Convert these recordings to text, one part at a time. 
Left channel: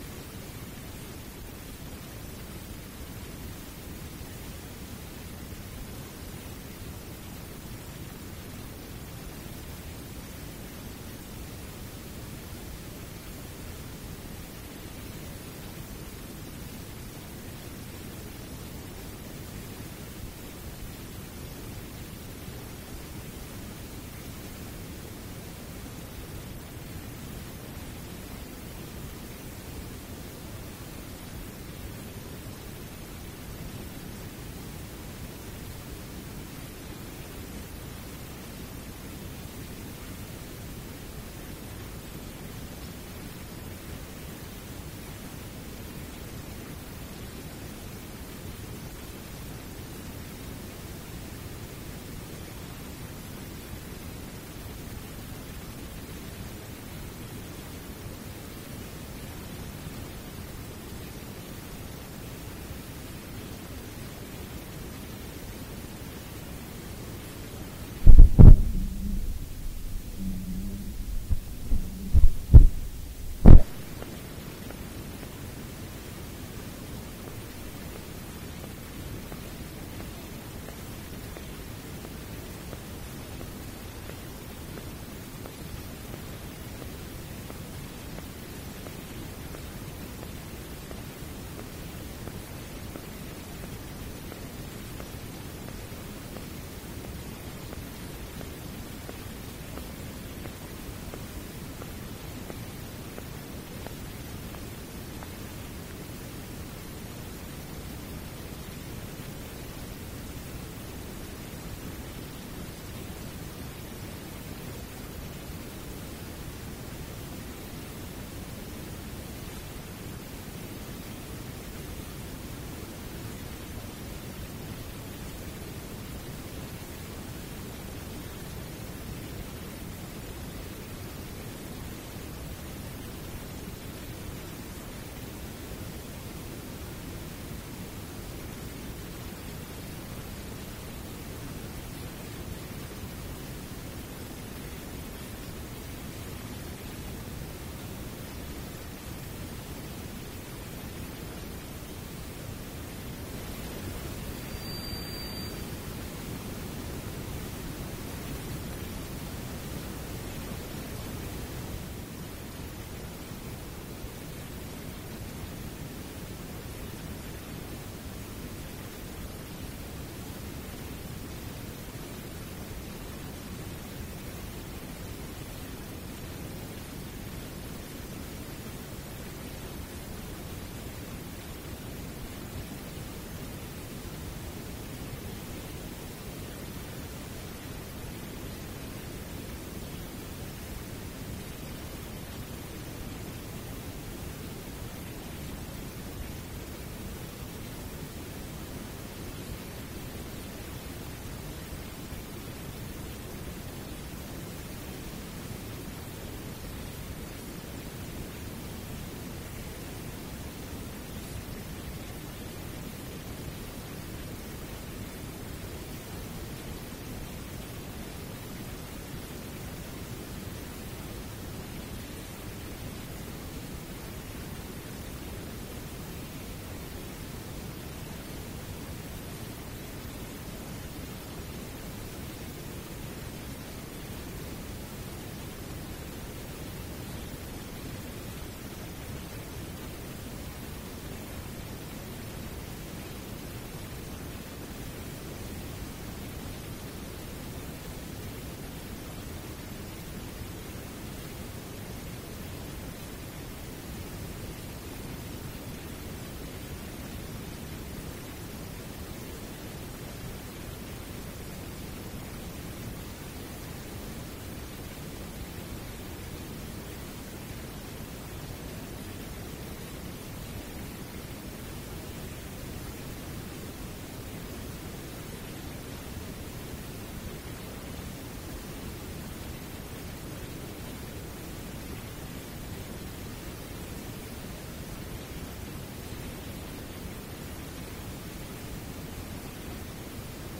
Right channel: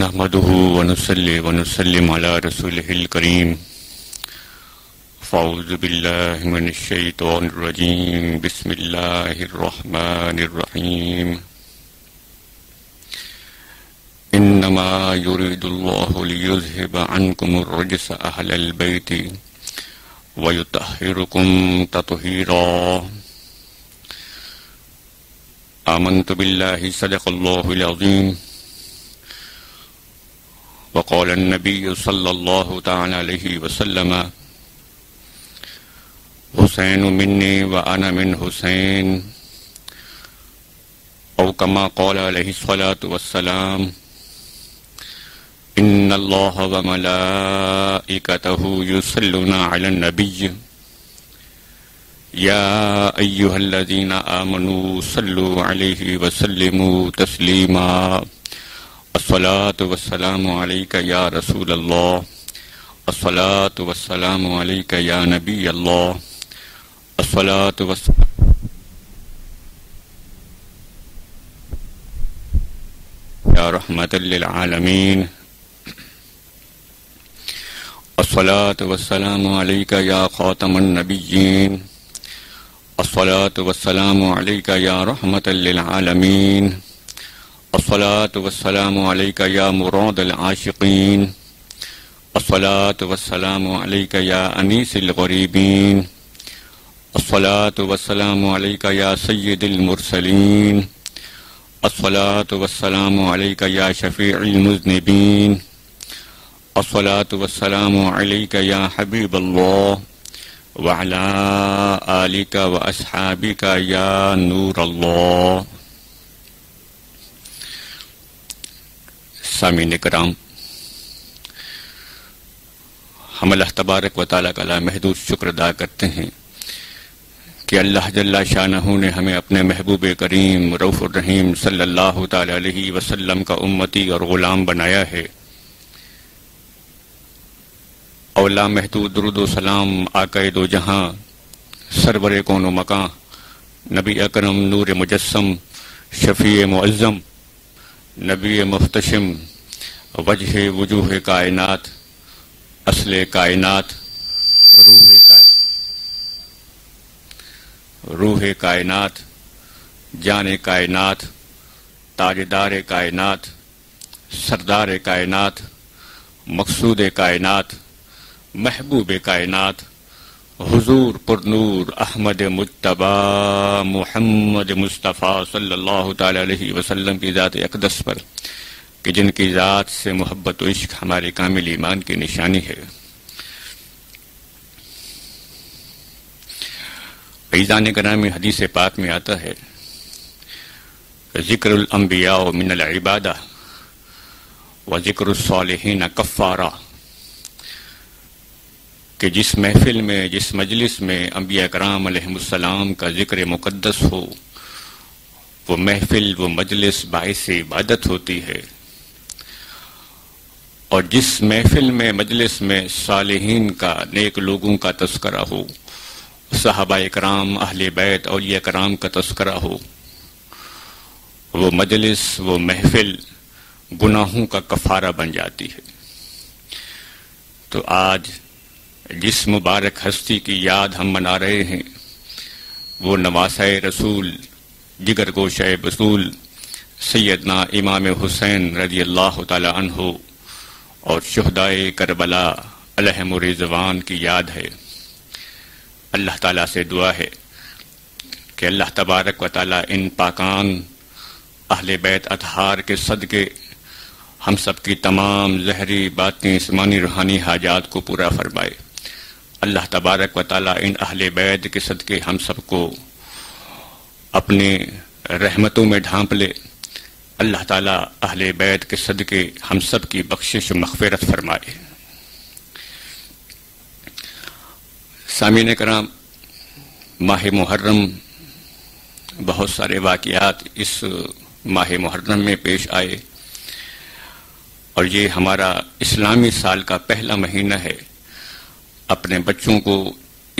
نحمده ونصلي ونسلم على رسوله الكريم. فاعوذ بالله من الشيطان الرجيم. بسم الله الرحمن الرحيم. انما يريد الله ليذهب عنكم الرجس اهل البيت ويطهركم تطهيرا. آمنت بالله صدق الله العظيم. وقال النبي صلى الله تعالى عليه وسلم: حسين مني وأنا من حسين، أو كما قال عليه الصلاة والسلام: إن الله وملائكته يصلون على النبي يا أيها الذين آمنوا صلوا عليه وسلموا تسليما. الصلاة والسلام عليك يا رسول الله، الصلاة والسلام عليك يا نبي الله، الصلاة والسلام يا رحمة للعالمين، الصلاة والسلام عليك يا خاتم النبيين، الصلاة والسلام عليك يا رحمة للعالمين، الصلاة والسلام عليك يا مراد العاشقين، الصلاة والسلام عليك يا أنيس الغريبين، الصلاة والسلام عليك يا سيد المرسلين، الصلاة والسلام عليك يا شفيع المذنبين، الصلاة والسلام عليك يا حبيب الله، وعلى آلك وأصحابك يا نور الله. سامعین کرام، ہم اللہ تبارک و تعالیٰ کا لامحدود شکر ادا کرتے ہیں کہ اللہ جل شانہ نے ہمیں اپنے محبوب کریم رؤوف الرحیم صلی اللہ تعالیٰ علیہ وسلم کا امتی اور غلام بنایا ہے. اور لامحدود درود و سلام آقائے دو جہاں، سرور کون و مکاں، نبی اکرم نور مجسم، شفیع معظم، نبی محتشم، وجہ وجوہ کائنات، اصل کائنات، روح کائنات، جان کائنات، تاجدار کائنات، سردار کائنات، مقصود کائنات، محبوب کائنات، حضور پر نور احمد مجتبی محمد مصطفیٰ صلی اللہ تعالی علیہ وسلم کی ذات اقدس پر، کہ جن کی ذات سے محبت و عشق ہمارے کامل ایمان کی نشانی ہے. عزیزان گرامی، حدیث پاک میں آتا ہے: ذکر الانبیاء من العبادہ و ذکر الصالحین کفارہ، کہ جس محفل میں، جس مجلس میں انبیاء کرام علیہ السلام کا ذکر مقدس ہو، وہ محفل، وہ مجلس باعث عبادت ہوتی ہے. اور جس محفل میں، مجلس میں صالحین کا، نیک لوگوں کا تذکرہ ہو، صحابہ کرام، اہل بیت، اولیاء کرام کا تذکرہ ہو، وہ مجلس، وہ محفل گناہوں کا کفارہ بن جاتی ہے. تو آج جس مبارک ہستی کی یاد ہم منا رہے ہیں، وہ نواسۂ رسول، جگر گوشۂ بطول، سیدنا امام حسین رضی اللہ تعالی عنہ اور شہدائے کربلا علیہم الرضوان کی یاد ہے. اللہ تعالیٰ سے دعا ہے کہ اللہ تبارک و تعالیٰ ان پاکان اہل بیت اطہار کے صدقے ہم سب کی تمام ظاہری، باطنی، جسمانی، روحانی حاجات کو پورا فرمائے. اللہ تبارک و تعالیٰ ان اہل بیت کے صدقے ہم سب کو اپنے رحمتوں میں ڈھانپ لے. اللہ تعالیٰ اہل بیت کے صدقے ہم سب کی بخشش و مغفرت فرمائے. سامعین کرام، ماہ محرم، بہت سارے واقعات اس ماہ محرم میں پیش آئے، اور یہ ہمارا اسلامی سال کا پہلا مہینہ ہے. اپنے بچوں کو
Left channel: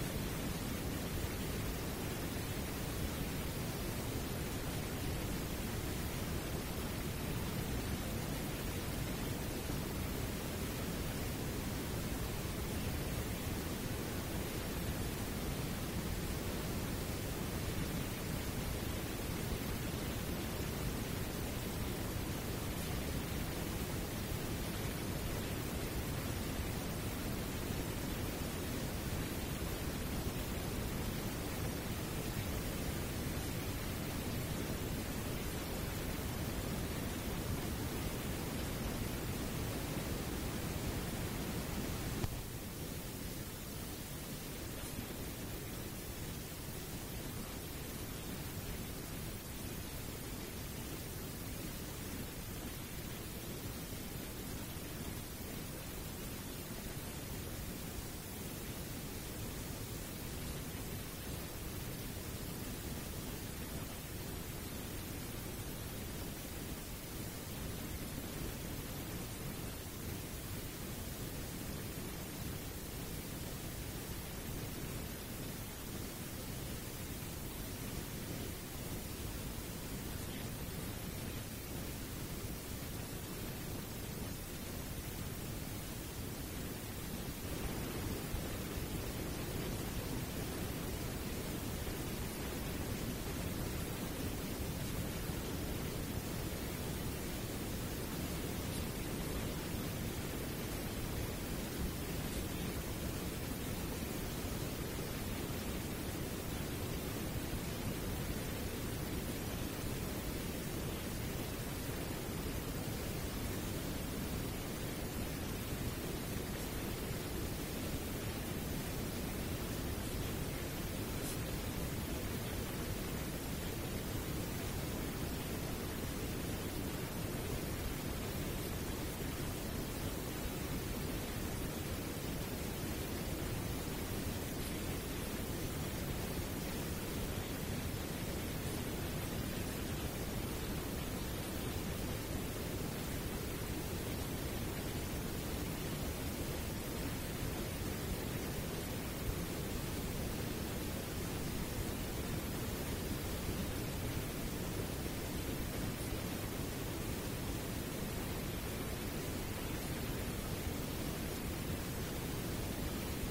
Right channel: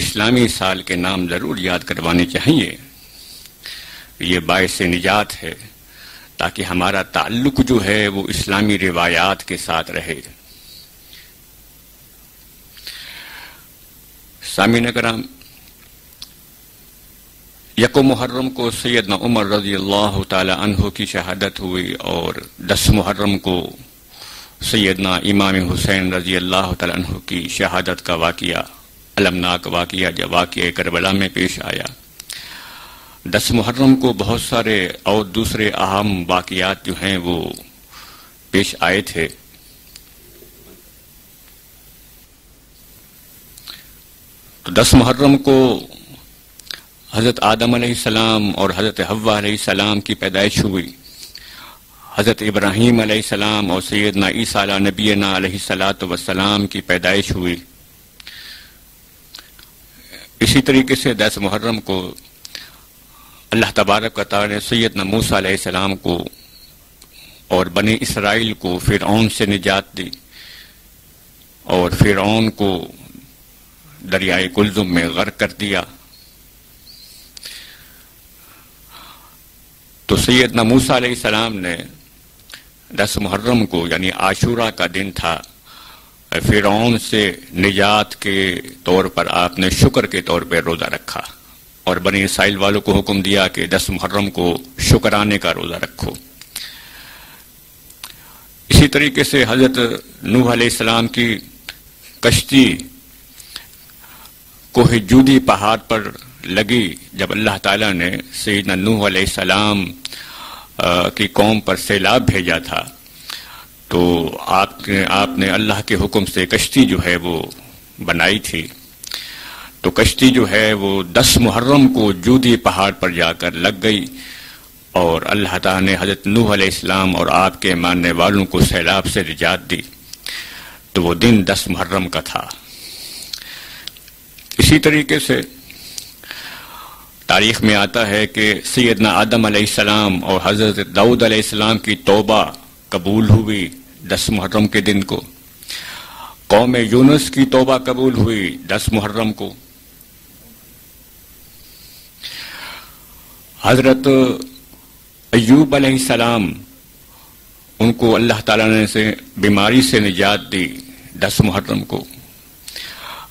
اسلامی سال کے نام ضرور یاد کروانے چاہیے. یہ باعث نجات ہے. تاکہ ہمارا تعلق جو ہے وہ اسلامی روایات کے ساتھ رہے۔ سامعین کرام، یکم محرم کو سیدنا عمر رضی اللہ تعالی عنہ کی شہادت ہوئی، اور 10 محرم کو سیدنا امام حسین رضی اللہ تعالی عنہ کی شہادت کا واقعہ، المناک واقعہ جب واقعہ کربلا میں پیش آیا۔ 10 محرم کو بہت سارے اور دوسرے اہم واقعات جو ہیں وہ پیش آئے تھے۔ تو 10 محرم کو حضرت آدم علیہ السلام اور حضرت حوا علیہ السلام کی پیدائش ہوئی، حضرت ابراہیم علیہ السلام اور سیدنا عیسیٰ علیہ نبینا علیہ السلام کی پیدائش ہوئی۔ اسی طریقے سے 10 محرم کو اللہ تبارک و تعالی نے سیدنا موسیٰ علیہ السلام کو اور بنی اسرائیل کو فرعون سے نجات دی، اور فرعون کو دریائے کلزم میں غرق کر دیا۔ تو سیدنا موسیٰ علیہ السلام نے 10 محرم کو، یعنی عاشورہ کا دن تھا، فرعون سے نجات کے طور پر آپ نے شکر کے طور پہ روزہ رکھا، اور بنی اسرائیل والوں کو حکم دیا کہ 10 محرم کو شکرانے کا روزہ رکھو۔ اسی طریقے سے حضرت نوح علیہ السلام کی کشتی کوہ جودی پہاڑ پر لگی جب اللہ تعالیٰ نے سیدنا نوح علیہ السلام کی قوم پر سیلاب بھیجا تھا، تو آپ نے اللہ کے حکم سے کشتی جو ہے وہ بنائی تھی۔ تو کشتی جو ہے وہ 10 محرم کو جودی پہاڑ پر جا کر لگ گئی، اور اللہ تعالیٰ نے حضرت نوح علیہ السلام اور آپ کے ماننے والوں کو سیلاب سے نجات دی۔ تو وہ دن 10 محرم کا تھا۔ اسی طریقے سے تاریخ میں آتا ہے کہ سیدنا آدم علیہ السلام اور حضرت داؤد علیہ السلام کی توبہ قبول ہوئی 10 محرم کے دن کو۔ قوم یونس کی توبہ قبول ہوئی 10 محرم کو۔ حضرت ایوب علیہ السلام، ان کو اللہ تعالیٰ نے سے بیماری سے نجات دی 10 محرم کو۔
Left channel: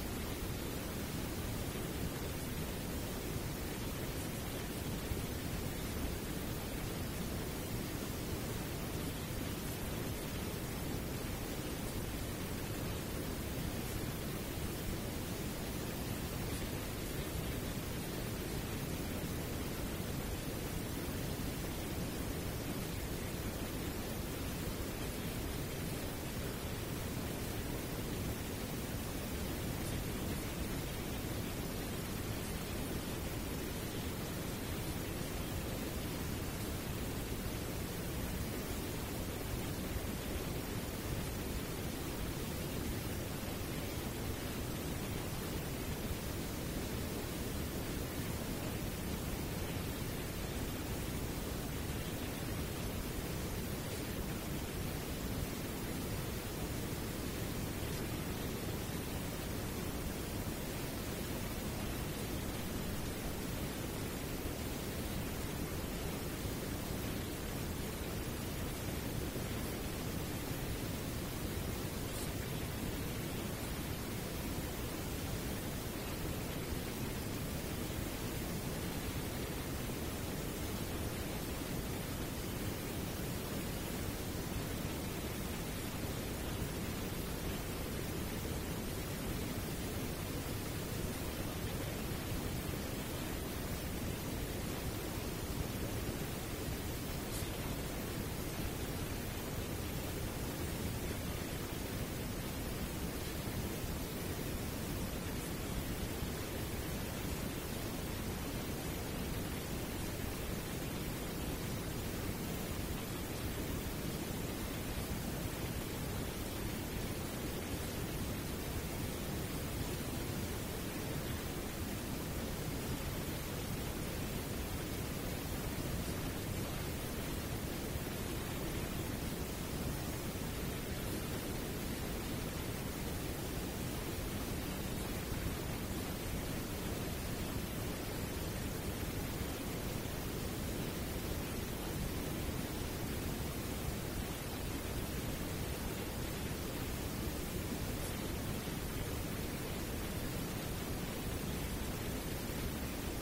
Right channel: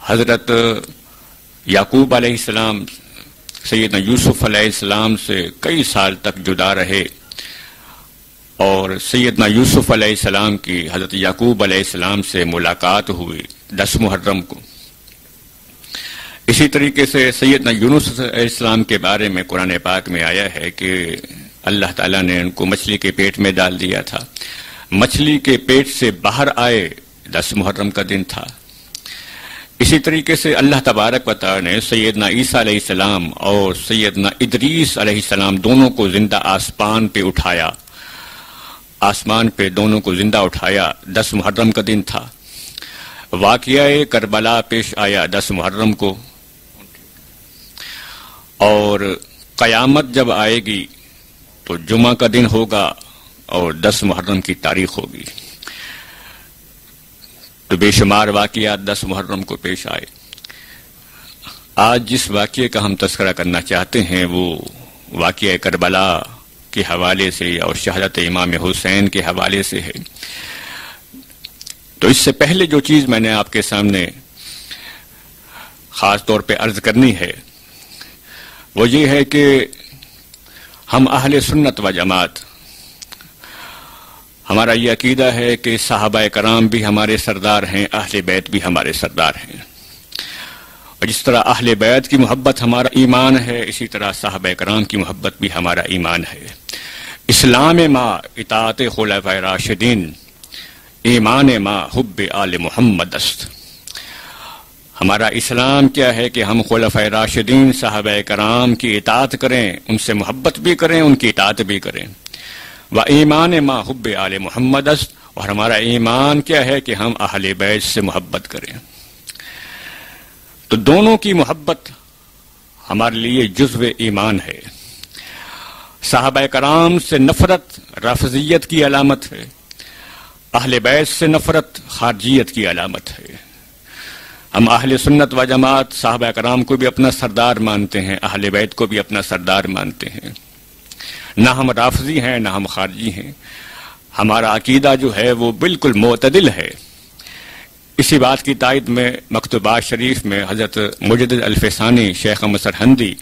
حضرت یعقوب علیہ السلام سیدنا یوسف علیہ السلام سے کئی سال تک جدا رہے، اور سیدنا یوسف علیہ السلام کی حضرت یعقوب علیہ السلام سے ملاقات ہوئی 10 محرم کو۔ اسی طریقے سے سیدنا یونس علیہ السلام کے بارے میں قرآن پاک میں آیا ہے کہ اللہ تعالیٰ نے ان کو مچھلی کے پیٹ میں ڈال دیا تھا، مچھلی کے پیٹ سے باہر آئے 10 محرم کا دن تھا۔ اسی طریقے سے اللہ تبارک و تعالی نے سیدنا عیسیٰ علیہ السلام اور سیدنا ادریس علیہ السلام دونوں کو زندہ آسمان پہ اٹھایا، آسمان پہ دونوں کو زندہ اٹھایا 10 محرم کا دن تھا۔ واقعہ کربلا پیش آیا 10 محرم کو، اور قیامت جب آئے گی تو جمعہ کا دن ہوگا اور 10 محرم کی تاریخ ہوگی۔ تو بے شمار واقعات 10 محرم کو پیش آئے۔ آج جس واقعے کا ہم تذکرہ کرنا چاہتے ہیں وہ واقعہ کربلا کے حوالے سے اور شہادت امام حسین کے حوالے سے ہے۔ تو اس سے پہلے جو چیز میں نے آپ کے سامنے خاص طور پہ عرض کرنی ہے وہ یہ ہے کہ ہم اہل سنت و جماعت، ہمارا یہ عقیدہ ہے کہ صحابہ کرام بھی ہمارے سردار ہیں، اہل بیت بھی ہمارے سردار ہیں، اور جس طرح اہل بیت کی محبت ہمارا ایمان ہے، اسی طرح صحابہ کرام کی محبت بھی ہمارا ایمان ہے۔ اسلام ما اطاعت خلفاء راشدین، ایمان ما حب آل محمد است۔ ہمارا اسلام کیا ہے کہ ہم خلفاء راشدین صحابہ کرام کی اطاعت کریں، ان سے محبت بھی کریں، ان کی اطاعت بھی کریں۔ و ایمان ما حب آل محمد است، اور ہمارا ایمان کیا ہے کہ ہم اہل بیت سے محبت کریں۔ تو دونوں کی محبت ہمارے لیے جزو ایمان ہے۔ صحابہ کرام سے نفرت رافضیت کی علامت ہے، اہل بیت سے نفرت خارجیت کی علامت ہے۔ ہم اہل سنت و جماعت صحابہ کرام کو بھی اپنا سردار مانتے ہیں، اہل بیت کو بھی اپنا سردار مانتے ہیں۔ نہ ہم رافضی ہیں نہ ہم خارجی ہیں، ہمارا عقیدہ جو ہے وہ بالکل معتدل ہے۔ اسی بات کی تائید میں مکتوبات شریف میں حضرت مجدد الفسانی شیخ احمد سرہندی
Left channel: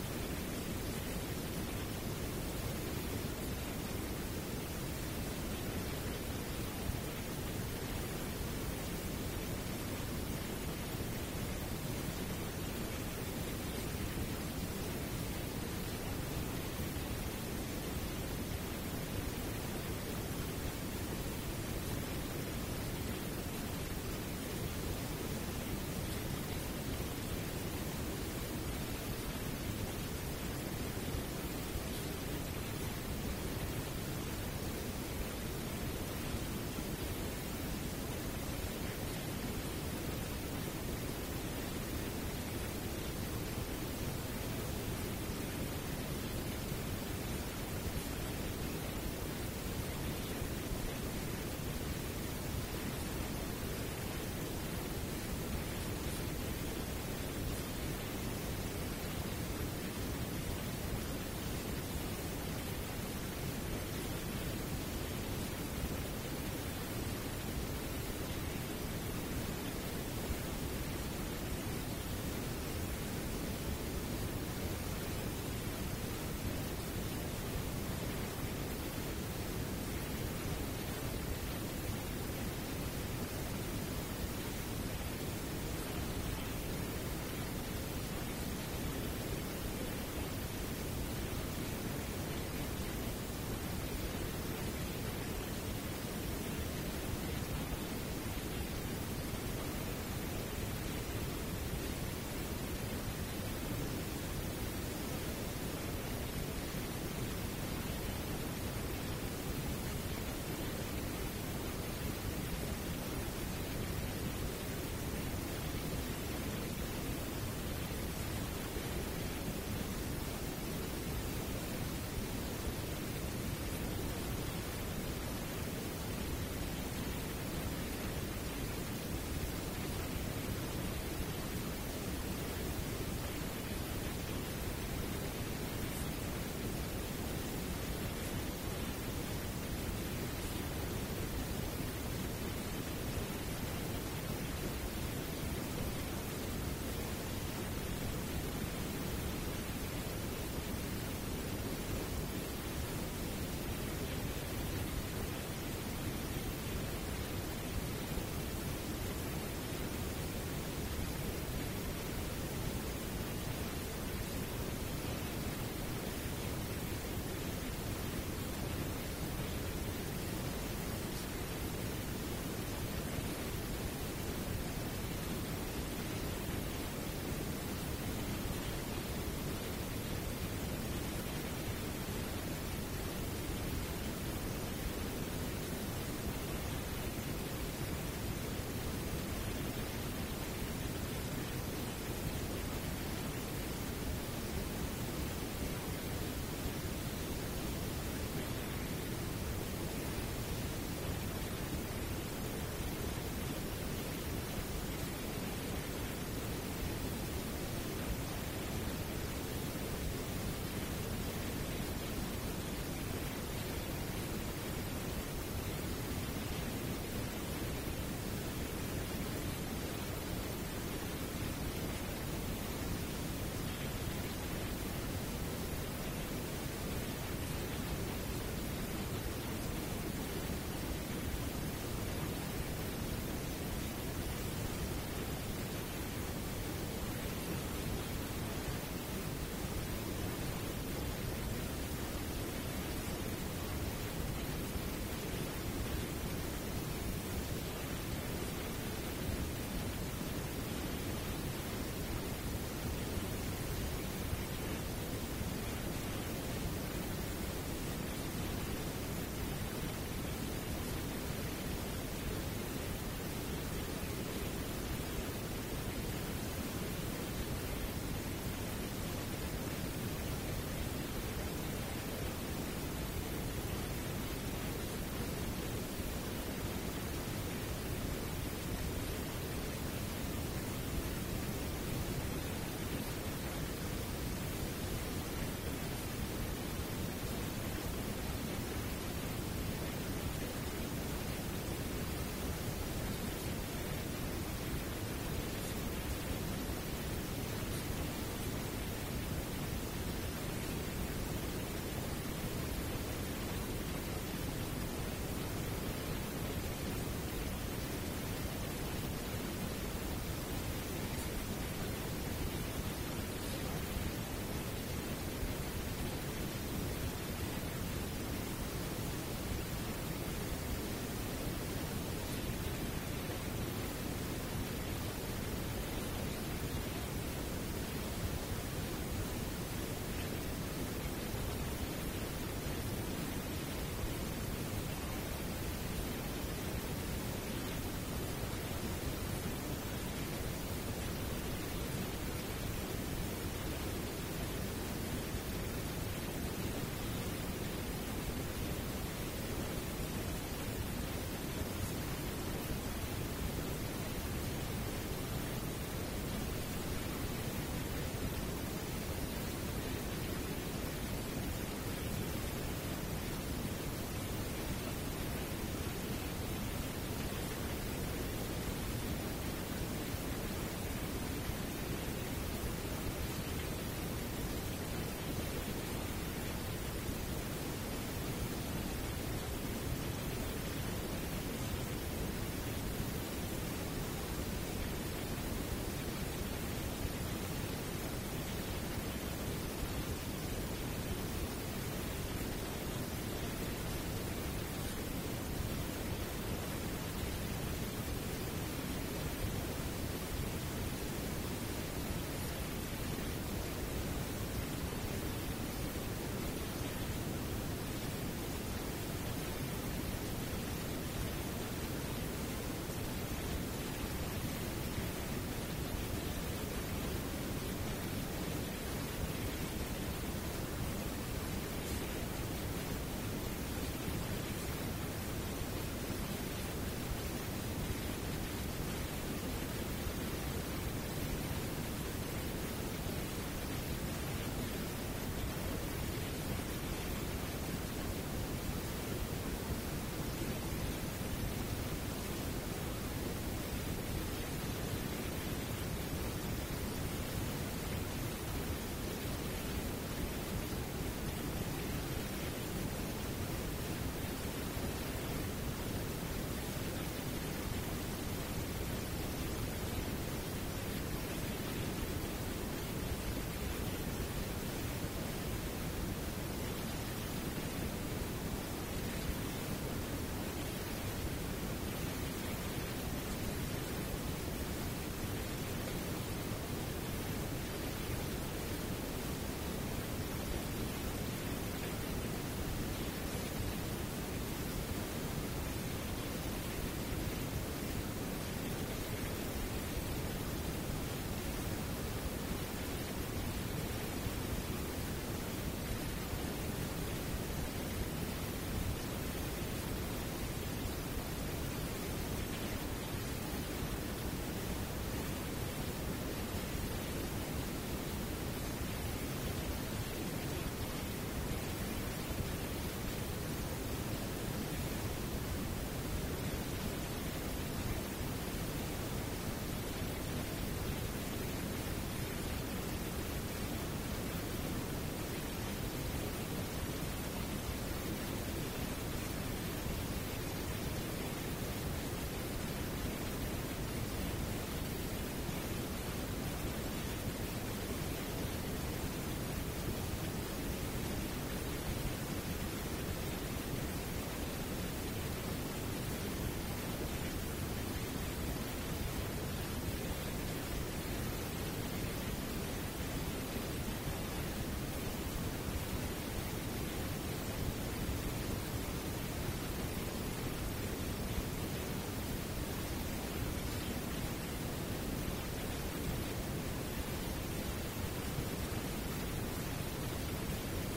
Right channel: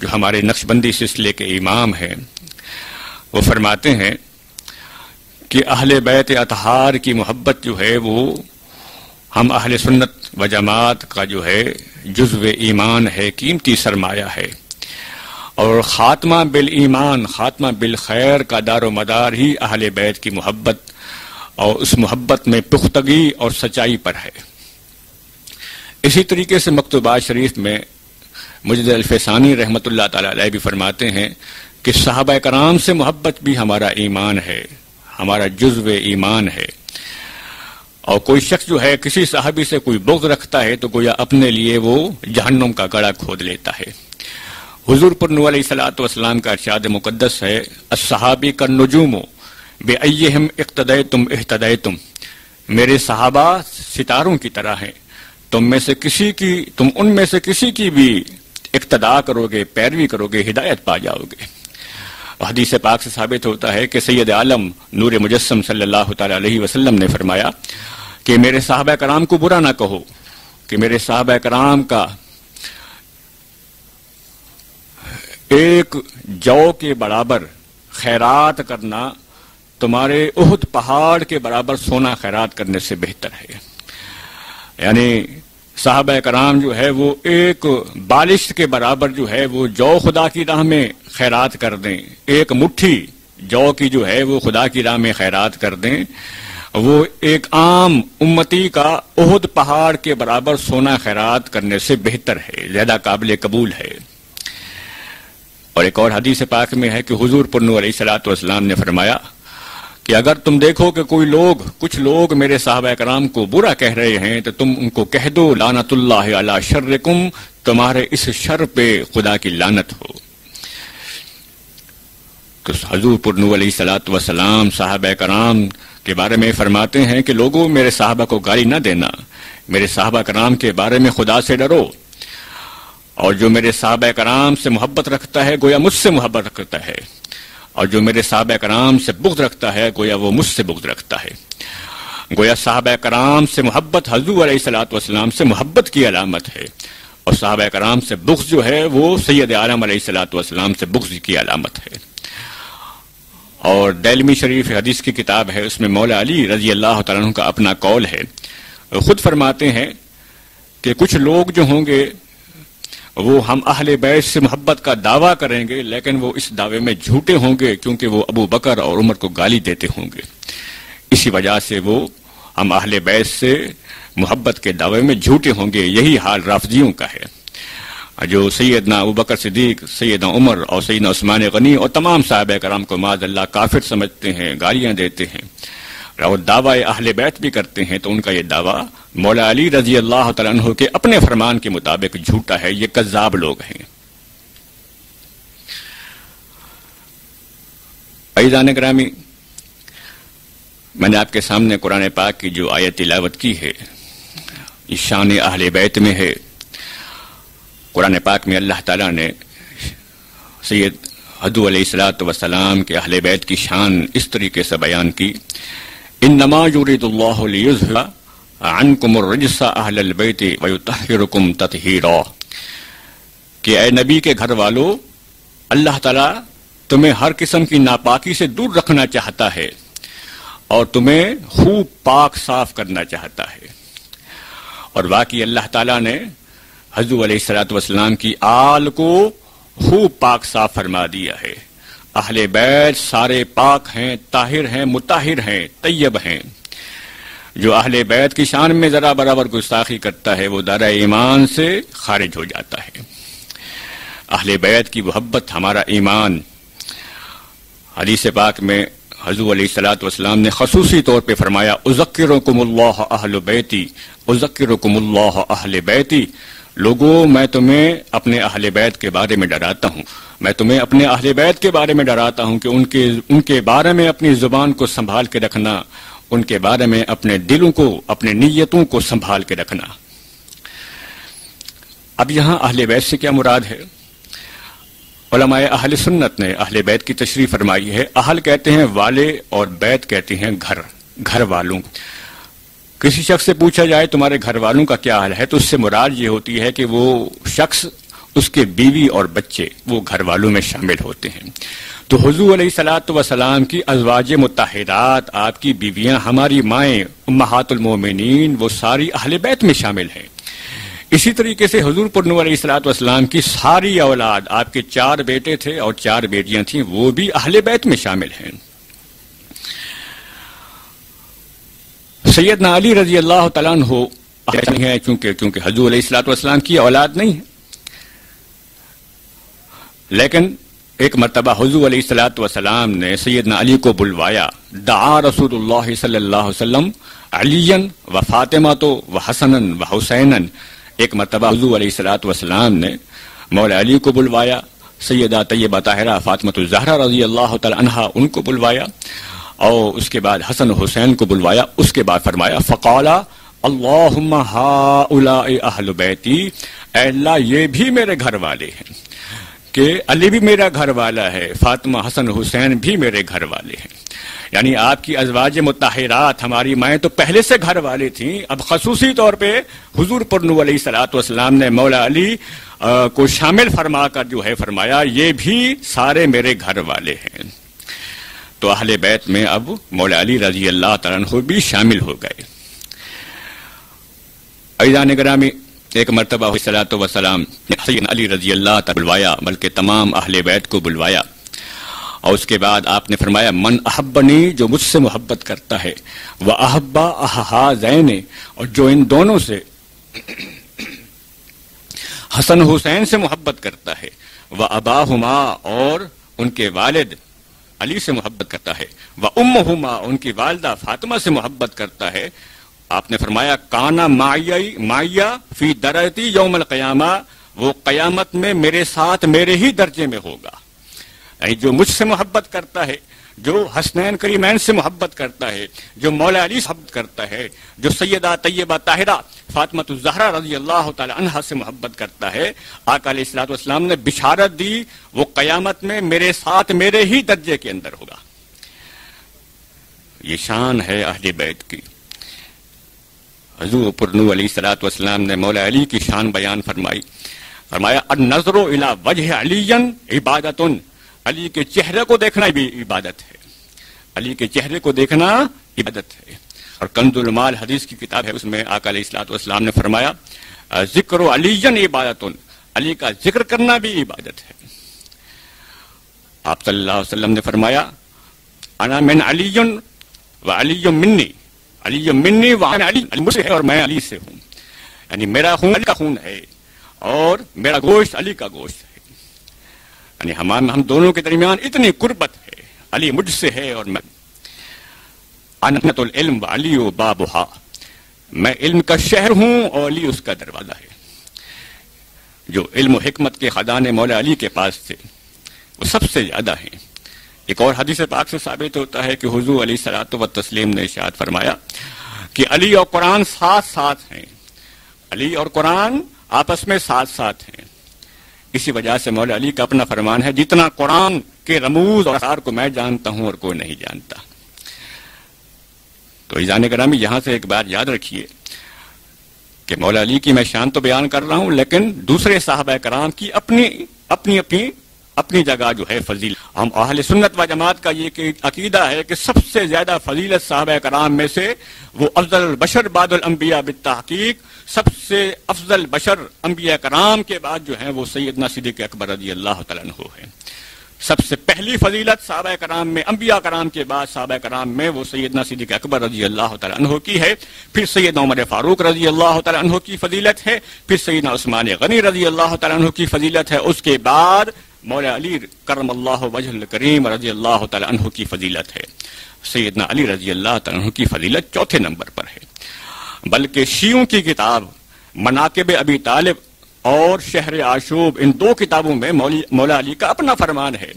جو ہمارے نقشبندی سلسلے کے امام ہیں، وہ فرماتے ہیں کہ اہل بیت اطہار کی محبت جو ہے وہ ہم اہل سنت و جماعت کا جو ہے جزو ایمان ہے، قیمتی سرمایہ ہے، اور خاتمہ بالایمان، خاتمہ بالخیر کا دار و مدار ہی اہل بیت کی محبت اور اس محبت میں پختگی اور سچائی پر ہے۔ اسی طریقے سے مکتوبات شریف میں مجدد الفسانی رحمۃ اللہ تعالی علیہ بھی فرماتے ہیں کہ صحابہ کرام سے محبت بھی ہمارا ایمان ہے، ہمارا جزو ایمان ہے، اور کوئی شخص جو ہے کسی صحابی سے کوئی بغض رکھتا ہے تو گویا اپنے لیے وہ جہنم کا گڑھا کھود لیتا ہے۔ حضور پر نور علیہ الصلوۃ والسلام کا ارشاد مقدس ہے، الصحابی کالنجوم بأیہم اقتدیتم اہتدیتم، میرے صحابہ ستاروں کی طرح ہیں، تم ان میں سے کسی کی بھی اقتداء کرو گے، پیروی کرو گے، ہدایت پا جاؤ گے۔ حدیث پاک سے ثابت ہوتا ہے کہ سید عالم نور مجسم صلی اللہ تعالی علیہ وسلم نے فرمایا کہ میرے صحابہ کرام کو برا نہ کہو، کہ میرے صحابہ کرام کا ایک جو کے برابر خیرات کرنا تمہارے احد پہاڑ کے برابر سونا خیرات کرنے سے بہتر ہے۔ یعنی صحابہ کرام جو ہے وہ ایک بالشت کے برابر جو ہے وہ جو خدا کی راہ میں خیرات کر دیں، ایک مٹھی جو کی جو ہے وہ خدا کی راہ میں خیرات کر دیں، وہ ایک عام امتی کا احد پہاڑ کے برابر سونا خیرات کرنے سے بہتر ہے، زیادہ قابل قبول ہے۔ اور ایک اور حدیث پاک میں ہے کہ حضور پر نور علیہ الصلوۃ والسلام نے فرمایا کہ اگر تم دیکھو کہ کچھ لوگ میرے صحابہ کرام کو برا کہہ رہے ہیں تو تم ان کو کہہ دو لعنت اللہ علی شرکم، تمہارے اس شر پہ خدا کی لعنت ہو۔ تو حضور پر نور علیہ الصلوۃ والسلام صحابہ کرام کے بارے میں فرماتے ہیں کہ لوگوں میرے صحابہ کو گالی نہ دینا، میرے صحابہ کرام کے بارے میں خدا سے ڈرو، اور جو میرے صحابہ کرام سے محبت رکھتا ہے گویا مجھ سے محبت رکھتا ہے، اور جو میرے صحابہ کرام سے بغض رکھتا ہے گویا وہ مجھ سے بغض رکھتا ہے۔ گویا صحابہ کرام سے محبت حضور علیہ الصلوۃ والسلام سے محبت کی علامت ہے، اور صحابہ کرام سے بغض جو ہے وہ سید عالم علیہ الصلوۃ والسلام سے بغض کی علامت ہے۔ اور دیلمی شریف حدیث کی کتاب ہے، اس میں مولا علی رضی اللہ تعالیٰ عنہ کا اپنا قول ہے، خود فرماتے ہیں کہ کچھ لوگ جو ہوں گے وہ ہم اہل بیت سے محبت کا دعویٰ کریں گے، لیکن وہ اس دعوے میں جھوٹے ہوں گے کیونکہ وہ ابو بکر اور عمر کو گالی دیتے ہوں گے، اسی وجہ سے وہ ہم اہل بیت سے محبت کے دعوے میں جھوٹے ہوں گے۔ یہی حال رافضیوں کا ہے، جو سیدنا ابو بکر صدیق، سیدنا عمر اور سیدنا عثمان غنی اور تمام صحابہ کرام کو معاذ اللہ کافر سمجھتے ہیں، گالیاں دیتے ہیں اور دعویٰ اہل بیت بھی کرتے ہیں، تو ان کا یہ دعویٰ مولا علی رضی اللہ تعالیٰ عنہ کے اپنے فرمان کے مطابق جھوٹا ہے، یہ کذاب لوگ ہیں۔ عزیزان گرامی، میں نے آپ کے سامنے قرآن پاک کی جو آیت تلاوت کی ہے یہ شان اہل بیت میں ہے۔ قرآن پاک میں اللہ تعالیٰ نے سید حضور علیہ الصلوۃ والسلام کے اہل بیت کی شان اس طریقے سے بیان کی، انما یرید اللہ لیذھب عنکم الرجس اہل البیت ویطہرکم تطہیرا، کہ اے نبی کے گھر والو، اللہ تعالیٰ تمہیں ہر قسم کی ناپاکی سے دور رکھنا چاہتا ہے اور تمہیں خوب پاک صاف کرنا چاہتا ہے۔ اور واقعی اللہ تعالیٰ نے حضور علیہ الصلوۃ والسلام کی آل کو خوب پاک صاف فرما دیا ہے۔ اہل بیت سارے پاک ہیں، طاہر ہیں، مطہر ہیں، طیب ہیں۔ جو اہل بیت کی شان میں ذرا برابر گستاخی کرتا ہے وہ دائرہ ایمان سے خارج ہو جاتا ہے۔ اہل بیت کی محبت ہمارا ایمان۔ حدیث پاک میں حضور علیہ الصلوۃ والسلام نے خصوصی طور پہ فرمایا، اذکرکم اللہ اہل بیتی، اذکرکم اللہ اہل بیتی، لوگوں میں تمہیں اپنے اہل بیت کے بارے میں ڈراتا ہوں، میں تمہیں اپنے اہل بیت کے بارے میں ڈراتا ہوں کہ ان کے بارے میں اپنی زبان کو سنبھال کے رکھنا، ان کے بارے میں اپنے دلوں کو، اپنے نیتوں کو سنبھال کے رکھنا۔ اب یہاں اہل بیت سے کیا مراد ہے؟ علماء اہل سنت نے اہل بیت کی تشریح فرمائی ہے. اہل کہتے ہیں والے اور بیت کہتے ہیں گھر، گھر والوں. کسی شخص سے پوچھا جائے تمہارے گھر والوں کا کیا حال ہے تو اس سے مراد یہ ہوتی ہے کہ وہ شخص، اس کے بیوی اور بچے وہ گھر والوں میں شامل ہوتے ہیں. تو حضور علیہ الصلوۃ والسلام کی ازواج مطہرات، آپ کی بیویاں، ہماری مائیں امہات المومنین، وہ ساری اہل بیت میں شامل ہیں. اسی طریقے سے حضور پر نور علیہ الصلوۃ والسلام کی ساری اولاد، آپ کے 4 بیٹے تھے اور 4 بیٹیاں تھیں، وہ بھی اہل بیت میں شامل ہیں. سیدنا علی رضی اللہ تعالیٰ عنہ ہے چونکہ حضور علیہ الصلوۃ والسلام کی اولاد نہیں ہے، لیکن ایک مرتبہ حضور علیہ الصلوۃ والسلام نے سیدنا علی کو بلوایا. دعا رسول اللہ صلی اللہ علیہ وسلم علیًا و فاطمۃ و حسنا و حسینا. ایک مرتبہ حضور علیہ الصلوۃ والسلام نے مولا علی کو بلوایا، سیدہ طیبہ طاہرہ فاطمۃ الزہرا رضی اللہ تعالی عنہا ان کو بلوایا، اور اس کے بعد حسن حسین کو بلوایا. اس کے بعد فرمایا فقال اللہم ہؤلاء اہل بیتی، اے اللہ یہ بھی میرے گھر والے ہیں، کہ علی بھی میرا گھر والا ہے، فاطمہ حسن حسین بھی میرے گھر والے ہیں. یعنی آپ کی ازواج مطہرات، ہماری مائیں تو پہلے سے گھر والے تھیں، اب خصوصی طور پہ حضور پر نور علیہ الصلوۃ والسلام نے مولا علی کو شامل فرما کر جو ہے فرمایا یہ بھی سارے میرے گھر والے ہیں. تو اہل بیت میں اب مولا علی رضی اللہ تعالیٰ عنہ بھی شامل ہو گئے. عزیزان گرامی، ایک مرتبہ الصلوۃ والسلام سیدنا علی رضی اللہ تعالیٰ بلوایا، بلکہ تمام اہل بیت کو بلوایا، اور اس کے بعد آپ نے فرمایا من احبنی، جو مجھ سے محبت کرتا ہے، وہ احبا احازین، اور جو ان دونوں سے حسن حسین سے محبت کرتا ہے، وہ اباہما، اور ان کے والد علی سے محبت کرتا ہے، وہ امہما، ان کی والدہ فاطمہ سے محبت کرتا ہے. آپ نے فرمایا کانا معیا فی درجتی یوم القیامہ، وہ قیامت میں میرے ساتھ میرے ہی درجے میں ہوگا. یعنی جو مجھ سے محبت کرتا ہے، جو حسنین کریمین سے محبت کرتا ہے، جو مولا علی سے محبت کرتا ہے، جو سیدہ طیبہ طاہرہ فاطمۃ الزہرا رضی اللہ تعالی عنہا سے محبت کرتا ہے، آقا علیہ الصلوۃ والسلام نے بشارت دی وہ قیامت میں میرے ساتھ میرے ہی درجے کے اندر ہوگا. یہ شان ہے اہل بیت کی. حضور پر نور علیہ الصلوۃ والسلام نے مولا علی کی شان بیان فرمائی. فرمایا النظر الی وجہ علی عبادۃ، علی کے چہرے کو دیکھنا بھی عبادت ہے، علی کے چہرے کو دیکھنا عبادت ہے. اور کنز المال حدیث کی کتاب ہے، اس میں آقا علیہ الصلوۃ والسلام نے فرمایا ذکر علی عبادۃ، علی کا ذکر کرنا بھی عبادت ہے. آپ صلی اللہ علیہ وسلم نے فرمایا انا من علی و علی منی، علی منی و انا علی، علی مجھ سے ہے اور میں علی سے ہوں. یعنی میرا خون علی کا خون ہے اور میرا گوشت علی کا گوشت ہے. یعنی ہم دونوں کے درمیان اتنی قربت ہے، علی مجھ سے ہے اور میں. انت العلم علی و بابھا، میں علم کا شہر ہوں اور علی اس کا دروازہ ہے. جو علم و حکمت کے خزانے مولا علی کے پاس تھے وہ سب سے زیادہ ہیں. ایک اور حدیث پاک سے ثابت ہوتا ہے کہ حضور علیہ الصلوۃ والتسلیم نے ارشاد فرمایا کہ علی اور قرآن ساتھ ساتھ ہیں، علی اور قرآن آپس میں ساتھ ساتھ ہیں. اسی وجہ سے مولا علی کا اپنا فرمان ہے جتنا قرآن کے رموز اور اسرار کو میں جانتا ہوں اور کوئی نہیں جانتا. تو عزیزان گرامی، یہاں سے ایک بات یاد رکھیے کہ مولا علی کی میں شان تو بیان کر رہا ہوں، لیکن دوسرے صحابہ کرام کی اپنی جگہ جو ہے فضیلت. ہم اہل سنت و جماعت کا یہ عقیدہ ہے کہ سب سے زیادہ فضیلت صحابہ کرام میں سے وہ افضل البشر بعد الانبیاء بالتحقیق، سب سے افضل بشر انبیاء کرام کے بعد جو ہیں وہ سیدنا صدیق اکبر رضی اللہ تعالیٰ عنہ ہیں. سب سے پہلی فضیلت صحابہ کرام میں، انبیاء کرام کے بعد صحابہ کرام میں وہ سیدنا صدیق اکبر رضی اللہ تعالیٰ عنہ کی ہے. پھر سیدنا عمر فاروق رضی اللہ تعالیٰ عنہ کی فضیلت ہے. پھر سیدنا عثمان غنی رضی اللہ تعالیٰ عنہ کی فضیلت ہے. اس کے بعد مولا علی کرم اللہ وجہ الکریم رضی اللہ تعالیٰ عنہ کی فضیلت ہے. سیدنا علی رضی اللہ تعالیٰ عنہ کی فضیلت چوتھے نمبر پر ہے. بلکہ شیعوں کی کتاب مناقب ابی طالب اور شہر آشوب، ان دو کتابوں میں مولا علی کا اپنا فرمان ہے.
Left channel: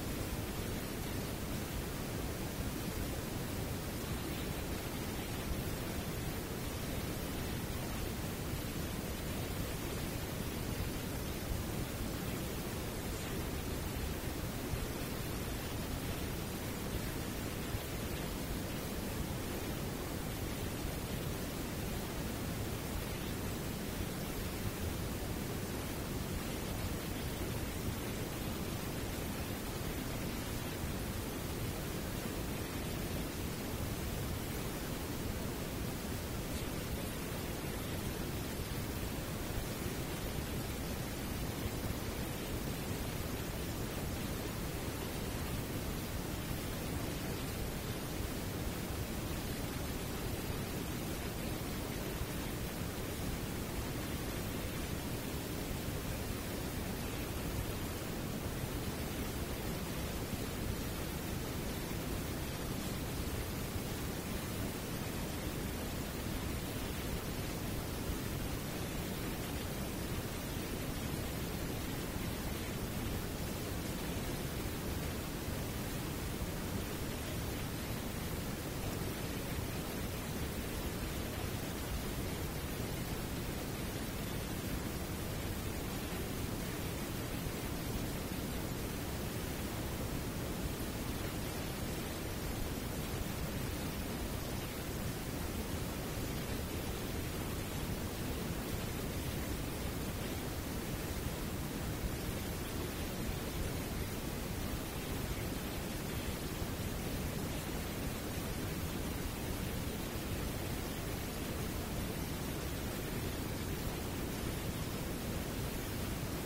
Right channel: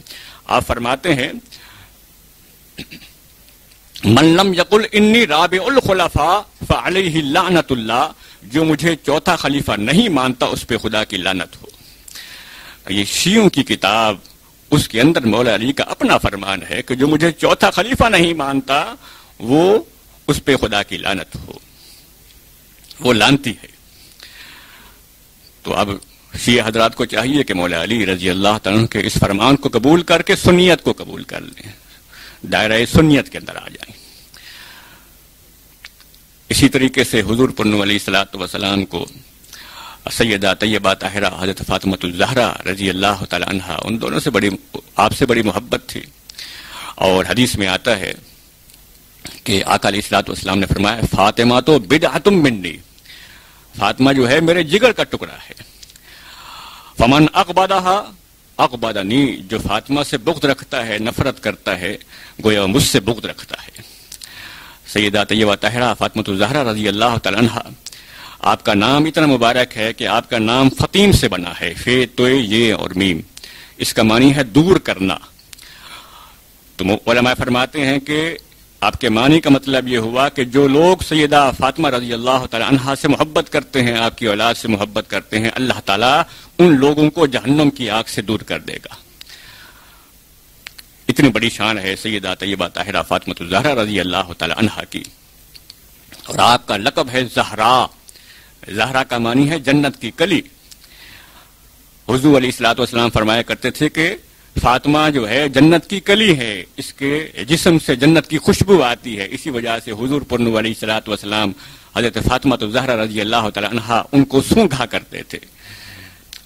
آپ فرماتے ہیں من لم یقل انی رابع الخلفاء فعلیہ لعنت اللہ، جو مجھے چوتھا خلیفہ نہیں مانتا اس پہ خدا کی لعنت ہو. یہ شیعوں کی کتاب اس کے اندر مولا علی کا اپنا فرمان ہے کہ جو مجھے چوتھا خلیفہ نہیں مانتا وہ اس پہ خدا کی لعنت ہو، وہ لعنتی ہے۔ تو اب شیعہ حضرات کو چاہیے کہ مولا علی رضی اللہ تعالیٰ کے اس فرمان کو قبول کر کے سنیت کو قبول کر لیں، دائرہ سنیت کے اندر آ جائیں۔ اسی طریقے سے حضور پر علیہ الصلوۃ والسلام کو سیدہ طیبہ طاہرہ حضرت فاطمہ الزہرا رضی اللہ تعالیٰ عنہا، ان دونوں سے آپ سے بڑی محبت تھی، اور حدیث میں آتا ہے کہ آقا علیہ الصلوۃ والسلام نے فرمایا فاطمہ تو بدعۃ منی، فاطمہ جو ہے میرے جگر کا ٹکڑا ہے، فمن اقبضھا اقبضنی، جو فاطمہ سے بغض رکھتا ہے، نفرت کرتا ہے، گویا مجھ سے بغض رکھتا ہے۔ سیدہ طیبہ طاہرہ فاطمہ الزہرا رضی اللہ تعالیٰ عنہا، آپ کا نام اتنا مبارک ہے کہ آپ کا نام فطیم سے بنا ہے، فے تو یہ اور میم، اس کا معنی ہے دور کرنا۔ تو علماء فرماتے ہیں کہ آپ کے معنی کا مطلب یہ ہوا کہ جو لوگ سیدہ فاطمہ رضی اللہ تعالیٰ عنہا سے محبت کرتے ہیں، آپ کی اولاد سے محبت کرتے ہیں، اللہ تعالیٰ ان لوگوں کو جہنم کی آگ سے دور کر دے گا۔ اتنی بڑی شان ہے سیدہ طیبہ طاہرہ فاطمہ الزہرا رضی اللہ تعالیٰ عنہا کی، اور آپ کا لقب ہے زہرا۔ زہرا کا معنی ہے جنت کی کلی۔ حضور علیہ الصلوۃ والسلام فرمایا کرتے تھے کہ فاطمہ جو ہے جنت کی کلی ہے، اس کے جسم سے جنت کی خوشبو آتی ہے، اسی وجہ سے حضور پر علیہ الصلوۃ والسلام حضرت فاطمہ الزہرا رضی اللہ تعالیٰ عنہا ان کو سونگھا کرتے تھے،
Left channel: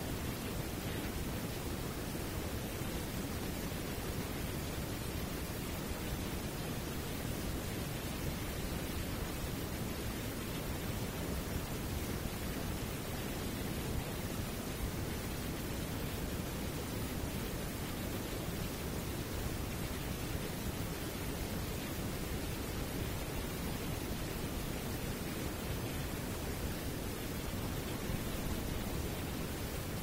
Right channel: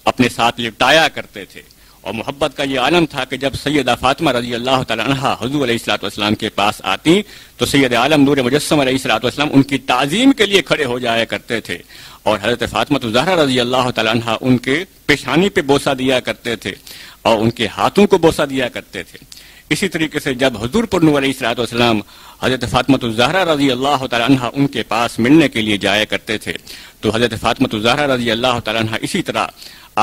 اپنے ساتھ لپٹایا کرتے تھے، اور محبت کا یہ عالم تھا کہ جب سیدہ فاطمہ رضی اللہ تعالیٰ عنہا حضور علیہ الصلوۃ والسلام کے پاس آتی تو سید عالم نور مجسم علیہ الصلوۃ والسلام ان کی تعظیم کے لیے کھڑے ہو جایا کرتے تھے، اور حضرت فاطمہ الزہرا رضی اللہ تعالیٰ عنہا ان کے پیشانی پہ بوسہ دیا کرتے تھے اور ان کے ہاتھوں کو بوسہ دیا کرتے تھے۔ اسی طریقے سے جب حضور پر علیہ الصلوۃ والسلام حضرت فاطمہ الزہرا رضی اللہ تعالیٰ عنہا ان کے پاس ملنے کے لیے جایا کرتے تھے تو حضرت فاطمہ الزہرا رضی اللہ تعالیٰ عنہا اسی طرح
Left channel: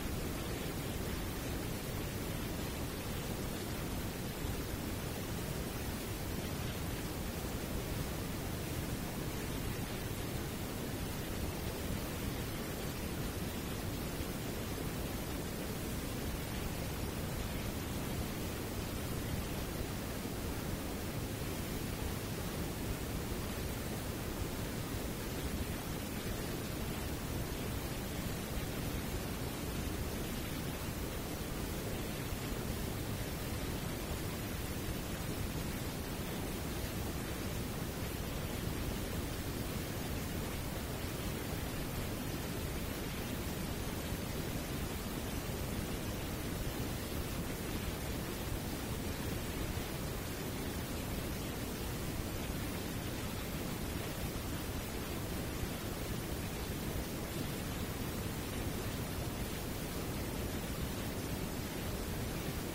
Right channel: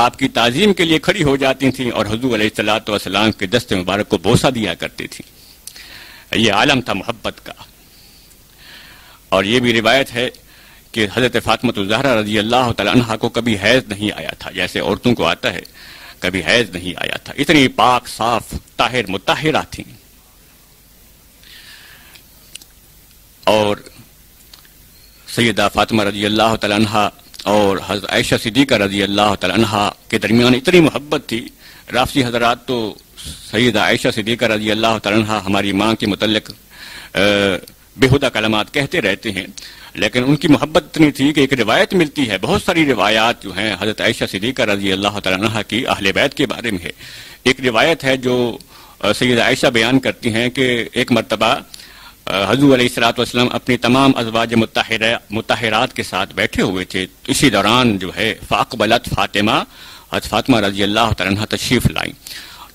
آپ کی تعظیم کے لیے کھڑی ہو جاتی تھیں اور حضور علیہ الصلوۃ والسلام کے دست مبارک کو بوسہ دیا کرتی تھیں۔ یہ عالم تھا محبت کا۔ اور یہ بھی روایت ہے کہ حضرت فاطمہ الزہرا رضی اللہ تعالیٰ عنہا کو کبھی حیض نہیں آیا تھا، جیسے عورتوں کو آتا ہے، کبھی حیض نہیں آیا تھا، اتنی پاک صاف طاہر مطہرہ تھیں۔ اور سیدہ فاطمہ رضی اللہ تعالیٰ عنہا اور حضرت عائشہ صدیقہ رضی اللہ تعالیٰ عنہا کے درمیان اتنی محبت تھی، رافضی حضرات تو سیدہ عائشہ صدیقہ رضی اللہ تعالیٰ عنہا ہماری ماں کے متعلق بےہودہ کلمات کہتے رہتے ہیں، لیکن ان کی محبت اتنی تھی کہ ایک روایت ملتی ہے، بہت ساری روایات جو ہیں حضرت عائشہ صدیقہ رضی اللہ تعالیٰ عنہا کی اہل بیت کے بارے میں ہے۔ ایک روایت ہے جو سیدہ عائشہ بیان کرتی ہیں کہ ایک مرتبہ حضور علیہ الصلوۃ والسلام اپنی تمام ازواج مطہرات کے ساتھ بیٹھے ہوئے تھے، اسی دوران جو ہے فاقبلت فاطمہ، حضرت فاطمہ رضی اللہ تعالیٰ عنہا تشریف لائیں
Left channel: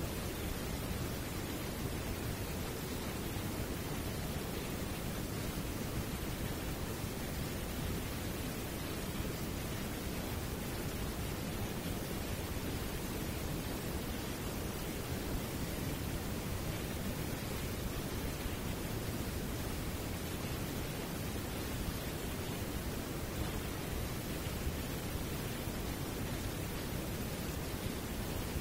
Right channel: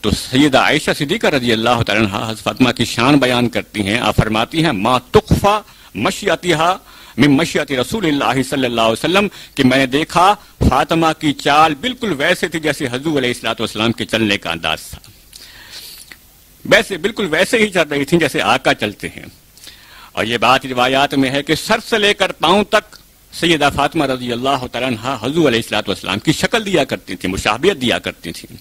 تو سیدہ عائشہ صدیقہ رضی اللہ تعالیٰ عنہا حضرت فاطمہ کی شان بیان کرتی ہیں، آپ فرماتی ہیں ما تخفى مشیتها من مشیت رسول اللہ صلی اللہ علیہ وسلم، کہ میں نے دیکھا فاطمہ کی چال بالکل ویسے تھی جیسے حضور علیہ الصلوۃ والسلام کے چلنے کا انداز تھا، ویسے بالکل ویسے ہی چل رہی تھیں جیسے آقا چلتے ہیں۔ اور یہ بات روایات میں ہے کہ سر سے لے کر پاؤں تک سیدہ فاطمہ رضی اللہ تعالیٰ عنہا حضور علیہ الصلوۃ والسلام کی شکل دیا کرتی تھیں، مشابہت دیا کرتی تھیں۔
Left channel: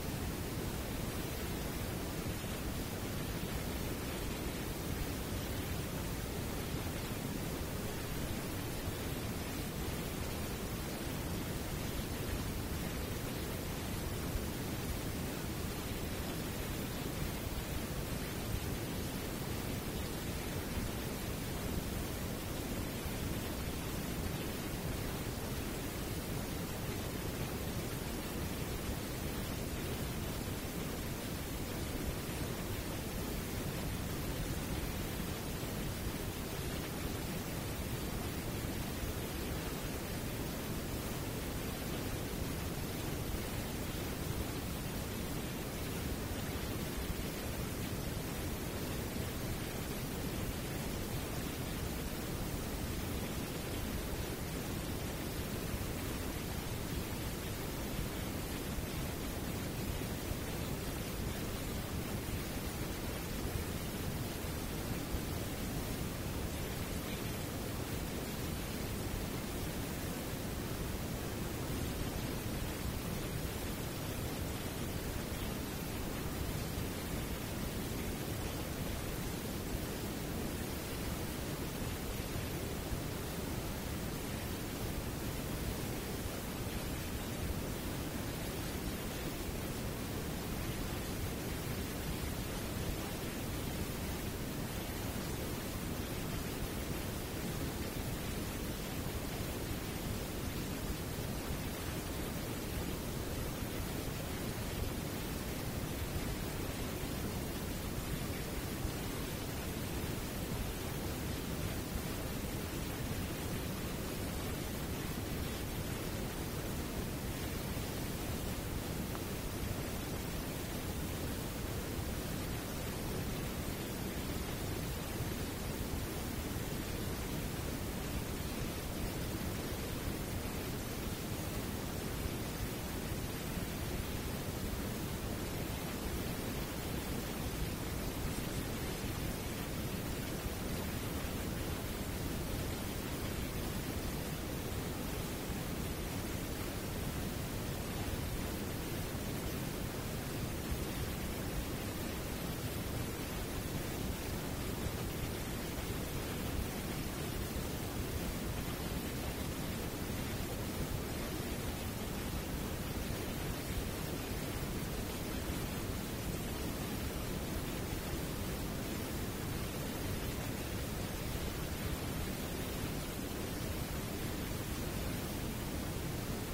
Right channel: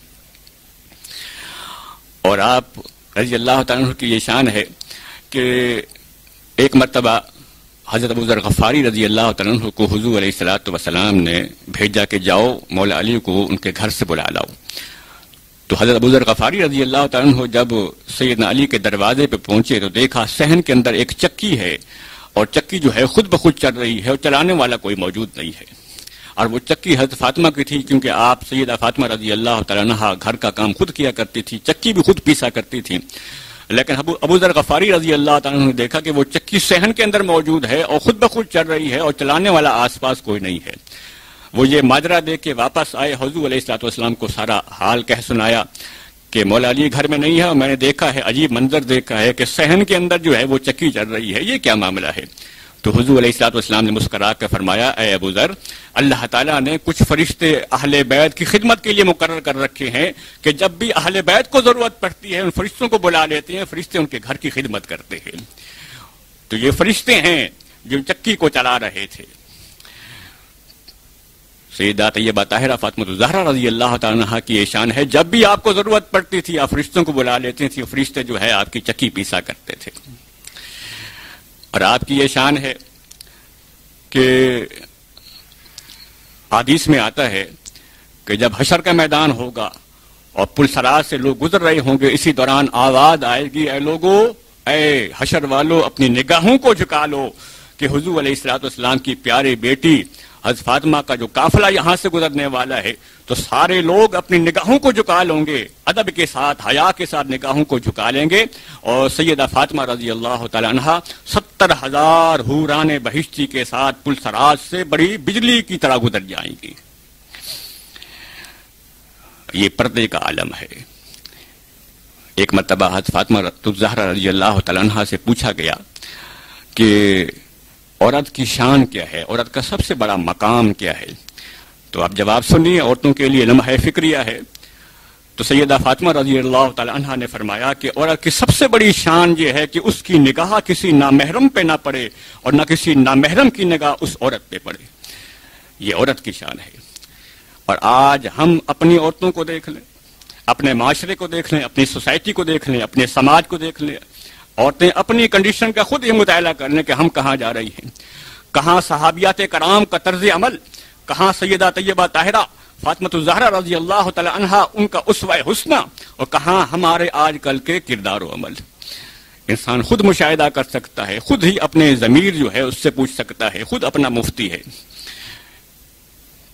اور آپ رضی اللہ تعالیٰ عنہ کی یہ شان ہے کہ ایک مرتبہ حضرت ابو ذر غفاری رضی اللہ تعالیٰ عنہ کو حضور علیہ الصلوۃ والسلام نے بھیجا کہ جاؤ مولا علی کو ان کے گھر سے بلا لاؤ۔ تو حضرت ابو ذر غفاری رضی اللہ تعالیٰ عنہ جب سیدنا علی کے دروازے پہ پہنچے تو دیکھا صحن کے اندر ایک چکی ہے، اور چکی جو ہے خود بخود چل رہی ہے اور چلانے والا کوئی موجود نہیں ہے، اور وہ چکی حضرت فاطمہ کی تھی، کیونکہ آپ سیدہ فاطمہ رضی اللہ تعالیٰ عنہا گھر کا کام خود کیا کرتی تھی، چکی بھی خود پیسا کرتی تھی۔ لیکن ابو ذر غفاری رضی اللہ تعالیٰ عنہ نے دیکھا کہ وہ چکی صحن کے اندر موجود ہے اور خود بخود چل رہی ہے اور چلانے والا آس پاس کوئی نہیں ہے۔ وہ یہ ماجرا دیکھ کے واپس آئے، حضور علیہ الصلوۃ والسلام کو سارا حال کہہ سنایا کہ مولا علی گھر میں نہیں ہے اور میں نے دیکھا ہے، عجیب منظر دیکھا ہے کہ صحن کے اندر جو ہے وہ چکی چل رہی ہے، یہ کیا معاملہ ہے؟ تو حضور علیہ الصلوۃ والسلام نے مسکرا کر فرمایا اے ابو ذر، اللہ تعالیٰ نے کچھ فرشتے اہل بیت کی خدمت کے لیے مقرر کر رکھے ہیں کہ جب بھی اہل بیت کو ضرورت پڑتی ہے ان فرشتوں کو بلا لیتے ہیں، فرشتے ان کے گھر کی خدمت کرتے ہیں۔ تو یہ فرشتے ہیں جو چکی کو چلا رہے تھے۔ سیدہ طیبہ طاہرہ فاطمہ الزہرا رضی اللہ تعالیٰ عنہا کی یہ شان ہے، جب بھی آپ کو ضرورت پڑتی تھی آپ فرشتوں کو بلا لیتے تھے، فرشتے جو ہے آپ کی چکی پیسا کرتے تھے۔ اور آپ کی یہ شان ہے کہ حدیث میں آتا ہے کہ جب حشر کا میدان ہوگا اور پل صراط سے لوگ گزر رہے ہوں گے، اسی دوران آواز آئے گی، اے لوگو، اے حشر والو، اپنی نگاہوں کو جھکا لو کہ حضور علیہ الصلوۃ والسلام کی پیاری بیٹی حضرت فاطمہ کا جو قافلہ یہاں سے گزرنے والا ہے، تو سارے لوگ اپنی نگاہوں کو جھکا لیں گے، ادب کے ساتھ، حیا کے ساتھ نگاہوں کو جھکا لیں گے، اور سیدہ فاطمہ رضی اللہ تعالی عنہا 70,000 حوران بہشتی کے ساتھ پل صراط سے بڑی بجلی کی طرح گزر جائیں گی۔ یہ پردے کا عالم ہے۔ ایک مرتبہ حضرت فاطمہ الزہرا رضی اللہ تعالی عنہا سے پوچھا گیا کہ عورت کی شان کیا ہے، عورت کا سب سے بڑا مقام کیا ہے؟ تو آپ جواب سنیے، عورتوں کے لیے لمحہ فکریہ ہے۔ تو سیدہ فاطمہ رضی اللہ تعالی عنہا نے فرمایا کہ عورت کی سب سے بڑی شان یہ ہے کہ اس کی نگاہ کسی نامحرم پہ نہ پڑے اور نہ کسی نامحرم کی نگاہ اس عورت پہ پڑے۔ یہ عورت کی شان ہے۔ اور آج ہم اپنی عورتوں کو دیکھ لیں، اپنے معاشرے کو دیکھ لیں، اپنی سوسائٹی کو دیکھ لیں، اپنے سماج کو دیکھ لیں، عورتیں اپنی کنڈیشن کا خود ہی مطالعہ کر لیں کہ ہم کہاں جا رہی ہیں، کہاں صحابیات کرام کا طرز عمل، کہاں سیدہ طیبہ طاہرہ فاطمہ الزہرا رضی اللہ تعالی عنہا ان کا اسوہ حسنہ، اور کہاں ہمارے آج کل کے کردار و عمل۔ انسان خود مشاہدہ کر سکتا ہے، خود ہی اپنے ضمیر جو ہے اس سے پوچھ سکتا ہے، خود اپنا مفتی ہے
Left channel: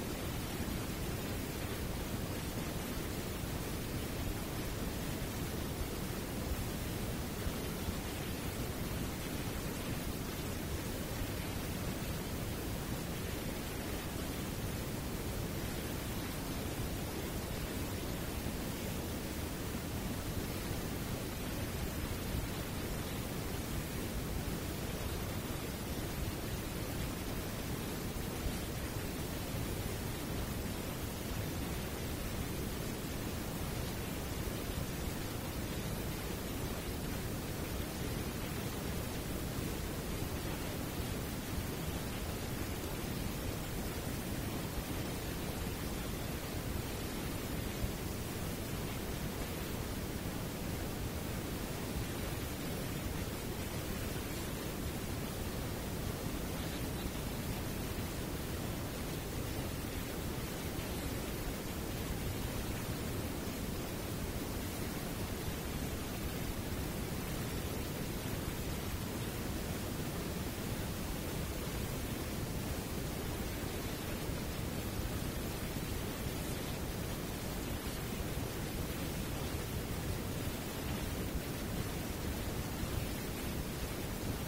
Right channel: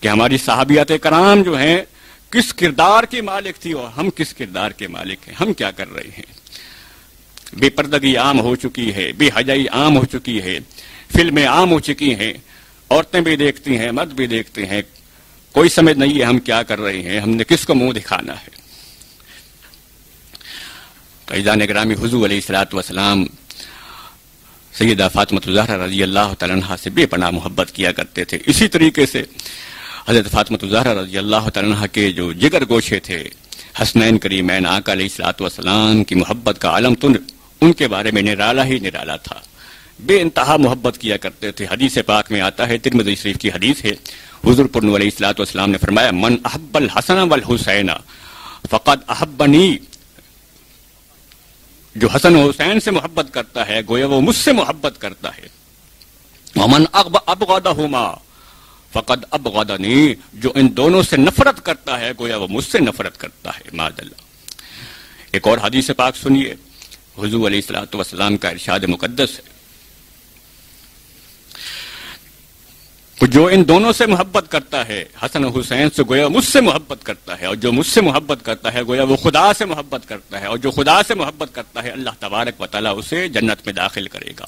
کہ ہماری صحابیات کرام جو ہیں کس کردار کی مالک تھی اور ہم کس کردار کے مالک ہیں، ہم کیا کر رہے ہیں۔ بے پردگی عام ہو چکی ہے، بے حیائی عام ہو چکی ہے، فلمیں عام ہو چکی ہیں، عورتیں بھی دیکھتی ہیں، مرد بھی دیکھتے ہیں، کوئی سمجھ نہیں ہے ہم کیا کر رہے ہیں، ہم نے کس کو منہ دکھانا ہے۔ عزیزان گرامی، حضور علیہ الصلوۃ والسلام سیدہ فاطمہ الزہرا رضی اللہ تعالی عنہا سے بے پناہ محبت کیا کرتے تھے۔ اسی طریقے سے حضرت فاطمہ الزہرا رضی اللہ تعالی عنہا کے جو جگر گوشے تھے، حسنین کریمین آقا علیہ الصلوۃ والسلام کی محبت کا عالم تو ان کے بارے میں نرالا ہی نرالا تھا، بے انتہا محبت کیا کرتے تھے۔ حدیث پاک میں آتا ہے، ترمذی شریف کی حدیث ہے، حضور پر علیہ الصلوۃ والسلام نے فرمایا، من احب الحسن والحسین فقد احبنی، جو حسن و حسین سے محبت کرتا ہے گویا وہ مجھ سے محبت کرتا ہے، ومن ابغضہما فقد ابغضنی، جو ان دونوں سے نفرت کرتا ہے گویا وہ مجھ سے نفرت کرتا ہے۔ معاذ اللہ۔ ایک اور حدیث پاک سنیے، حضور علیہ الصلوۃ والسلام کا ارشاد مقدس ہے، جو ان دونوں سے محبت کرتا ہے، حسن و حسین سے، گویا مجھ سے محبت کرتا ہے، اور جو مجھ سے محبت کرتا ہے گویا وہ خدا سے محبت کرتا ہے، اور جو خدا سے محبت کرتا ہے اللہ تبارک و تعالیٰ اسے جنت میں داخل کرے گا،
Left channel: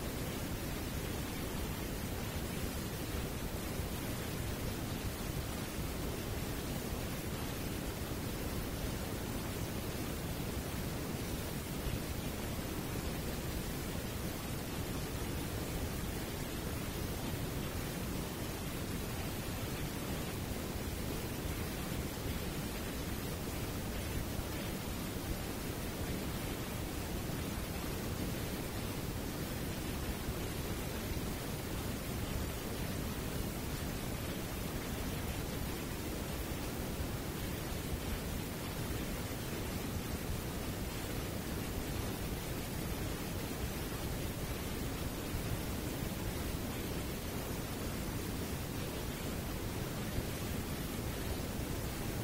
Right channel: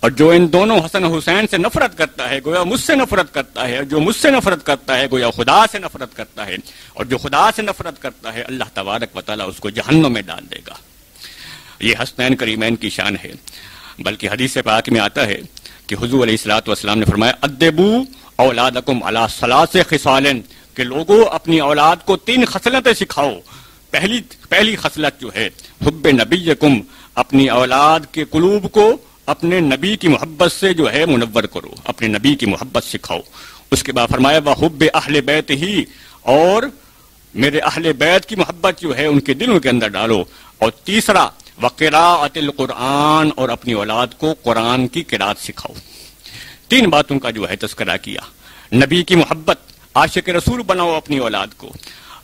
اور جو ان دونوں حسن و حسین سے نفرت کرتا ہے گویا مجھ سے نفرت کرتا ہے، اور جو مجھ سے نفرت کرتا ہے گویا خدا سے نفرت کرتا ہے، اور جو خدا سے نفرت کرتا ہے اللہ تبارک و تعالیٰ اس کو جہنم میں ڈال دے گا۔ یہ حسنین کریمین کی شان ہے۔ بلکہ حدیث پاک میں آتا ہے کہ حضور علیہ الصلوۃ والسلام نے فرمایا، ادبو اولادکم علی ثلاث خصال، کہ لوگوں اپنی اولاد کو 3 خصلتیں سکھاؤ۔ پہلی خصلت جو ہے حب نبیکم، اپنی اولاد کے قلوب کو اپنے نبی کی محبت سے جو ہے منور کرو، اپنے نبی کی محبت سکھاؤ۔ اس کے بعد فرمایا وحب اہل بیت ہی، اور میرے اہل بیت کی محبت جو ہے ان کے دلوں کے اندر ڈالو۔ اور تیسرا وقراءۃ القرآن، اور اپنی اولاد کو قرآن کی قرات سکھاؤ۔ 3 باتوں کا جو ہے تذکرہ کیا۔ نبی کی محبت، عاشق رسول بناؤ اپنی اولاد کو،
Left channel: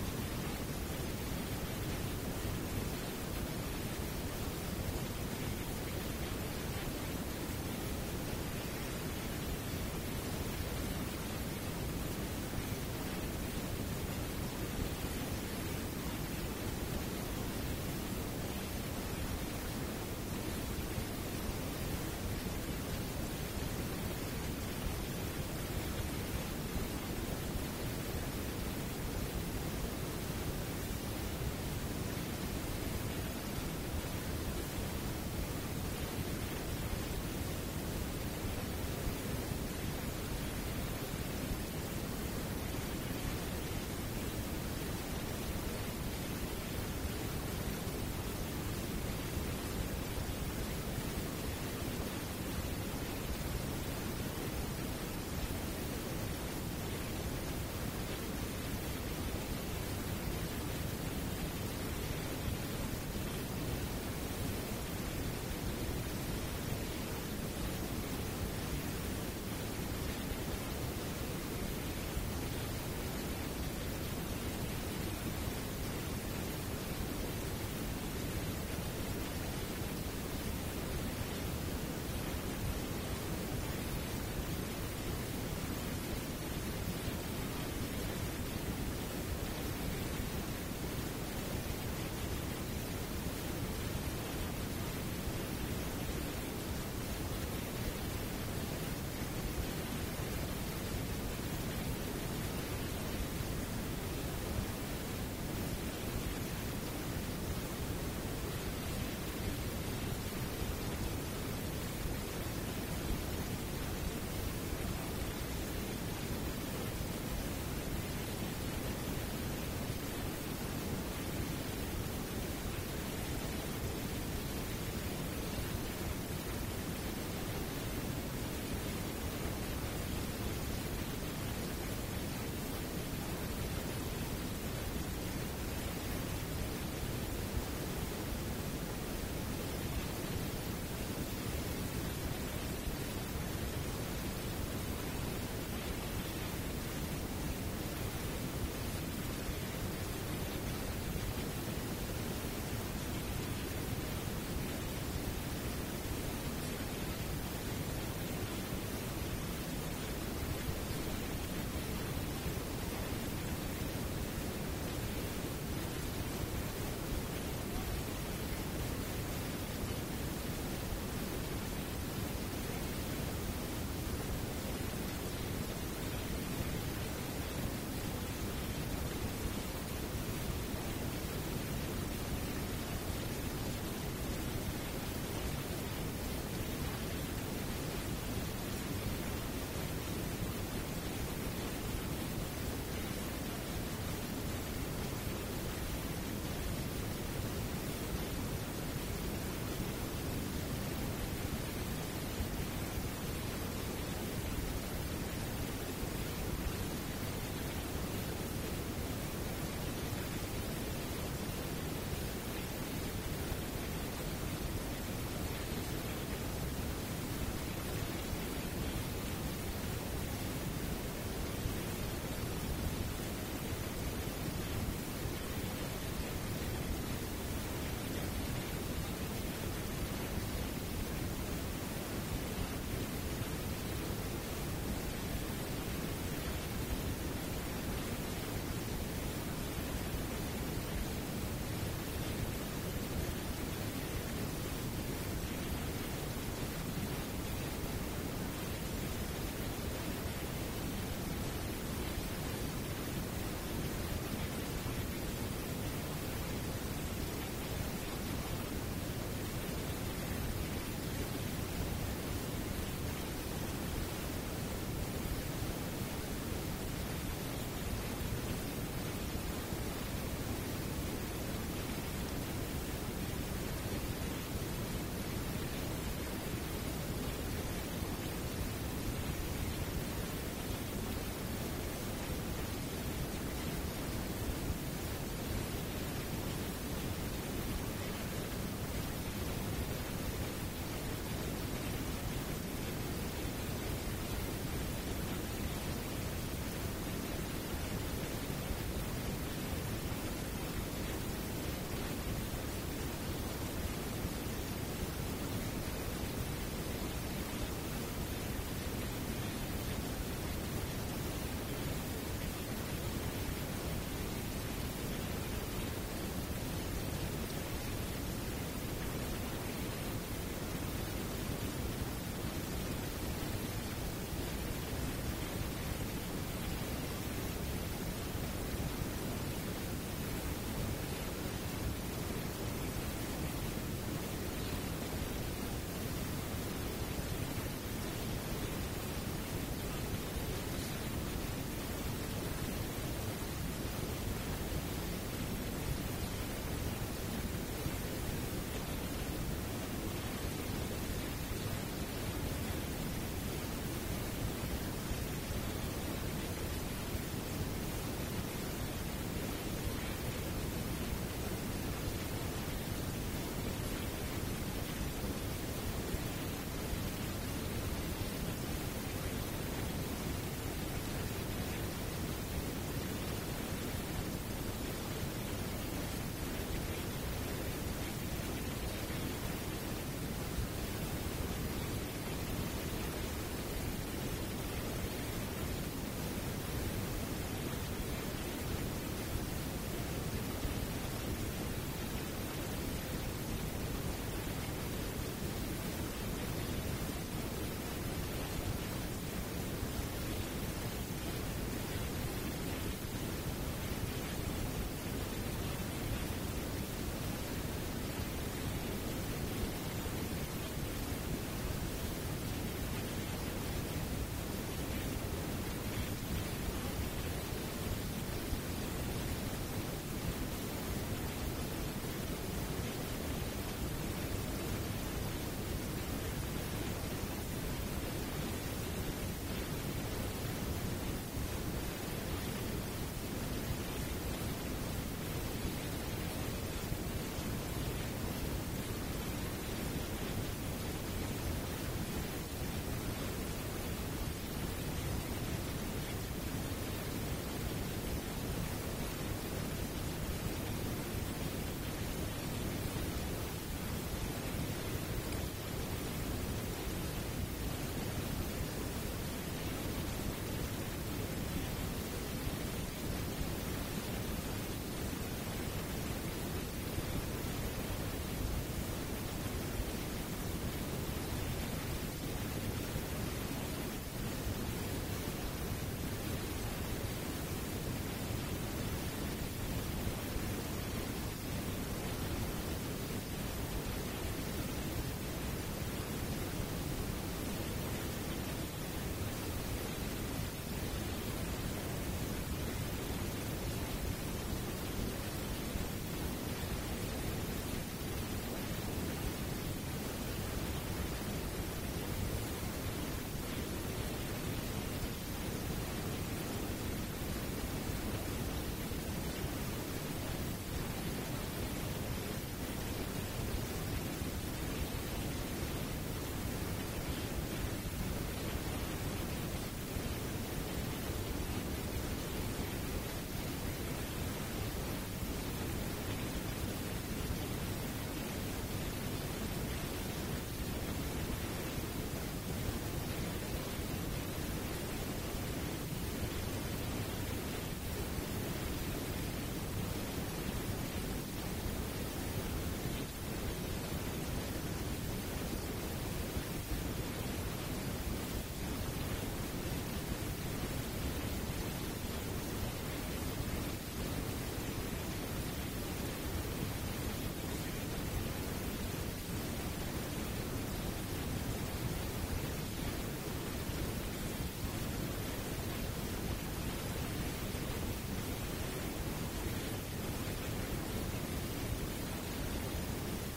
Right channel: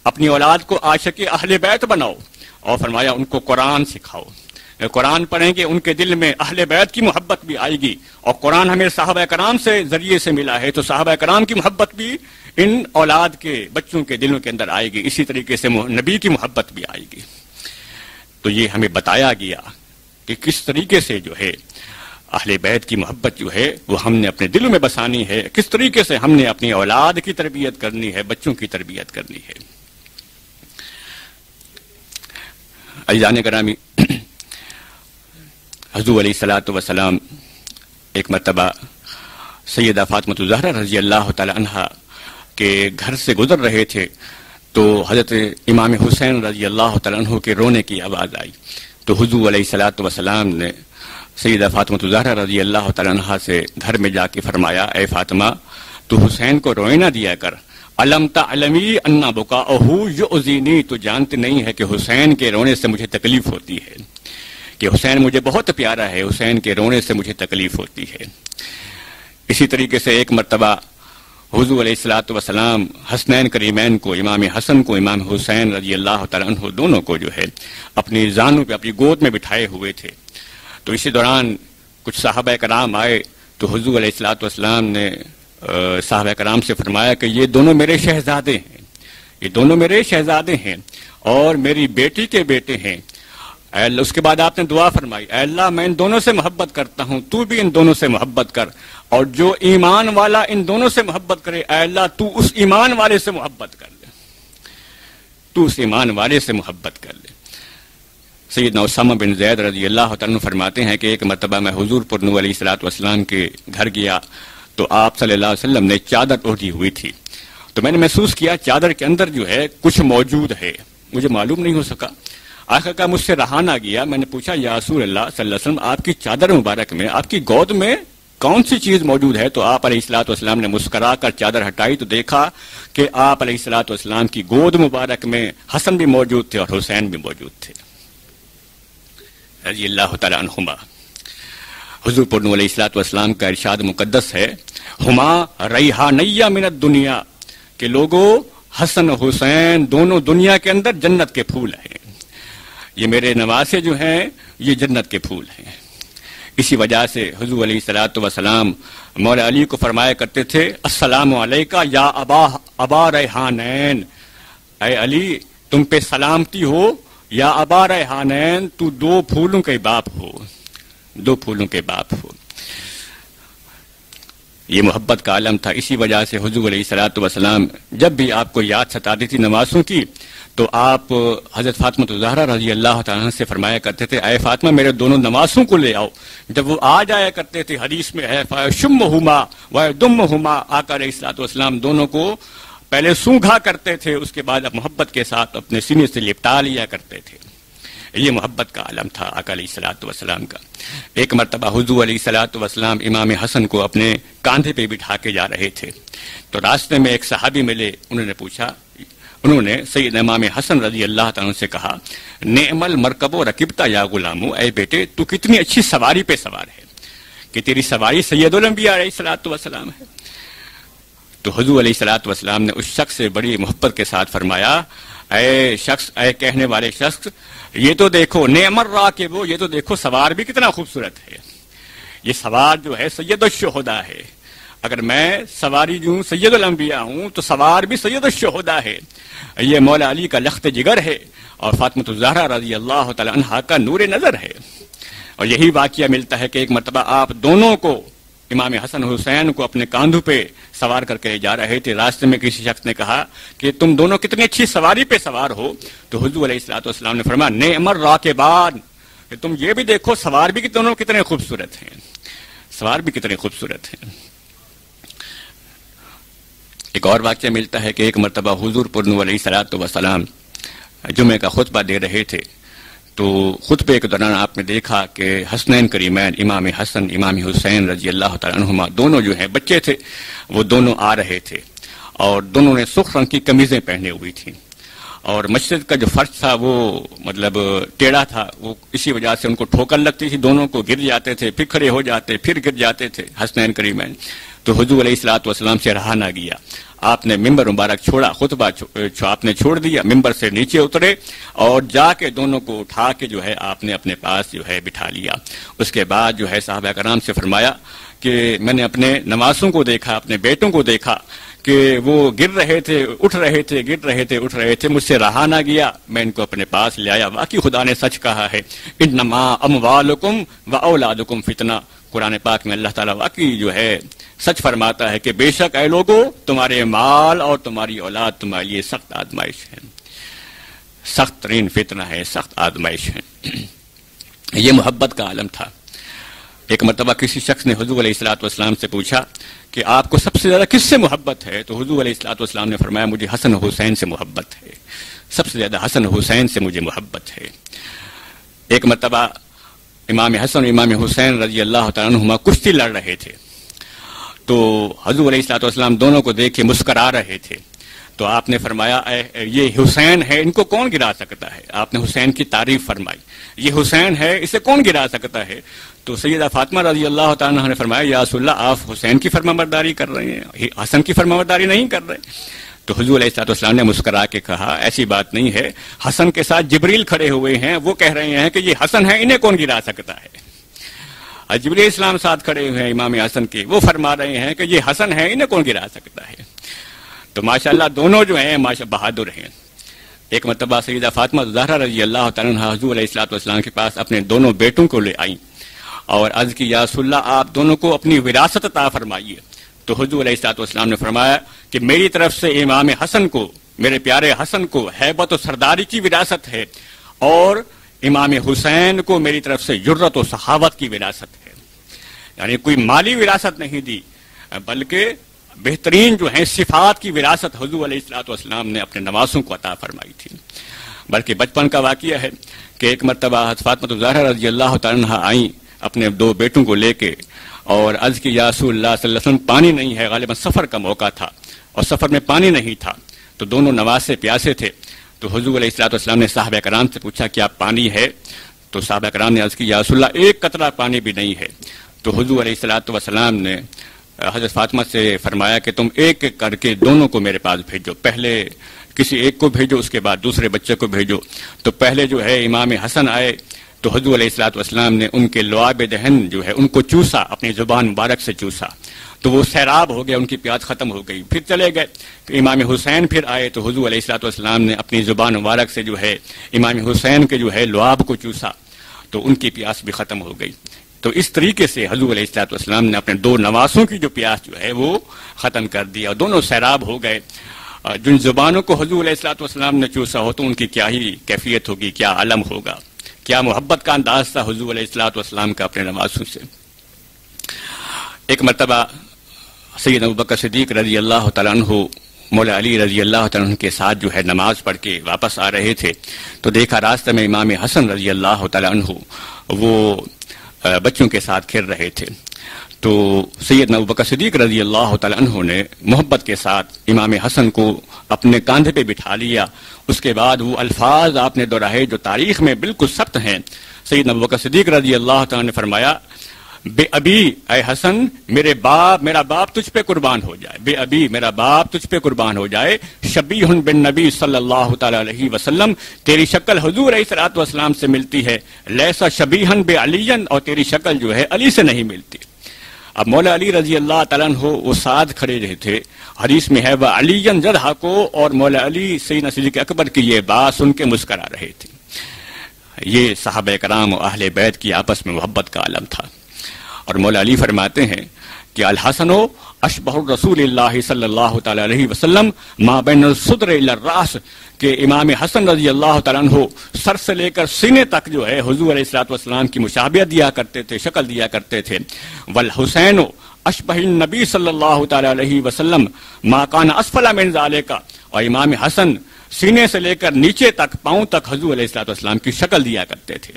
اپنی اولاد کو عاشق اہل بیت بناؤ، اور فرمایا ان کو قرآن سکھاؤ۔ قرآن پڑھیں گے ان کے دل میں اہل بیت کی محبت بھی آئے گی، اور قرآن ہمیں صحابہ کرام سے ذریعے سے ملا ہے، تو صحابہ کرام کی محبت بھی ان اولاد کے بچوں کے دلوں کے اندر آئے گی، اسی طریقے سے نبی کی محبت بھی آئے گی۔ تو یہ ہمیں بتایا گیا کہ کس طریقے سے جو ہے اہل بیت کی محبت جو ہے وہ ہم نے اپنے دلوں میں بسانی ہے، کس طریقے سے ہم نے اپنی اولاد کی تربیت کرنی ہے، بچوں کی تربیت کرنی ہے۔ عزیزان گرامی، حضور علیہ الصلوۃ والسلام ایک مرتبہ سیدہ فاطمہ الزہرا رضی اللہ تعالی عنہا کے گھر سے گزر رہے تھے، تو حضرت امام حسین رضی اللہ تعالی عنہ کے رونے کی آواز آئی، تو حضور علیہ الصلوۃ والسلام نے سیدہ فاطمہ الزہرا رضی اللہ تعالی عنہا سے گھر میں جا کے فرمایا، اے فاطمہ، تو حسین کو روئے نہ دیا کر، علم تعلمی ان بکاءہ یؤذینی، تو جانتے نہیں ہے کہ حسین کے رونے سے مجھے تکلیف ہوتی ہے، کہ حسین مجھے بہت پیارا ہے، حسین کے رونے سے مجھے تکلیف ہوتی ہے۔ اسی طریقے سے ایک مرتبہ حضور علیہ الصلوۃ والسلام حسنین کریمین کو، امام حسن کو امام حسین رضی اللہ تعالیٰ عنہ دونوں کو جو ہے اپنی زانوں پہ، اپنی گود میں بٹھائے ہوئے تھے۔ تو اسی دوران کچھ صحابہ کرام آئے تو حضور علیہ الصلوۃ والسلام نے صحابہ کرام سے فرمایا کہ یہ دونوں میرے شہزادے ہیں، یہ دونوں میرے شہزادے ہیں اور میری بیٹی کے بیٹے ہیں۔ اے اللہ، اس کے بعد آپ نے دعا فرمائی، اے اللہ میں ان دونوں سے محبت کرتا ہوں، تو بھی ان دونوں سے محبت کر، اور جو ایمان والا ان دونوں سے محبت کرے اے اللہ تو اس ایمان والے سے محبت کر دے، تو اس ایمان والے سے محبت کر دے۔ سیدنا اسامہ بن زید رضی اللہ تعالیٰ عنہ فرماتے ہیں کہ ایک مرتبہ میں حضور پر نور علیہ الصلوۃ والسلام کے گھر گیا تو آپ صلی اللہ علیہ وسلم نے چادر اوڑھی ہوئی تھی، تو میں نے محسوس کیا چادر کے اندر جو ہے کچھ موجود ہے، مجھے معلوم نہیں ہو سکا۔ آخر کا مجھ سے رہا نہ گیا، میں نے پوچھا یا رسول اللہ صلی اللہ علیہ وسلم آپ کی چادر مبارک میں، آپ کی گود میں کون سی چیز موجود ہے؟ تو آپ علیہ الصلوۃ والسلام نے مسکرا کر چادر ہٹائی تو دیکھا کہ آپ علیہ الصلوۃ والسلام کی گود مبارک میں حسن بھی موجود تھے اور حسین بھی موجود تھے رضی اللہ تعالیٰ عنہما۔ حضور پر نور علیہ الصلوۃ والسلام کا ارشاد مقدس ہے، ہما ریحانیہ من الدنیا، کہ لوگوں حسن حسین دونوں دنیا کے اندر جنت کے پھول ہیں، یہ میرے نواسے جو ہیں یہ جنت کے پھول ہیں۔ اسی وجہ سے حضور علیہ الصلوۃ والسلام مولا علی کو فرمایا کرتے تھے، السلام علیکہ یا ابا ریحانین، اے علی تم پہ سلامتی ہو یا ابا ریحانین، تو دو پھولوں کے باپ ہو، دو پھولوں کے باپ ہو۔ یہ محبت کا عالم تھا۔ اسی وجہ سے حضور علیہ الصلوۃ والسلام جب بھی آپ کو یاد ستاتی تھی نواسوں کی تو آپ حضرت فاطمہ الزہرا رضی اللہ تعالیٰ عنہ سے فرمایا کرتے تھے، اے فاطمہ میرے دونوں نواسوں کو لے آؤ۔ جب وہ آ جایا کرتے تھے، حدیث میں ہے فَيَشُمُّهُمَا وَيَضُمُّهُمَا، آقا علیہ الصلوۃ والسلام دونوں کو پہلے سونگھا کرتے تھے، اس کے بعد محبت کے ساتھ اپنے سینے سے لپٹا لیا کرتے تھے۔ یہ محبت کا عالم تھا آقا علیہ الصلوۃ والسلام کا۔ ایک مرتبہ حضور علیہ الصلوۃ والسلام امام حسن کو اپنے کاندھے پہ بٹھا کے جا رہے تھے، تو راستے میں ایک صحابی ملے، انہوں نے سید امام حسن رضی اللہ تعالیٰ سے کہا، نعم المرکب و رکبتا یا غلامو، اے بیٹے تو کتنی اچھی سواری پہ سوار ہے، کہ تیری سواری سید الانبیاء علیہ الصلوۃ والسلام ہے۔ تو حضور علیہ الصلوۃ والسلام نے اس شخص سے بڑی محبت کے ساتھ فرمایا، اے شخص، اے کہنے والے شخص، یہ تو دیکھو نعم الراکب، یہ تو دیکھو سوار بھی کتنا خوبصورت ہے، یہ سوار جو ہے سید الشہداء ہے، اگر میں سواری جو سید الانبیاء ہوں تو سوار بھی سید الشہداء ہے، یہ مولا علی کا لخت جگر ہے اور فاطمہ الزہرا رضی اللہ تعالی عنہا کا نور نظر ہے۔ اور یہی واقعہ ملتا ہے کہ ایک مرتبہ آپ دونوں کو، امام حسن حسین کو اپنے کاندھوں پہ سوار کر کے جا رہے تھے، راستے میں کسی شخص نے کہا کہ تم دونوں کتنی اچھی سواری پہ سوار ہو، تو حضور علیہ الصلوۃ والسلام نے فرمایا نعم الراکبان، کہ تم یہ بھی دیکھو سوار بھی دونوں کتنے خوبصورت ہیں، سوار بھی کتنے خوبصورت ہیں۔ ایک اور واقعہ ملتا ہے کہ ایک مرتبہ حضور پر نور علیہ الصلوۃ والسلام جمعہ کا خطبہ دے رہے تھے، تو خطبے کے دوران آپ نے دیکھا کہ حسنین کریمین امام حسن امام حسین رضی اللہ تعالیٰ عنہما دونوں جو ہیں بچے تھے، وہ دونوں آ رہے تھے اور دونوں نے سرخ رنگ کی قمیضیں پہنے ہوئی تھیں، اور مسجد کا جو فرش تھا وہ مطلب ٹیڑھا تھا، وہ اسی وجہ سے ان کو ٹھوکر لگتی تھی، دونوں کو گر جاتے تھے، پھر کھڑے ہو جاتے، پھر گر جاتے تھے حسنین کریمین۔ تو حضور علیہ الصلوۃ والسلام سے رہا نہ گیا، آپ نے ممبر مبارک چھوڑا، خطبہ آپ نے چھوڑ دیا، ممبر سے نیچے اترے اور جا کے دونوں کو اٹھا کے جو ہے آپ نے اپنے پاس جو ہے بٹھا لیا۔ اس کے بعد جو ہے صحابہ کرام سے فرمایا کہ میں نے اپنے نواسوں کو دیکھا، اپنے بیٹوں کو دیکھا کہ وہ گر رہے تھے، اٹھ رہے تھے، گر رہے تھے، اٹھ رہے تھے، مجھ سے رہا نہ گیا، میں ان کو اپنے پاس لے آیا۔ واقعی خدا نے سچ کہا ہے، انما اموالکم و اولادکم فتنہ، قرآن پاک میں اللہ تعالیٰ واقعی جو ہے سچ فرماتا ہے کہ بے شک اے لوگوں تمہارے مال اور تمہاری اولاد تمہارے لیے سخت آزمائش ہے، سخت ترین فتنہ ہے، سخت آزمائش ہے۔ یہ محبت کا عالم تھا۔ ایک مرتبہ کسی شخص نے حضور علیہ الصلوۃ والسلام سے پوچھا کہ آپ کو سب سے زیادہ کس سے محبت ہے؟ تو حضور علیہ الصلوۃ والسلام نے فرمایا مجھے حسن حسین سے محبت ہے، سب سے زیادہ حسن حسین سے مجھے محبت ہے۔ ایک مرتبہ امام حسن اور امام حسین رضی اللہ تعالیٰ عنہما کشتی لڑ رہے تھے، تو حضور علیہ الصلوۃ والسلام دونوں کو دیکھ کے مسکرا رہے تھے، تو آپ نے فرمایا یہ حسین ہے، ان کو کون گرا سکتا ہے؟ آپ نے حسین کی تعریف فرمائی، یہ حسین ہے، اسے کون گرا سکتا ہے؟ تو سیدہ فاطمہ رضی اللہ تعالیٰ عنہ نے فرمایا یا رسول اللہ آپ حسین کی فرمانبرداری کر رہے ہیں، حسن کی فرمانبرداری نہیں کر رہے۔ تو حضور علیہ الصلوۃ والسلام نے مسکرا کے کہا ایسی بات نہیں ہے، حسن کے ساتھ جبریل کھڑے ہوئے ہیں، وہ کہہ رہے ہیں کہ یہ حسن ہے، انہیں کون گرا سکتا ہے؟ جبریل اسلام ساتھ کھڑے ہوئے ہیں امام حسن کے، وہ فرما رہے ہیں کہ یہ حسن ہے، انہیں کون گرا سکتا ہے؟ تو ماشاءاللہ دونوں جو ہیں بہادر ہیں۔ ایک مرتبہ سیدہ فاطمہ زہرا رضی اللہ تعالیٰ عنہ حضور علیہ الصلوۃ والسلام کے پاس اپنے دونوں بیٹوں کو لے آئیں اور عرض کی یا رسول اللہ آپ دونوں کو اپنی وراثت عطا فرمائیے۔ تو حضور علیہ الصلوۃ والسلام نے فرمایا کہ میری طرف سے امام حسن کو، میرے پیارے حسن کو ہیبت و سرداری کی وراثت ہے، اور امام حسین کو میری طرف سے جرت و سخاوت کی وراثت ہے۔ یعنی کوئی مالی وراثت نہیں دی، بلکہ بہترین جو ہیں صفات کی وراثت حضور علیہ الصلوۃ والسلام نے اپنے نواسوں کو عطا فرمائی تھی۔ بلکہ بچپن کا واقعہ ہے کہ ایک مرتبہ فاطمہ الزہرا رضی اللہ تعالیٰ عنہ آئیں اپنے دو بیٹوں کو لے کے اور عرض کی یا رسول اللہ صلی اللہ علیہ وسلم پانی نہیں ہے، غالباً سفر کا موقع تھا اور سفر میں پانی نہیں تھا، تو دونوں نواسے پیاسے تھے۔ تو حضور علیہ الصلوۃ والسلام نے صحابہ کرام سے پوچھا کیا پانی ہے؟ تو صحابہ کرام نے عرض کی یا رسول اللہ ایک قطرہ پانی بھی نہیں ہے۔ تو حضور علیہ الصلوۃ والسلام نے حضرت فاطمہ سے فرمایا کہ تم ایک ایک کر کے دونوں کو میرے پاس بھیجو، پہلے کسی ایک کو بھیجو، اس کے بعد دوسرے بچے کو بھیجو۔ تو پہلے جو ہے امام حسن آئے تو حضور علیہ الصلوۃ والسلام نے ان کے لعاب دہن جو ہے ان کو چوسا، اپنی زبان مبارک سے چوسا، تو وہ سیراب ہو گیا، ان کی پیاس ختم ہو گئی، پھر چلے گئے۔ تو امام حسین پھر آئے تو حضور علیہ الصلوۃ والسلام نے اپنی زبان مبارک سے جو ہے امام حسین کے جو ہے لعاب کو چوسا، تو ان کی پیاس بھی ختم ہو گئی۔ تو اس طریقے سے حضور علیہ الصلوۃ والسلام نے اپنے دو نواسوں کی جو پیاس جو ہے وہ ختم کر دیا، دونوں سیراب ہو گئے۔ جن زبانوں کو حضور علیہ الصلوۃ والسلام نے چوسا ہو تو ان کی کیا ہی کیفیت ہوگی، کیا عالم ہوگا، کیا محبت کا انداز تھا حضور علیہ الصلوۃ والسلام کا اپنے نواسوں سے۔ ایک مرتبہ سیدنا ابوبکر صدیق رضی اللہ تعالیٰ عنہ مولا علی رضی اللہ تعالیٰ عنہ کے ساتھ جو ہے نماز پڑھ کے واپس آ رہے تھے، تو دیکھا راستہ میں امام حسن رضی اللہ تعالیٰ عنہ وہ بچوں کے ساتھ کھیل رہے تھے۔ تو سیدنا ابوبکر صدیق رضی اللہ تعالیٰ عنہ نے محبت کے ساتھ امام حسن کو اپنے کاندھے پہ بٹھا لیا۔ اس کے بعد وہ الفاظ آپ نے دہرائے جو تاریخ میں بالکل ثبت ہیں۔ سیدنا ابوبکر صدیق رضی اللہ تعالیٰ نے فرمایا بے ابی اے حسن میرا باپ تجھ پہ قربان ہو جائے، بے ابی میرا باپ تجھ پہ قربان ہو جائے، شبیہ بن نبی صلی اللہ تعالیٰ علیہ وسلم، تیری شکل حضور علیہ الصلوۃ والسلام سے ملتی ہے، لیسا شبیہ بے علی، اور تیری شکل جو ہے علی سے نہیں ملتی۔ اب مولا علی رضی اللہ تعالیٰ عنہ وہ ساتھ کھڑے رہے تھے، حدیث میں ہے وہ علی جدھا کو، اور مولا علی سیدنا صدیق اکبر کی یہ بات سن کے مسکرا رہے تھے۔ یہ صحابہ کرام و اہل بیت کی آپس میں محبت کا عالم تھا۔ اور مولا علی فرماتے ہیں کہ الحسن اشبہ الرسول اللہ صلی اللہ تعالی علیہ وسلم ما بین الصدر الی الراس، کہ امام حسن رضی اللہ تعالیٰ عنہ سر سے لے کر سینے تک جو ہے حضور علیہ الصلوۃ والسلام کی مشابہت دیا کرتے تھے، شکل دیا کرتے تھے۔ والحسین اشبہ النبی صلی اللہ تعالی علیہ وسلم ما کان اسفل من ذالک، اور امام حسن سینے سے لے کر نیچے تک پاؤں تک حضور علیہ الصلوۃ والسلام کی شکل دیا کرتے تھے۔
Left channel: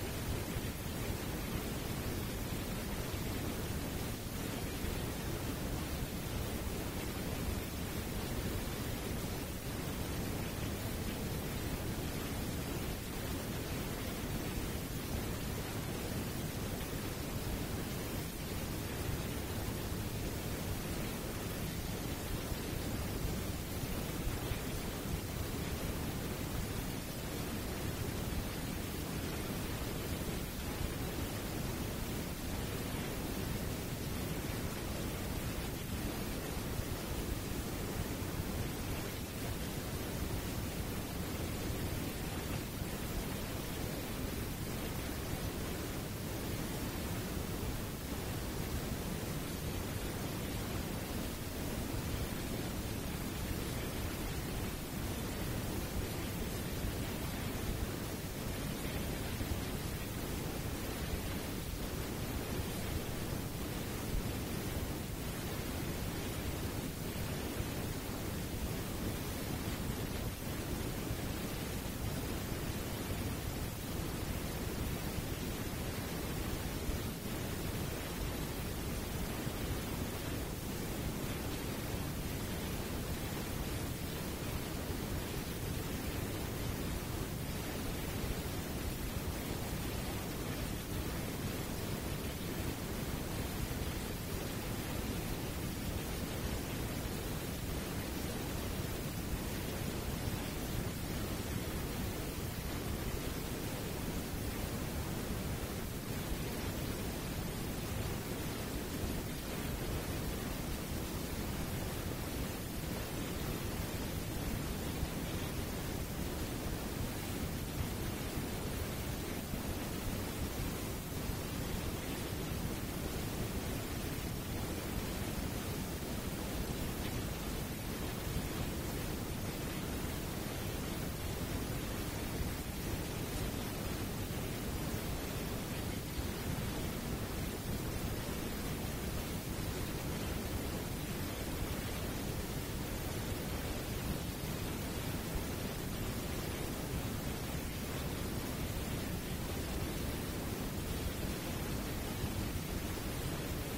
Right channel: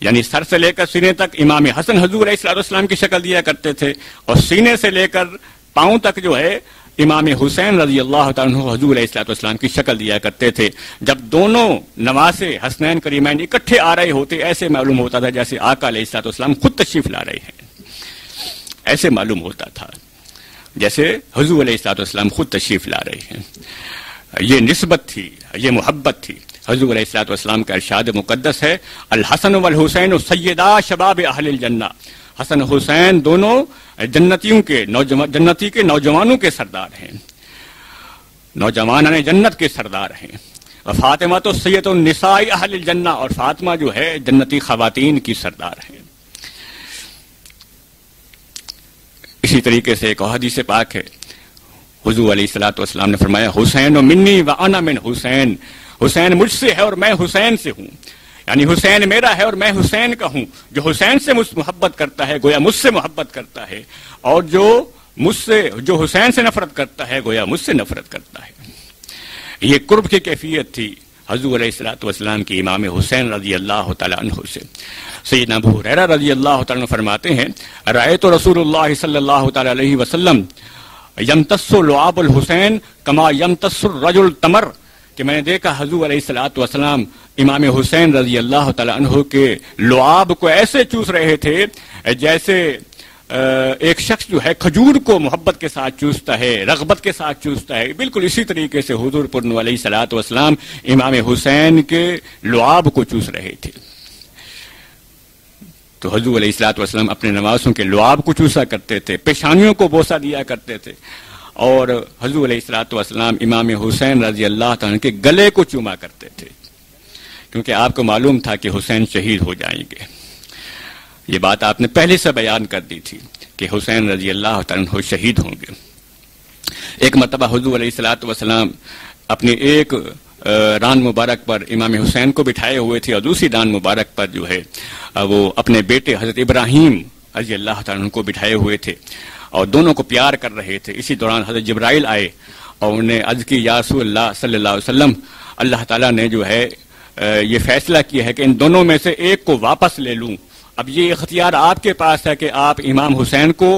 یعنی سر سے لے کر سینے تک امام حسن حضور علیہ الصلوۃ والسلام کی شکل دیا کرتے تھے، اور سینے سے لے کر پاؤں تک جو ہے امام حسین رضی اللہ تعالیٰ عنہ حضور علیہ الصلوۃ والسلام کی شکل دیا کرتے تھے۔ جب دونوں نواسے حسنین کریمین اکٹھے آ رہے ہوتے ایسے معلوم ہوتا تھا جیسے آقا علیہ الصلوۃ والسلام خود تشریف لا رہے ہیں، ایسے معلوم ہوتا تھا جیسے حضور علیہ الصلوۃ والسلام خود تشریف لا رہے ہیں۔ یہ نسبت تھی، یہ محبت تھی۔ حضور علیہ الصلوۃ والسلام کا ارشاد مقدس ہے الحسن والحسین سیدا شباب اہل الجنہ، حسن حسین دونوں جنتی کے نوجوانوں کے سردار ہیں، نوجوانان جنت کے سردار ہیں۔ اور فاطمہ تو سید النساء اہل الجنہ، اور فاطمہ جو ہے جنتی خواتین کی سردار ہیں۔ اسی طریقے سے ایک حدیث پاک ہے، حضور علیہ الصلوۃ والسلام نے فرمایا حسین منی و انا من حسین، حسین مجھ سے ہے اور میں حسین سے ہوں، یعنی حسین میرا ہے اور میں حسین کا ہوں۔ جو حسین سے محبت کرتا ہے گویا مجھ سے محبت کرتا ہے، اور جو حسین سے نفرت کرتا ہے گویا مجھ سے نفرت کرتا ہے۔ یہ قرب کی کیفیت تھی حضور علیہ الصلوۃ والسلام کی امام حسین رضی اللہ تعالی عنہ سے۔ سیدنا ابو ہریرہ رضی اللہ تعالی عنہ فرماتے ہیں رأیت رسول اللہ صلی اللہ تعالی علیہ وسلم یمتص لعاب الحسین کما یمتص الرجل تمر، کہ میں نے دیکھا حضور علیہ الصلوۃ والسلام امام حسین رضی اللہ تعالیٰ عنہ کے لعاب کو ایسے چوس رہے تھے جیسے ایک شخص جو ہے کھجور کو محبت کے ساتھ چوستا ہے، رغبت کے ساتھ چوستا ہے، بالکل اسی طریقے سے حضور پر علیہ الصلوۃ والسلام امام حسین کے لعاب کو چوس رہے تھے۔ تو حضور علیہ الصلوۃ والسلام اپنے نوازوں کے لعاب کو چوسا کرتے تھے، پیشانیوں کو بوسہ دیا کرتے تھے، اور حضور علیہ الصلوۃ والسلام امام حسین رضی اللہ تعالیٰ کے گلے کو چوما کرتے تھے، کیونکہ آپ کو معلوم تھا کہ حسین شہید ہو جائیں گے۔ یہ بات آپ نے پہلے سے بیان کر دی تھی کہ حسین رضی اللہ تعالیٰ شہید ہوں گے۔ ایک مرتبہ حضور علیہ الصلوۃ والسلام اپنی ایک ران مبارک پر امام حسین کو بٹھائے ہوئے تھے، اور دوسری ران مبارک پر جو ہے وہ اپنے بیٹے حضرت ابراہیم رضی اللہ تعالیٰ کو بٹھائے ہوئے تھے، اور دونوں کو پیار کر رہے تھے۔ اسی دوران حضرت جبرائیل آئے اور انہیں عرض کی، یا رسول اللہ صلی اللہ علیہ وسلم، اللہ تعالیٰ نے جو ہے یہ فیصلہ کیا ہے کہ ان دونوں میں سے ایک کو واپس لے لوں۔ اب یہ اختیار آپ کے پاس ہے کہ آپ امام حسین کو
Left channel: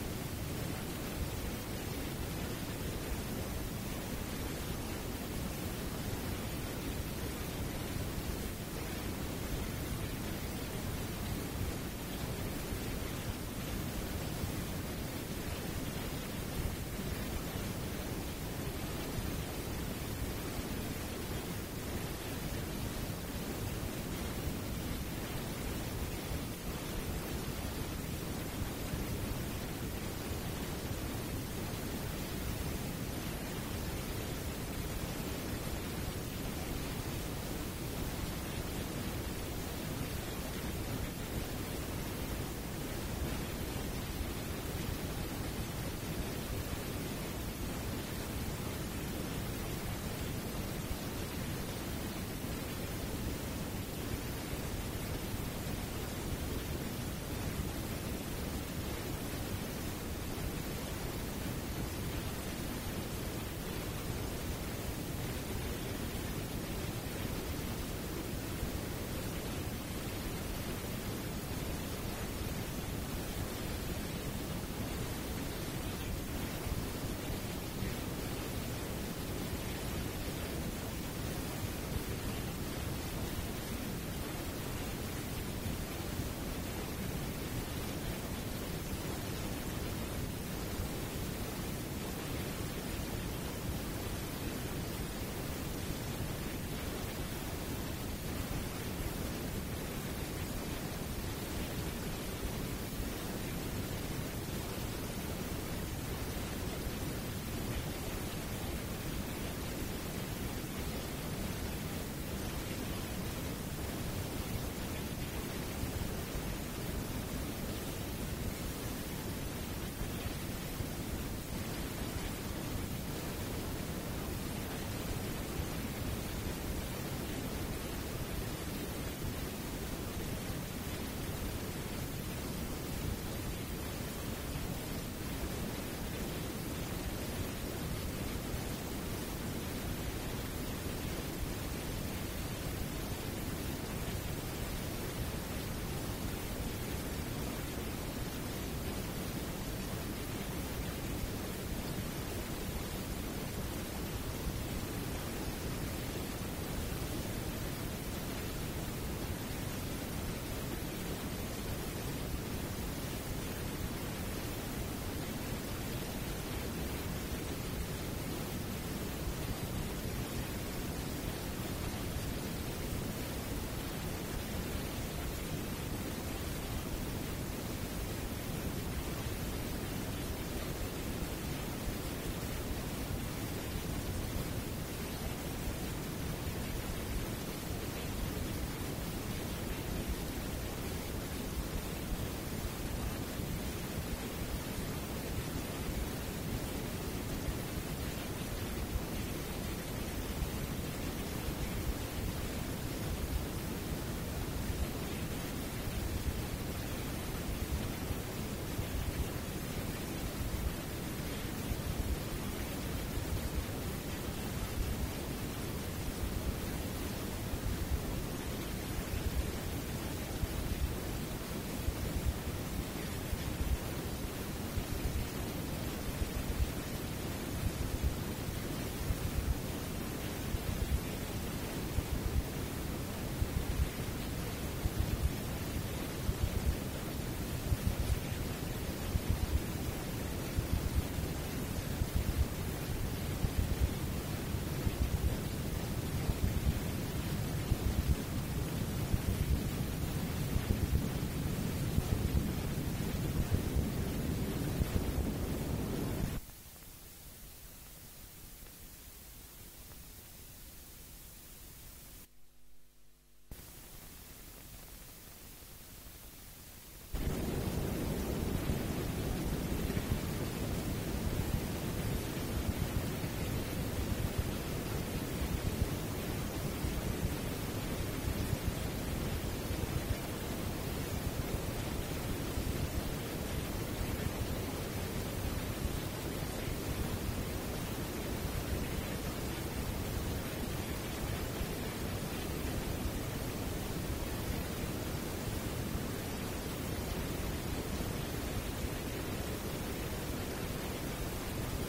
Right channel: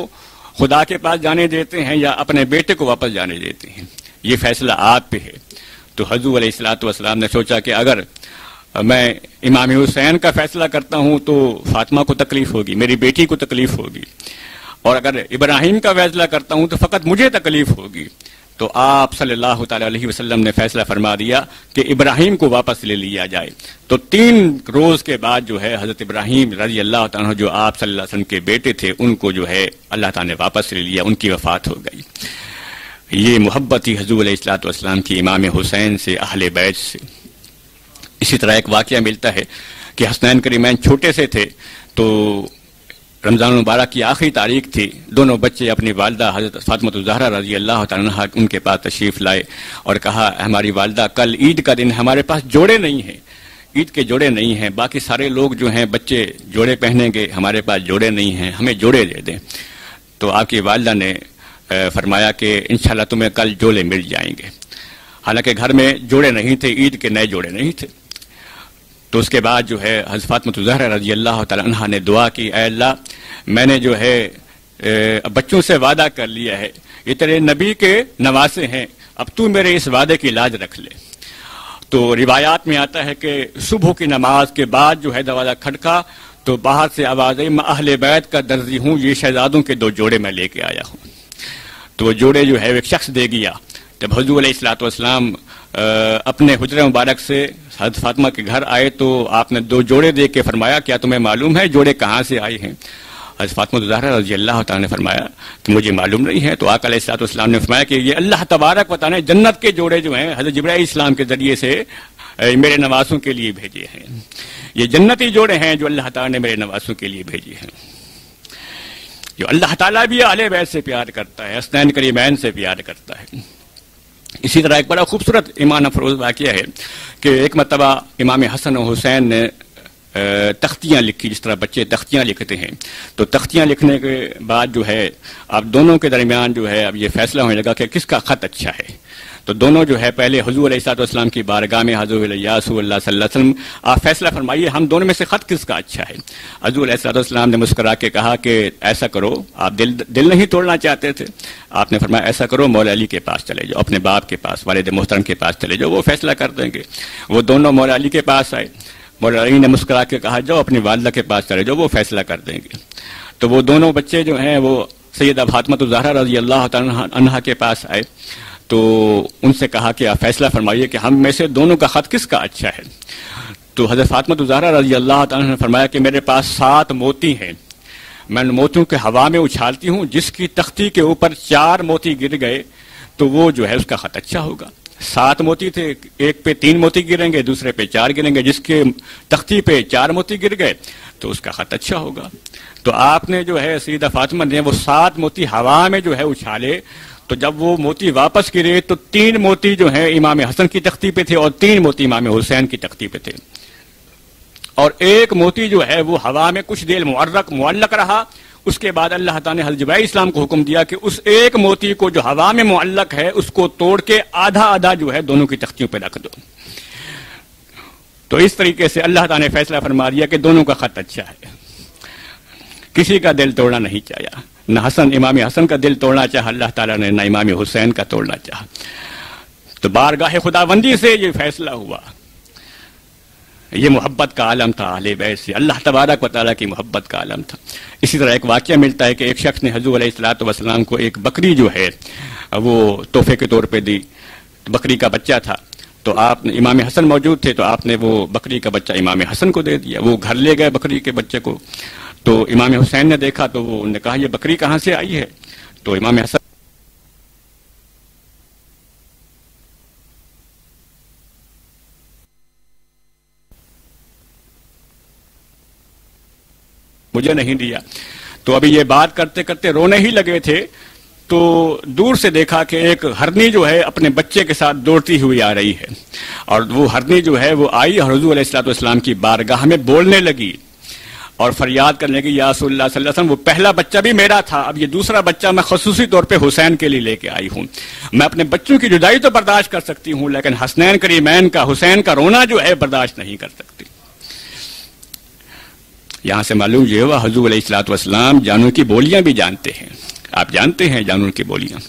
خدا کے پاس جانے دیتے ہیں یا اپنے بیٹے کو واپس جانے دیتے ہیں، یہ فیصلہ آپ پہ ہے۔ تو حضور علیہ الصلوۃ والسلام نے سوچا کہ اگر میں امام حسین کا فیصلہ کرتا ہوں تو فاطمہ کو تکلیف ہوگی، میری بیٹی کو تکلیف ہوگی، اور اگر ابراہیم کا فیصلہ کرتا ہوں تو فقط مجھے تکلیف ہوگی۔ تو آپ صلی اللہ تعالیٰ علیہ وسلم نے فیصلہ فرما دیا کہ ابراہیم کو واپس لے لیا جائے۔ تو 3 روز کے بعد جو ہے حضرت ابراہیم رضی اللہ تعالیٰ جو آپ صلی اللہ علیہ وسلم کے بیٹے تھے، ان کو جو ہے اللہ تعالیٰ نے واپس لے لیا، ان کی وفات ہو گئی۔ یہ محبت تھی حضور علیہ الصلوۃ والسلام کی امام حسین سے، اہل بیت سے۔ اسی طرح ایک واقعہ ملتا ہے کہ حسنین کریمین چھوٹے سے تھے، تو رمضان المبارک کی آخری تاریخ تھی، دونوں بچے اپنی والدہ حضرت فاطمہ الزہرا رضی اللہ تعالیٰ عنہ ان کے پاس تشریف لائے اور کہا، ہماری والدہ کل عید کا دن ہمارے پاس جوڑے نہیں ہیں، عید کے جوڑے نہیں ہیں، باقی سارے لوگ جو ہیں بچے جوڑے پہنیں گے، ہمارے پاس جوڑے نہیں ہیں، ہمیں جوڑے دے دیں۔ تو آپ کی والدہ نے فرمایا کہ انشاءاللہ تمہیں کل جوڑے مل جائیں گے۔ حالانکہ گھر میں جوڑے نہیں تھے، عید کے نئے جوڑے نہیں تھے۔ تو اس کے بعد جو ہے حضرت فاطمہ الزہرا رضی اللہ تعالیٰ عنہ نے دعا کی، اے اللہ میں نے جو ہے بچوں سے وعدہ کر لیا ہے، یہ تیرے نبی کے نواسے ہیں، اب تو میرے اس وعدے کی لاج رکھ لے۔ تو روایات میں آتا ہے کہ صبح کی نماز کے بعد جو ہے دروازہ کھٹکا تو باہر سے آواز آئی، میں اہل بیت کا درزی ہوں، یہ شہزادوں کے 2 جوڑے میں لے کے آیا ہوں۔ تو وہ جوڑے جو ہے ایک شخص دے گیا۔ جب حضور علیہ الصلوۃ والسلام اپنے حجرہ مبارک سے حضرت فاطمہ کے گھر آئے تو آپ نے 2 جوڑے دے کے فرمایا، کیا تمہیں معلوم ہے جوڑے کہاں سے آئے ہیں؟ حضرت فاطمہ الزہرا رضی اللہ تعالیٰ نے فرمایا کہ مجھے معلوم نہیں ہے۔ تو آقا علیہ الصلوۃ والسلام نے فرمایا کہ یہ اللہ تبارک و تعالیٰ نے جنت کے جوڑے جو ہیں حضرت جبرائیل السلام کے ذریعے سے میرے نواسوں کے لیے بھیجے ہیں، یہ جنتی جوڑے ہیں جو اللہ تعالیٰ نے میرے نواسوں کے لیے بھیجے ہیں۔ جو اللہ تعالیٰ بھی اہل بیت سے پیار کرتا ہے، حسنین کریمین سے پیار کرتا ہے۔ اسی طرح ایک بڑا خوبصورت ایمان افروز واقعہ ہے کہ ایک مرتبہ امام حسن و حسین نے تختیاں لکھی، جس طرح بچے تختیاں لکھتے ہیں۔ تو تختیاں لکھنے کے بعد جو ہے اب دونوں کے درمیان جو ہے اب یہ فیصلہ ہونے لگا کہ کس کا خط اچھا ہے۔ تو دونوں جو ہے پہلے حضور علیہ الصلوۃ والسلام کی بارگاہ میں حضور یا رسول اللہ صلی اللہ علیہ وسلم آپ فیصلہ فرمائیے، ہم دونوں میں سے خط کس کا اچھا ہے؟ حضور علیہ الصلوۃ والسلام نے مسکرا کے کہا کہ ایسا کرو، آپ دل نہیں توڑنا چاہتے تھے، آپ نے فرمایا ایسا کرو مولا علی کے پاس چلے جاؤ، اپنے باپ کے پاس، والد محترم کے پاس چلے جاؤ، وہ فیصلہ کر دیں گے۔ وہ دونوں مولا علی کے پاس آئے، مولا علی نے مسکرا کے کہا جاؤ اپنی والدہ کے پاس چلے جاؤ، وہ فیصلہ کر دیں گے۔ تو وہ دونوں بچے جو ہیں وہ سیدہ فاطمہ الزہرا رضی اللہ تعالیٰ عنہا کے پاس آئے تو ان سے کہا کہ آپ فیصلہ فرمائیے کہ ہم میں سے دونوں کا خط کس کا اچھا ہے؟ تو حضرت فاطمہ الزہرا رضی اللہ تعالیٰ نے فرمایا کہ میرے پاس 7 موتی ہیں، میں ان موتیوں کے ہوا میں اچھالتی ہوں، جس کی تختی کے اوپر 4 موتی گر گئے تو وہ جو ہے اس کا خط اچھا ہوگا۔ 7 موتی تھے، ایک پہ 3 موتی گریں گے، دوسرے پہ 4 گریں گے، جس کے تختی پہ 4 موتی گر گئے تو اس کا خط اچھا ہوگا۔ تو آپ نے جو ہے سیدہ فاطمہ نے وہ 7 موتی ہوا میں جو ہے اچھالے، تو جب وہ موتی واپس گرے تو 3 موتی جو ہیں امام حسن کی تختی پہ تھے اور 3 موتی امام حسین کی تختی پہ تھے، اور ایک موتی جو ہے وہ ہوا میں کچھ دیر معلق رہا۔ اس کے بعد اللہ تعالیٰ نے حضرت جبرائیل اسلام کو حکم دیا کہ اس ایک موتی کو جو ہوا میں معلق ہے اس کو توڑ کے آدھا جو ہے دونوں کی تختیوں پہ رکھ دو۔ تو اس طریقے سے اللہ تعالیٰ نے فیصلہ فرما دیا کہ دونوں کا خط اچھا ہے۔ کسی کا دل توڑنا نہیں چاہا، نہ امام حسن کا دل توڑنا چاہا اللہ تعالیٰ نے، نہ امام حسین کا توڑنا چاہا۔ تو بارگاہ خداوندی سے یہ فیصلہ ہوا، یہ محبت کا عالم تھا اہل بیت سے، اللہ تبارک و تعالیٰ کی محبت کا عالم تھا۔ اسی طرح ایک واقعہ ملتا ہے کہ ایک شخص نے حضور علیہ الصلوۃ والسلام کو ایک بکری جو ہے وہ تحفے کے طور پہ دی، بکری کا بچہ تھا، تو آپ نے، امام حسن موجود تھے، تو آپ نے وہ بکری کا بچہ امام حسن کو دے دیا۔ وہ گھر لے گئے بکری کے بچے کو، تو امام حسین نے دیکھا تو وہ نے کہا یہ بکری کہاں سے آئی ہے؟ تو امام حسن مجھے نہیں دیا۔ تو ابھی یہ بات کرتے کرتے رونے ہی لگے تھے تو دور سے دیکھا کہ ایک ہرنی جو ہے اپنے بچے کے ساتھ دوڑتی ہوئی آ رہی ہے، اور وہ ہرنی جو ہے وہ آئی اور حضور علیہ الصلوۃ والسلام کی بارگاہ میں بولنے لگی اور فریاد کرنے لگی، یا رسول اللہ صلی اللہ علیہ وسلم، وہ پہلا بچہ بھی میرا تھا، اب یہ دوسرا بچہ میں خصوصی طور پہ حسین کے لیے لے کے آئی ہوں۔ میں اپنے بچوں کی جدائی تو برداشت کر سکتی ہوں، لیکن حسنین کریمین کا، حسین کا رونا جو ہے برداشت نہیں کر سکتی۔ یہاں سے معلوم یہ ہوا حضور علیہ الصلوۃ والسلام جانور کی بولیاں بھی جانتے ہیں، آپ جانتے ہیں جانور کی بولیاں۔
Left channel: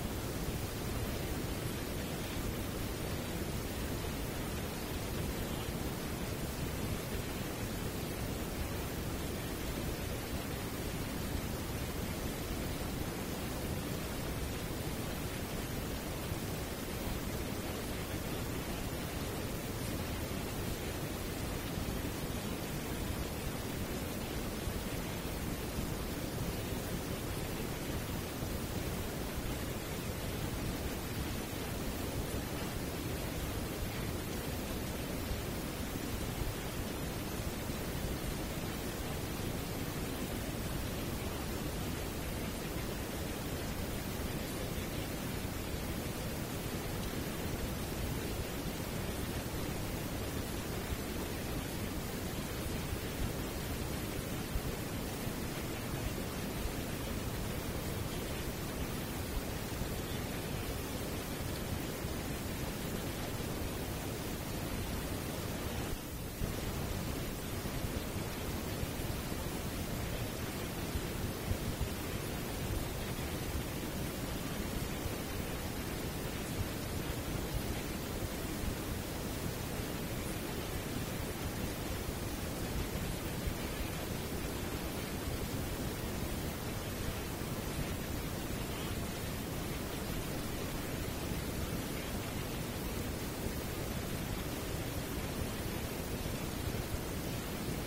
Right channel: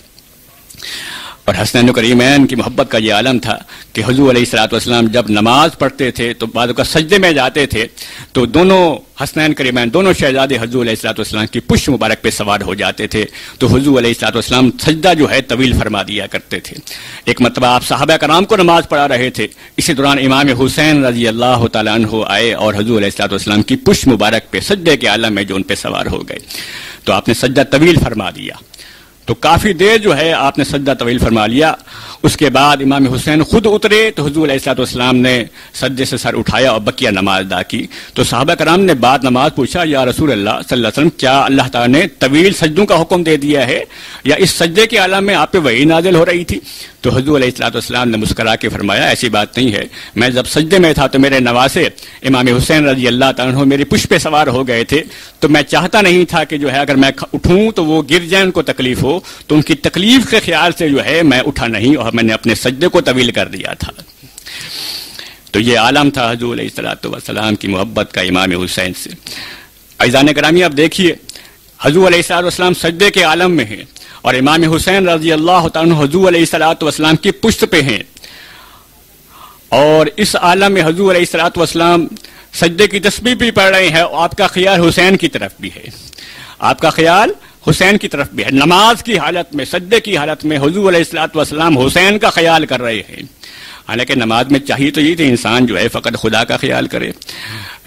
اور حسنین کریمین کی محبت کا یہ عالم تھا کہ حضور علیہ الصلوۃ والسلام جب نماز پڑھتے تھے تو بعض اوقات سجدے میں جاتے تھے تو دونوں حسنین کریمین، دونوں شہزادے حضور علیہ الصلوۃ والسلام کی پشت مبارک پہ سوار ہو جاتے تھے، تو حضور علیہ الصلوۃ والسلام سجدہ جو ہے طویل فرما دیا کرتے تھے۔ ایک مرتبہ آپ صحابہ کرام کو نماز پڑھا رہے تھے، اسی دوران امام حسین رضی اللہ تعالیٰ عنہ آئے اور حضور علیہ الصلوۃ والسلام کی پشت مبارک پہ سجدے کے عالم میں جو ان پہ سوار ہو گئے، تو آپ نے سجدہ طویل فرما دیا۔ تو کافی دیر جو ہے آپ نے سجدہ طویل فرما لیا۔ اس کے بعد امام حسین خود اترے تو حضور علیہ الصلوۃ والسلام نے سجدے سے سر اٹھایا اور بقیہ نماز ادا کی۔ تو صحابہ کرام نے بعد نماز پوچھا، یا رسول اللہ صلی اللہ علیہ وسلم، کیا اللہ تعالیٰ نے طویل سجدوں کا حکم دے دیا ہے یا اس سجدے کے عالم میں آپ پہ وحی نازل ہو رہی تھی؟ تو حضور علیہ الصلوۃ والسلام نے مسکرا کے فرمایا، ایسی بات نہیں ہے، میں جب سجدے میں تھا تو میرے نواسے امام حسین رضی اللہ تعالیٰ عنہ میری پشت پہ سوار ہو گئے تھے، تو میں چاہتا نہیں تھا کہ جو ہے اگر میں اٹھوں تو وہ گر جائیں، ان کو تکلیف ہو، تو ان کی تکلیف کے خیال سے جو ہے میں اٹھا نہیں اور میں نے اپنے سجدے کو طویل کر دیا تھا۔ تو یہ عالم تھا حضور علیہ الصلوۃ والسلام کی محبت کا امام حسین سے۔ عزیزان گرامی، اب دیکھیے حضور علیہ الصلوۃ والسلام سجدے کے عالم میں ہیں اور امام حسین رضی اللہ تعالیٰ عنہ حضور علیہ الصلوۃ والسلام کی پشت پہ ہیں، اور اس عالم میں حضور علیہ الصلوۃ والسلام سجدے کی تسبیح بھی پڑھ رہے ہیں اور آپ کا خیال حسین کی طرف بھی ہے، آپ کا خیال حسین کی طرف بھی ہے۔ نماز کی حالت میں، سجدے کی حالت میں حضور علیہ الصلوۃ والسلام حسین کا خیال کر رہے ہیں۔ حالانکہ نماز میں چاہیے تو یہ تھے انسان جو ہے فقط خدا کا خیال کرے،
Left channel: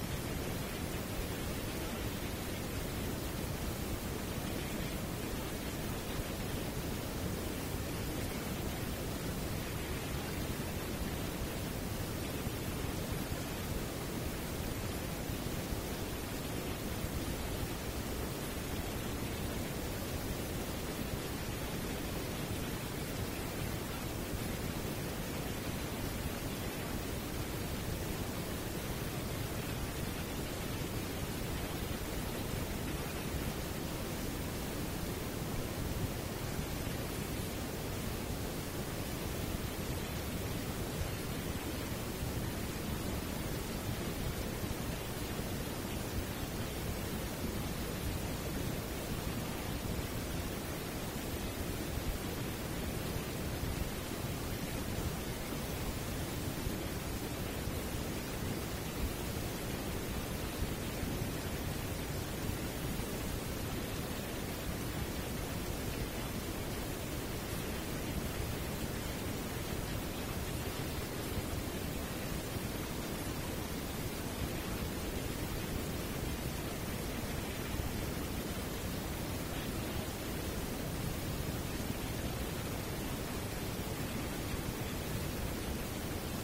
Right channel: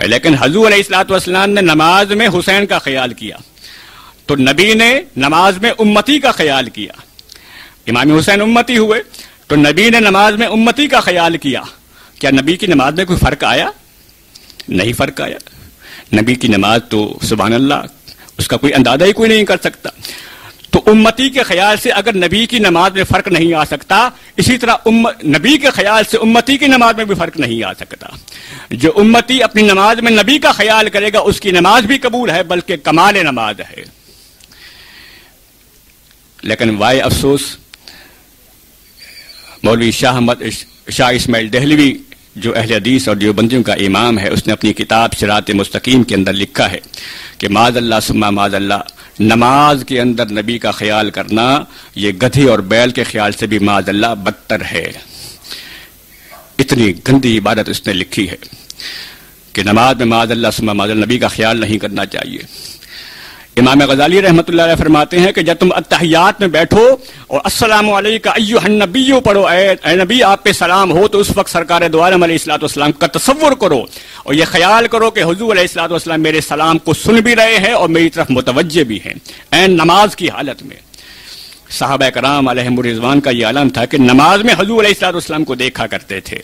لیکن حضور علیہ الصلوۃ والسلام نے نماز میں حسین کا خیال کیا، تو نبی نے نماز میں امتی کا خیال کیا۔ امام حسین امتی ہوئے تو نبی نے نماز میں امتی کا خیال کیا۔ کیا نبی کی نماز میں کوئی فرق آیا؟ نہیں فرق آیا۔ نبی کی نماز تو سبحان اللہ، اس کا کوئی اندازہ ہی کوئی نہیں کر سکتا۔ تو امتی کے خیال سے اگر نبی کی نماز میں فرق نہیں آ سکتا، اسی طرح نبی کے خیال سے امتی کی نماز میں بھی فرق نہیں آ سکتا۔ جو امتی اپنی نماز میں نبی کا خیال کرے گا اس کی نماز بھی قبول ہے، بلکہ کمال نماز ہے۔ لیکن وائے افسوس، مولوی شاہ اسماعیل دہلوی جو اہل حدیث اور دیوبندیوں کا امام ہے، اس نے اپنی کتاب صراط مستقیم کے اندر لکھا ہے کہ معاذ اللہ ثم معاذ اللہ، نماز کے اندر نبی کا خیال کرنا یہ گدھے اور بیل کے خیال سے بھی معاذ اللہ بدتر ہے۔ اتنی گندی عبادت اس نے لکھی ہے کہ نماز میں معاذ اللہ ثم معاذ اللہ نبی کا خیال نہیں کرنا چاہیے۔ امام غزالی رحمۃ اللہ علیہ فرماتے ہیں کہ جب تم اتحیات میں بیٹھو اور السلام علیکم ایھا النبی پڑھو، اے نبی آپ پہ سلام ہو، تو اس وقت سرکار دو عالم علیہ الصلوۃ والسلام کا تصور کرو اور یہ خیال کرو کہ حضور علیہ الصلوۃ والسلام میرے سلام کو سن بھی رہے ہیں اور میری طرف متوجہ بھی ہیں، عین نماز کی حالت میں۔ صحابہ کرام علیہم الرضوان کا یہ عالم تھا کہ نماز میں حضور علیہ الصلوۃ والسلام کو دیکھا کرتے تھے۔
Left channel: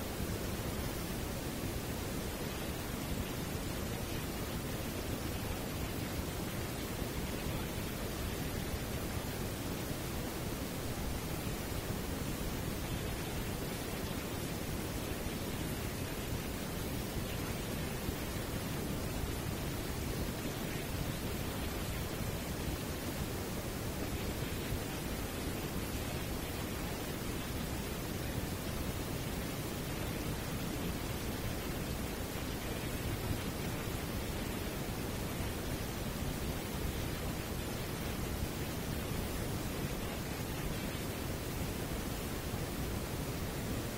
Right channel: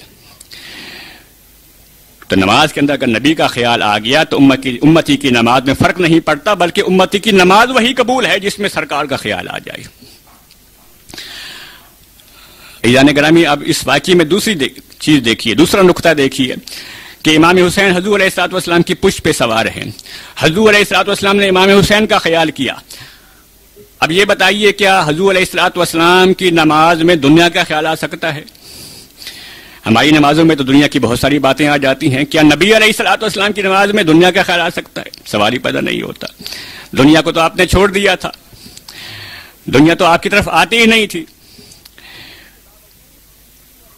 تو نماز کے اندر اگر نبی کا خیال آ گیا تو امتی کی نماز میں فرق نہیں پڑتا، بلکہ امتی کی نماز وہی قبول ہے جس میں سرکار کا خیال آ جائے۔ عزیزان گرامی، اب اس واقعے میں دوسری چیز دیکھیے، دوسرا نقطہ دیکھیے کہ امام حسین حضور علیہ الصلوۃ والسلام کی پشت پہ سوار ہیں۔ حضور علیہ الصلوۃ والسلام نے امام حسین کا خیال کیا۔ اب یہ بتائیے کیا حضور علیہ الصلوۃ والسلام کی نماز میں دنیا کا خیال آ سکتا ہے؟ ہماری نمازوں میں تو دنیا کی بہت ساری باتیں آ جاتی ہیں، کیا نبی علیہ الصلوۃ والسلام کی نماز میں دنیا کا خیال آ سکتا ہے؟ سوال ہی پیدا نہیں ہوتا۔ دنیا کو تو آپ نے چھوڑ دیا تھا، دنیا تو آپ کی طرف آتی ہی نہیں تھی۔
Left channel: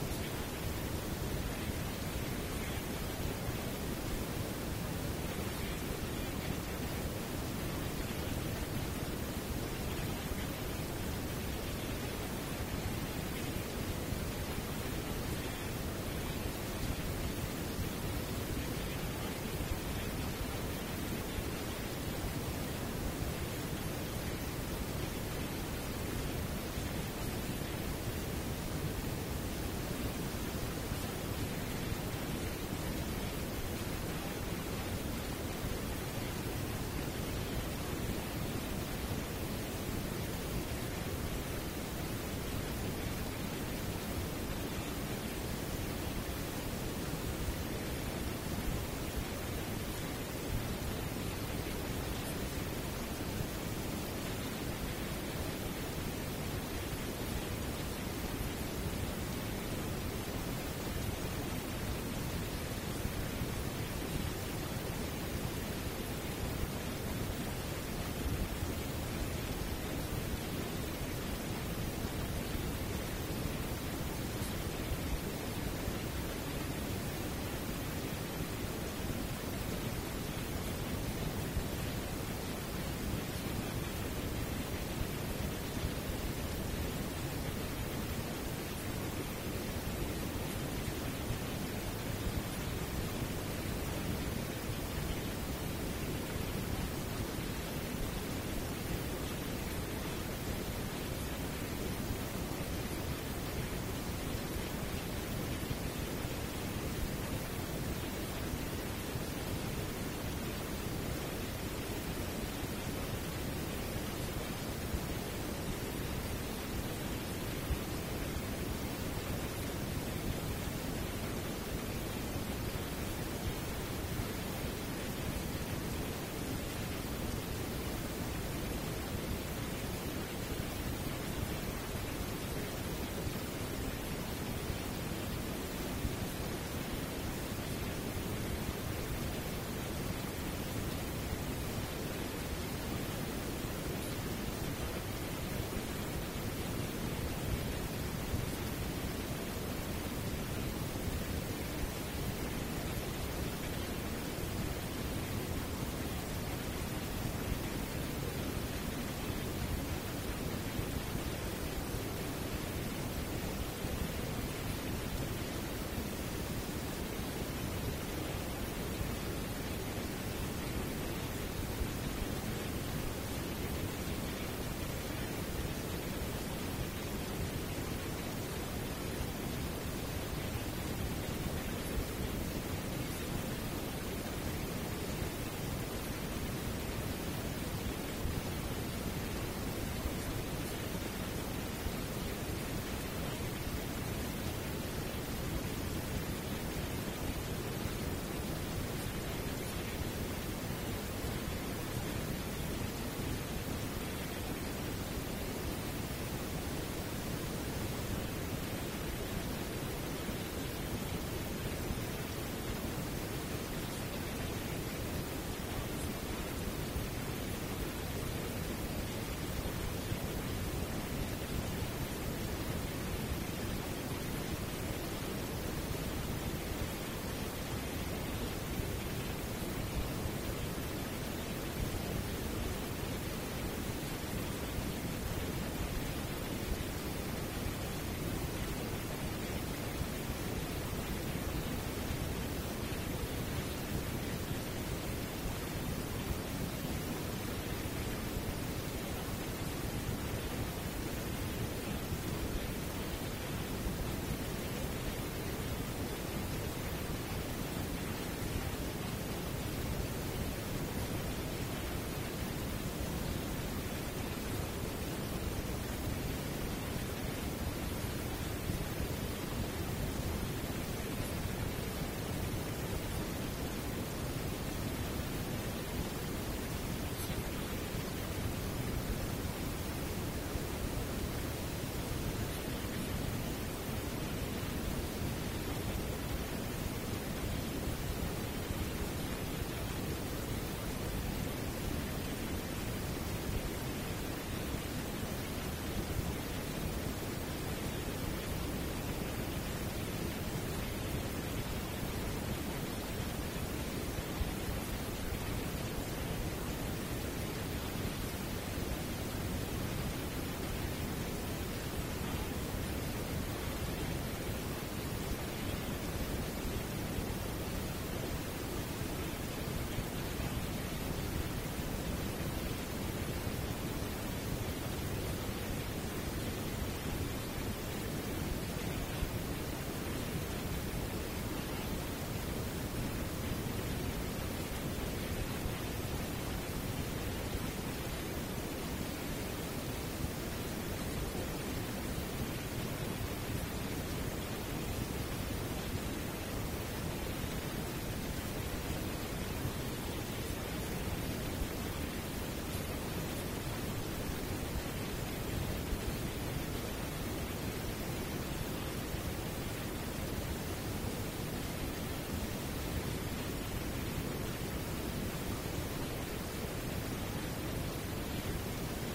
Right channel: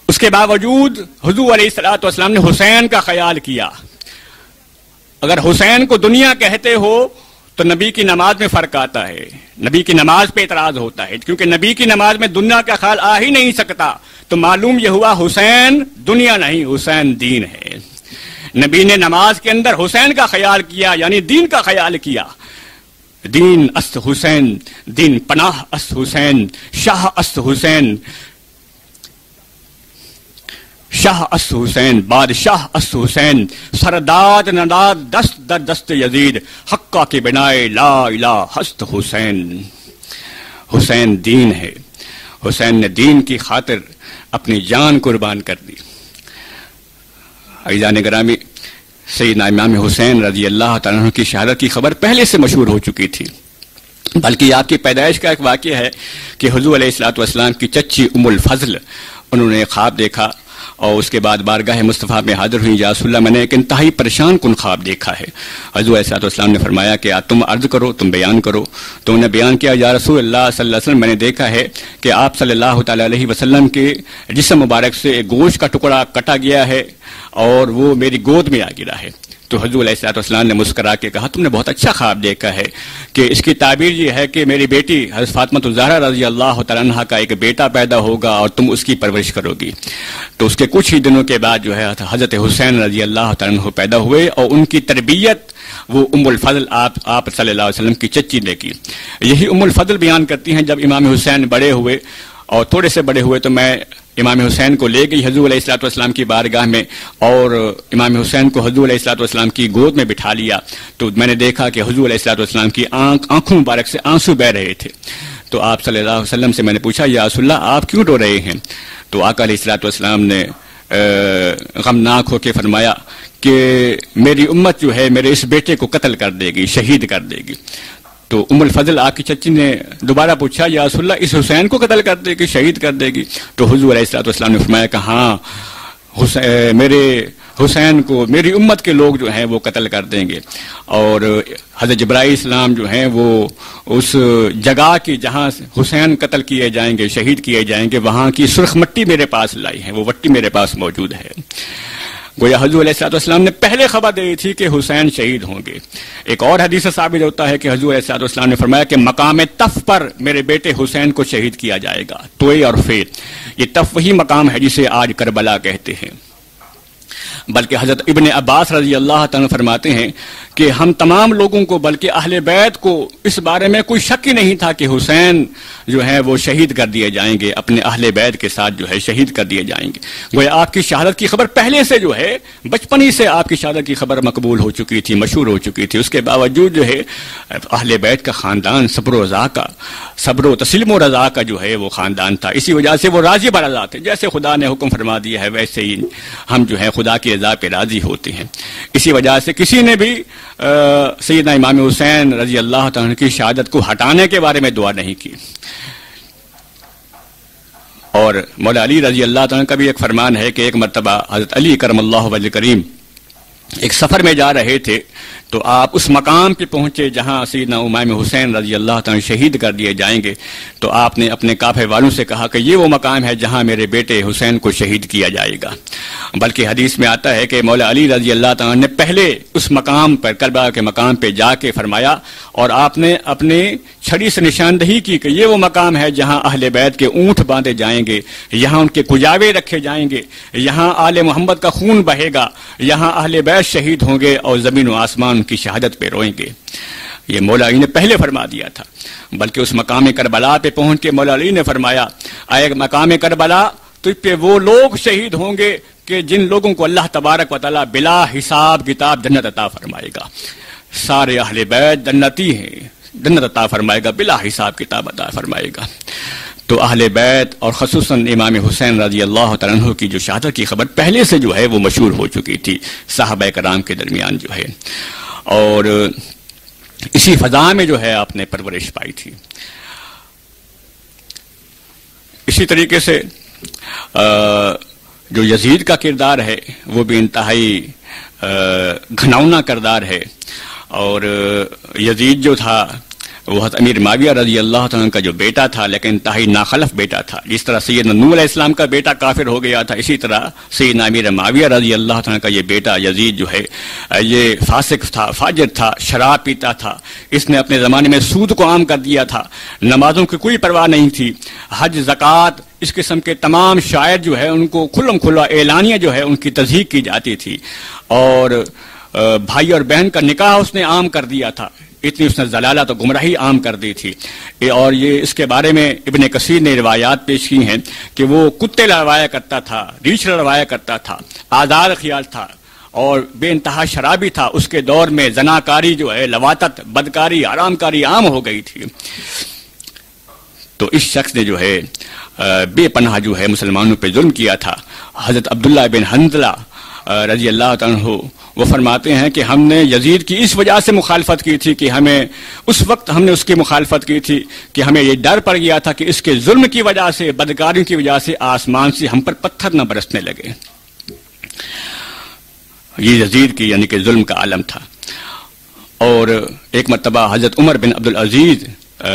اس کے باوجود حضور علیہ الصلوۃ والسلام نے حسین کا خیال کیا۔ اگر حسین کو دنیا کہتے ہو تو نبی کی نماز میں فرق آتا ہے، نبی کی نماز پہ اعتراض ہوتا ہے، کیونکہ نبی کی نماز میں دنیا کا خیال آ ہی نہیں سکتا۔ تو معلوم یہ ہوا حسین دنیا نہیں، حسین دین ہے۔ نبی نے نماز کے اندر حسین کا خیال کیا، یعنی دین کا خیال کیا۔ دین است حسین، دین پناہ است حسین، شاہ است حسین، شاہ است حسین، بادشاہ است حسین، سرداد نداد دست در دست یزید، حقہ کے بنائے لا الہ ہست حسین۔ حسین دین ہے، حسین نے دین کی خاطر اپنی جان قربان کر دی۔ عزیزان گرامی، سیدنا امام حسین رضی اللہ تعالیٰ عنہ کی شہادت کی خبر پہلے سے مشہور ہو چکی تھی، بلکہ آپ کی پیدائش کا ایک واقعہ ہے کہ حضور علیہ الصلوۃ والسلام کی چچی ام الفضل انہوں نے خواب دیکھا اور اس کے بعد بارگاہ مصطفیٰ میں حاضر ہوئی، یا رسول اللہ میں نے ایک انتہائی پریشان کن خواب دیکھا ہے۔ حضور علیہ الصلوۃ والسلام نے فرمایا کہ تم عرض کرو، تم بیان کرو۔ تو انہوں نے بیان کیا، یا رسول اللہ صلی اللہ علیہ وسلم، میں نے دیکھا ہے کہ آپ صلی اللہ تعالیٰ علیہ وسلم کے جسم مبارک سے ایک گوشت کا ٹکڑا کٹا گیا ہے اور وہ میری گود میں آ گرا ہے۔ تو حضور علیہ الصلوۃ والسلام نے مسکرا کے کہا، تم نے بہت اچھا خواب دیکھا ہے کہ اس کی تعبیر یہ ہے کہ میری بیٹی حضرت فاطمہ الزہرا رضی اللہ تعالیٰ عنہا کا ایک بیٹا پیدا ہوگا اور تم اس کی پرورش کرو گی۔ تو اس کے کچھ ہی دنوں کے بعد جو ہے حضرت حسین رضی اللہ تعالیٰ عنہ پیدا ہوئے اور ان کی تربیت وہ ام الفضل آپ صلی اللہ علیہ وسلم کی چچی نے کی۔ یہی ام الفضل بیان کرتی ہیں، جب امام حسین بڑے ہوئے اور تھوڑے سے بڑے ہوئے تو میں امام حسین کو لے گئی حضور علیہ الصلوۃ والسلام کی بارگاہ میں، اور امام حسین کو حضور علیہ الصلوۃ والسلام کی گود میں بٹھا لیا۔ تو میں نے دیکھا کہ حضور علیہ الصلوۃ والسلام کی آنکھوں مبارک سے آنسو بہہ رہے تھے۔ تو آپ صلی اللہ علیہ وسلم سے میں نے پوچھا، یا رسول اللہ آپ کیوں رو رہے ہیں؟ تو آقا علیہ الصلوۃ والسلام نے غمناک ہو کے فرمایا کہ میری امت جو ہے میرے اس بیٹے کو قتل کر دے گی، شہید کر دے گی۔ تو ام الفضل آپ کی چچی نے دوبارہ پوچھا، یا رسول اللہ اس حسین کو قتل کر دے گی، شہید کر دے گی؟ تو حضور علیہ الصلوۃ والسلام نے فرمایا کہ ہاں، میرے حسین کو میری امت کے لوگ جو ہیں وہ قتل کر دیں گے۔ اور حضرت جبرائیل السلام جو ہیں وہ اس جگہ کی جہاں حسین قتل کیے جائیں گے، شہید کیے جائیں گے، وہاں کی سرخ مٹی میرے پاس لائی ہے، وہ مٹی میرے پاس موجود ہے۔ گویا حضور علیہ الصلوۃ والسلام نے پہلے خبر دی تھی کہ حسین شہید ہوں گے۔ ایک اور حدیث سے ثابت ہوتا ہے کہ حضور علیہ الصلوۃ والسلام نے فرمایا کہ مقام تف پر میرے بیٹے حسین کو شہید کیا جائے گا۔ توئے اور فیر، یہ تف وہی مقام ہے جسے آج کربلا کہتے ہیں۔ بلکہ حضرت ابن عباس رضی اللہ تعالیٰ فرماتے ہیں کہ ہم تمام لوگوں کو، بلکہ اہل بیت کو اس بارے میں کوئی شک ہی نہیں تھا کہ حسین جو ہے وہ شہید کر دیے جائیں گے، اپنے اہل بیت کے ساتھ جو ہے شہید کر دیے جائیں گے۔ گویا آپ کی شہادت کی خبر پہلے سے جو ہے بچپن ہی سے آپ کی شہادت کی خبر مقبول ہو چکی تھی، مشہور ہو چکی تھی۔ اس کے باوجود جو ہے اہل بیت کا خاندان صبر و تسلیم و رضا کا جو ہے وہ خاندان تھا، اسی وجہ سے وہ راضی برضا تھے۔ جیسے خدا نے حکم فرما دیا ہے ویسے ہی ہم جو ہے خدا کی رضا پہ راضی ہوتے ہیں۔ اسی وجہ سے کسی نے بھی سیدنا امام حسین رضی اللہ تعالیٰ کی شہادت کو ہٹانے کے بارے میں دعا نہیں کی۔ اور مولا علی رضی اللہ تعالیٰ کا بھی ایک فرمان ہے کہ ایک مرتبہ حضرت علی کرم اللہ وجہ کریم ایک سفر میں جا رہے تھے، تو آپ اس مقام پہ پہنچے جہاں سیدنا امام حسین رضی اللہ تعالیٰ شہید کر دیے جائیں گے۔ تو آپ نے اپنے قافلے والوں سے کہا کہ یہ وہ مقام ہے جہاں میرے بیٹے حسین کو شہید کیا جائے گا۔ بلکہ حدیث میں آتا ہے کہ مولا علی رضی اللہ تعالیٰ نے پہلے اس مقام پر، کربلا کے مقام پہ جا کے فرمایا، اور آپ نے اپنے چھڑی سے نشاندہی کی کہ یہ وہ مقام ہے جہاں اہل بیت کے اونٹ باندھے جائیں گے، یہاں ان کے کجاوے رکھے جائیں گے، یہاں آل محمد کا خون بہے گا، یہاں اہل بیت شہید ہوں گے اور زمین و آسمان ان کی شہادت پہ روئیں گے۔ یہ مولا علی نے پہلے فرما دیا تھا۔ بلکہ اس مقام کربلا پہ پہنچ کے مولا علی نے فرمایا، اے مقام کربلا، تجھ پہ وہ لوگ شہید ہوں گے کہ جن لوگوں کو اللہ تبارک و تعالیٰ بلا حساب کتاب جنت عطا فرمائے گا۔ سارے اہل بیت جنتی ہیں، جنت عطا فرمائے گا، بلا حساب کتاب عطا فرمائے گا۔ تو اہل بیت اور خصوصاً امام حسین رضی اللہ تعالیٰ عنہ کی جو شہادت کی خبر پہلے سے جو ہے وہ مشہور ہو چکی تھی صحابہ کرام کے درمیان جو ہے، اور اسی فضا میں جو ہے آپ نے پرورش پائی تھی۔ اسی طریقے سے جو یزید کا کردار ہے وہ بھی انتہائی گھناؤنا کردار ہے، اور یزید جو تھا وہ حضرت امیر معاویہ رضی اللہ عنہ کا جو بیٹا تھا، لیکن انتہائی ناخلف بیٹا تھا۔ جس طرح سیدنا نوح علیہ السلام کا بیٹا کافر ہو گیا تھا، اسی طرح سیدنا امیر معاویہ رضی اللہ عنہ کا یہ بیٹا یزید جو ہے یہ فاسق تھا، فاجر تھا، شراب پیتا تھا، اس نے اپنے زمانے میں سود کو عام کر دیا تھا، نمازوں کی کوئی پرواہ نہیں تھی، حج، زکوٰۃ، اس قسم کے تمام شاعر جو ہے ان کو کھلم کھلا اعلانیہ جو ہے ان کی تصدیق کی جاتی تھی، اور بھائی اور بہن کا نکاح اس نے عام کر دیا تھا، اتنی اس نے ضلالت و گمراہی عام کر دی تھی۔ اور یہ اس کے بارے میں ابن کثیر نے روایات پیش کی ہیں کہ وہ کتے لڑوایا کرتا تھا، ریچھ لڑوایا کرتا تھا، آزار خیال تھا اور بے انتہا شرابی تھا۔ اس کے دور میں زناکاری جو ہے، لواطت، بدکاری، حرام کاری عام ہو گئی تھی۔ تو اس شخص نے جو ہے بے پناہ جو ہے مسلمانوں پہ ظلم کیا تھا۔ حضرت عبداللہ بن حنظلہ رضی اللہ عنہ وہ فرماتے ہیں کہ ہم نے یزید کی اس وجہ سے مخالفت کی تھی کہ ہمیں اس وقت ہم نے اس کی مخالفت کی تھی کہ ہمیں یہ ڈر پڑ گیا تھا کہ اس کے ظلم کی وجہ سے، بدکاریوں کی وجہ سے آسمان سے ہم پر پتھر نہ برسنے لگے۔ یہ یزید کی یعنی کہ ظلم کا عالم تھا۔ اور ایک مرتبہ حضرت عمر بن عبدالعزیز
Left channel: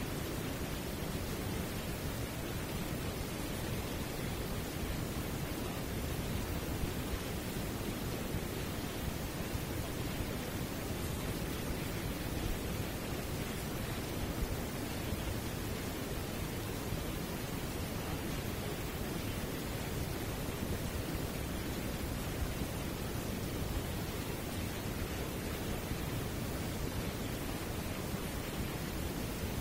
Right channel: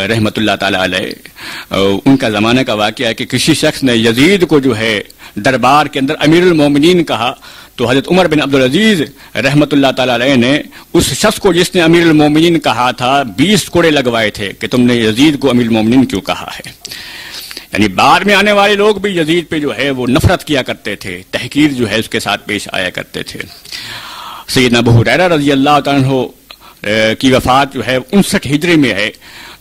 رحمۃ اللہ تعالی علیہ ان کا زمانہ کا واقعہ ہے کہ کسی شخص نے یزید کو جو ہے دربار کے اندر امیر المومنین کہا، تو حضرت عمر بن عبدالعزیز رحمۃ اللہ تعالی علیہ نے اس شخص کو جس نے امیر المومنین کہا تھا 20 کوڑے لگوائے تھے کہ تم نے یزید کو امیر المومنین کیوں کہا ہے۔ یعنی بعد میں آنے والے لوگ بھی یزید پہ جو ہے وہ نفرت کیا کرتے تھے، تحقیر جو ہے اس کے ساتھ پیش آیا کرتے تھے۔ سیدنا ابو ہریرہ رضی اللہ عنہ کی وفات جو ہے 59 ہجری میں ہے،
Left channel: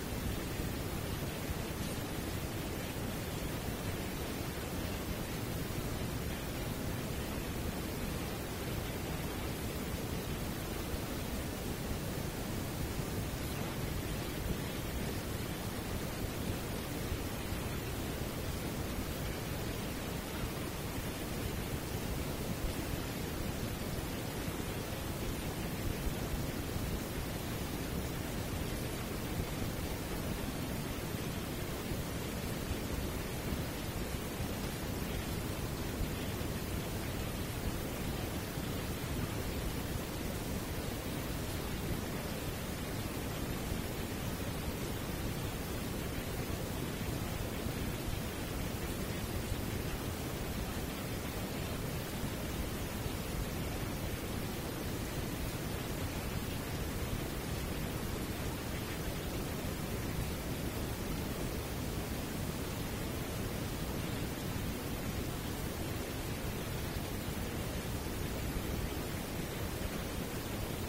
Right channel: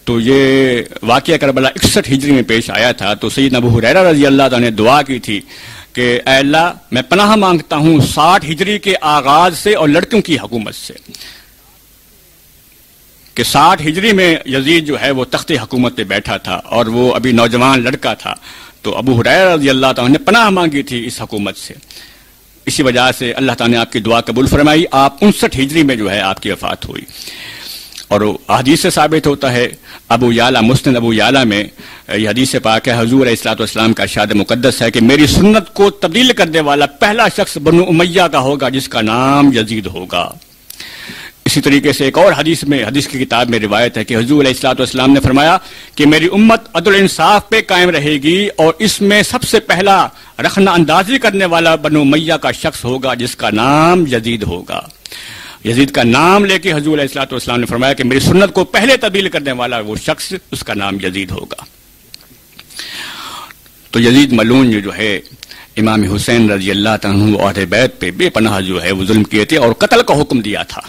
تو یہ واقعہ کربلا 61 ہجری میں پیش آیا تھا۔ تو سیدنا ابو ہریرہ رضی اللہ عنہ نے دعا کی تھی کہ اے اللہ میں پناہ مانگتا ہوں 60 ہجری کے آغاز سے اور لڑکوں کی حکومت سے، کہ 60 ہجری میں یزید جو ہے وہ تخت حکومت پہ بیٹھا تھا اور وہ ابھی نوجوان لڑکا تھا، تو ابو ہریرہ رضی اللہ عنہ نے پناہ مانگی تھی اس حکومت سے۔ اسی وجہ سے اللہ تعالیٰ نے آپ کی دعا قبول فرمائی، آپ 59 ہجری میں جو ہے آپ کی وفات ہوئی۔ اور حدیث سے ثابت ہوتا ہے، ابو یعلا مسند ابو یعلا میں یہ حدیث پاک ہے، حضور علیہ الصلوۃ والسلام کا ارشاد مقدس ہے کہ میری سنت کو تبدیل کرنے والا پہلا شخص بنو امیہ کا ہوگا جس کا نام یزید ہوگا۔ اسی طریقے سے ایک اور حدیث کی کتاب میں روایت ہے کہ حضور علیہ الصلوۃ والسلام نے فرمایا کہ میری امت عدل انصاف پہ قائم رہے گی اور اس میں سب سے پہلا رخنہ اندازی کرنے والا بنو امیہ کا شخص ہوگا جس کا نام یزید ہوگا۔ یزید کا نام لے کے حضور علیہ الصلوۃ والسلام نے فرمایا کہ میری سنت کو پہلے تبدیل کرنے والا وہ شخص، اس کا نام یزید ہوگا۔ تو یزید ملعون جو ہے امام حسین رضی اللہ عنہ اہل بیت پہ بے پناہ جو ہے وہ ظلم کیے تھے اور قتل کا حکم دیا تھا،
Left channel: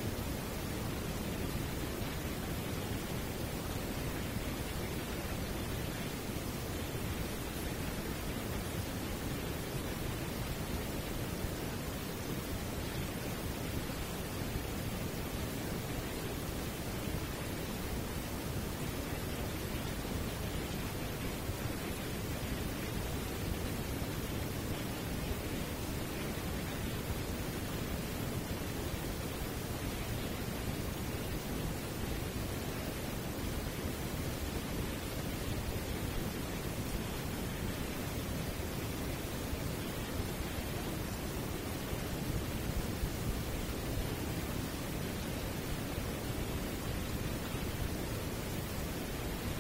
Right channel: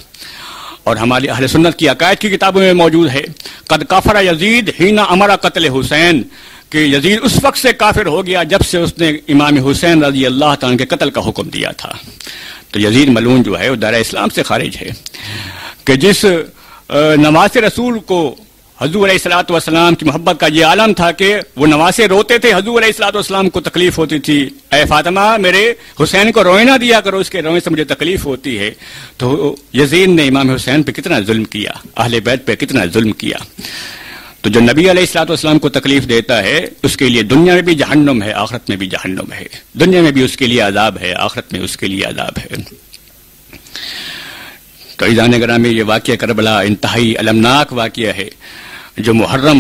اور ہماری اہل سنت کی عقائد کی کتابوں میں موجود ہے قد کفر یزید حین امر قتل حسین، کہ یزید اس وقت سے کافر ہو گیا جب سے اس نے امام حسین رضی اللہ عنہ کے قتل کا حکم دیا تھا۔ تو یزید ملعون جو ہے وہ دائرہ اسلام سے خارج ہے، کہ جس نواز رسول کو حضور علیہ الصلوۃ والسلام کی محبت کا یہ عالم تھا کہ وہ نواسے روتے تھے، حضور علیہ الصلوۃ والسلام کو تکلیف ہوتی تھی، اے فاطمہ میرے حسین کو روئے نہ دیا کرو، اس کے روئے سے مجھے تکلیف ہوتی ہے۔ تو یزید نے امام حسین پہ کتنا ظلم کیا، اہل بیت پہ کتنا ظلم کیا۔ تو جو نبی علیہ الصلوۃ والسلام کو تکلیف دیتا ہے اس کے لیے دنیا میں بھی جہنم ہے، آخرت میں بھی جہنم ہے، دنیا میں بھی اس کے لیے عذاب ہے، آخرت میں اس کے لیے عذاب ہے۔ تو عزیزان گرامی، یہ واقعہ کربلا انتہائی المناک واقعہ ہے جو محرم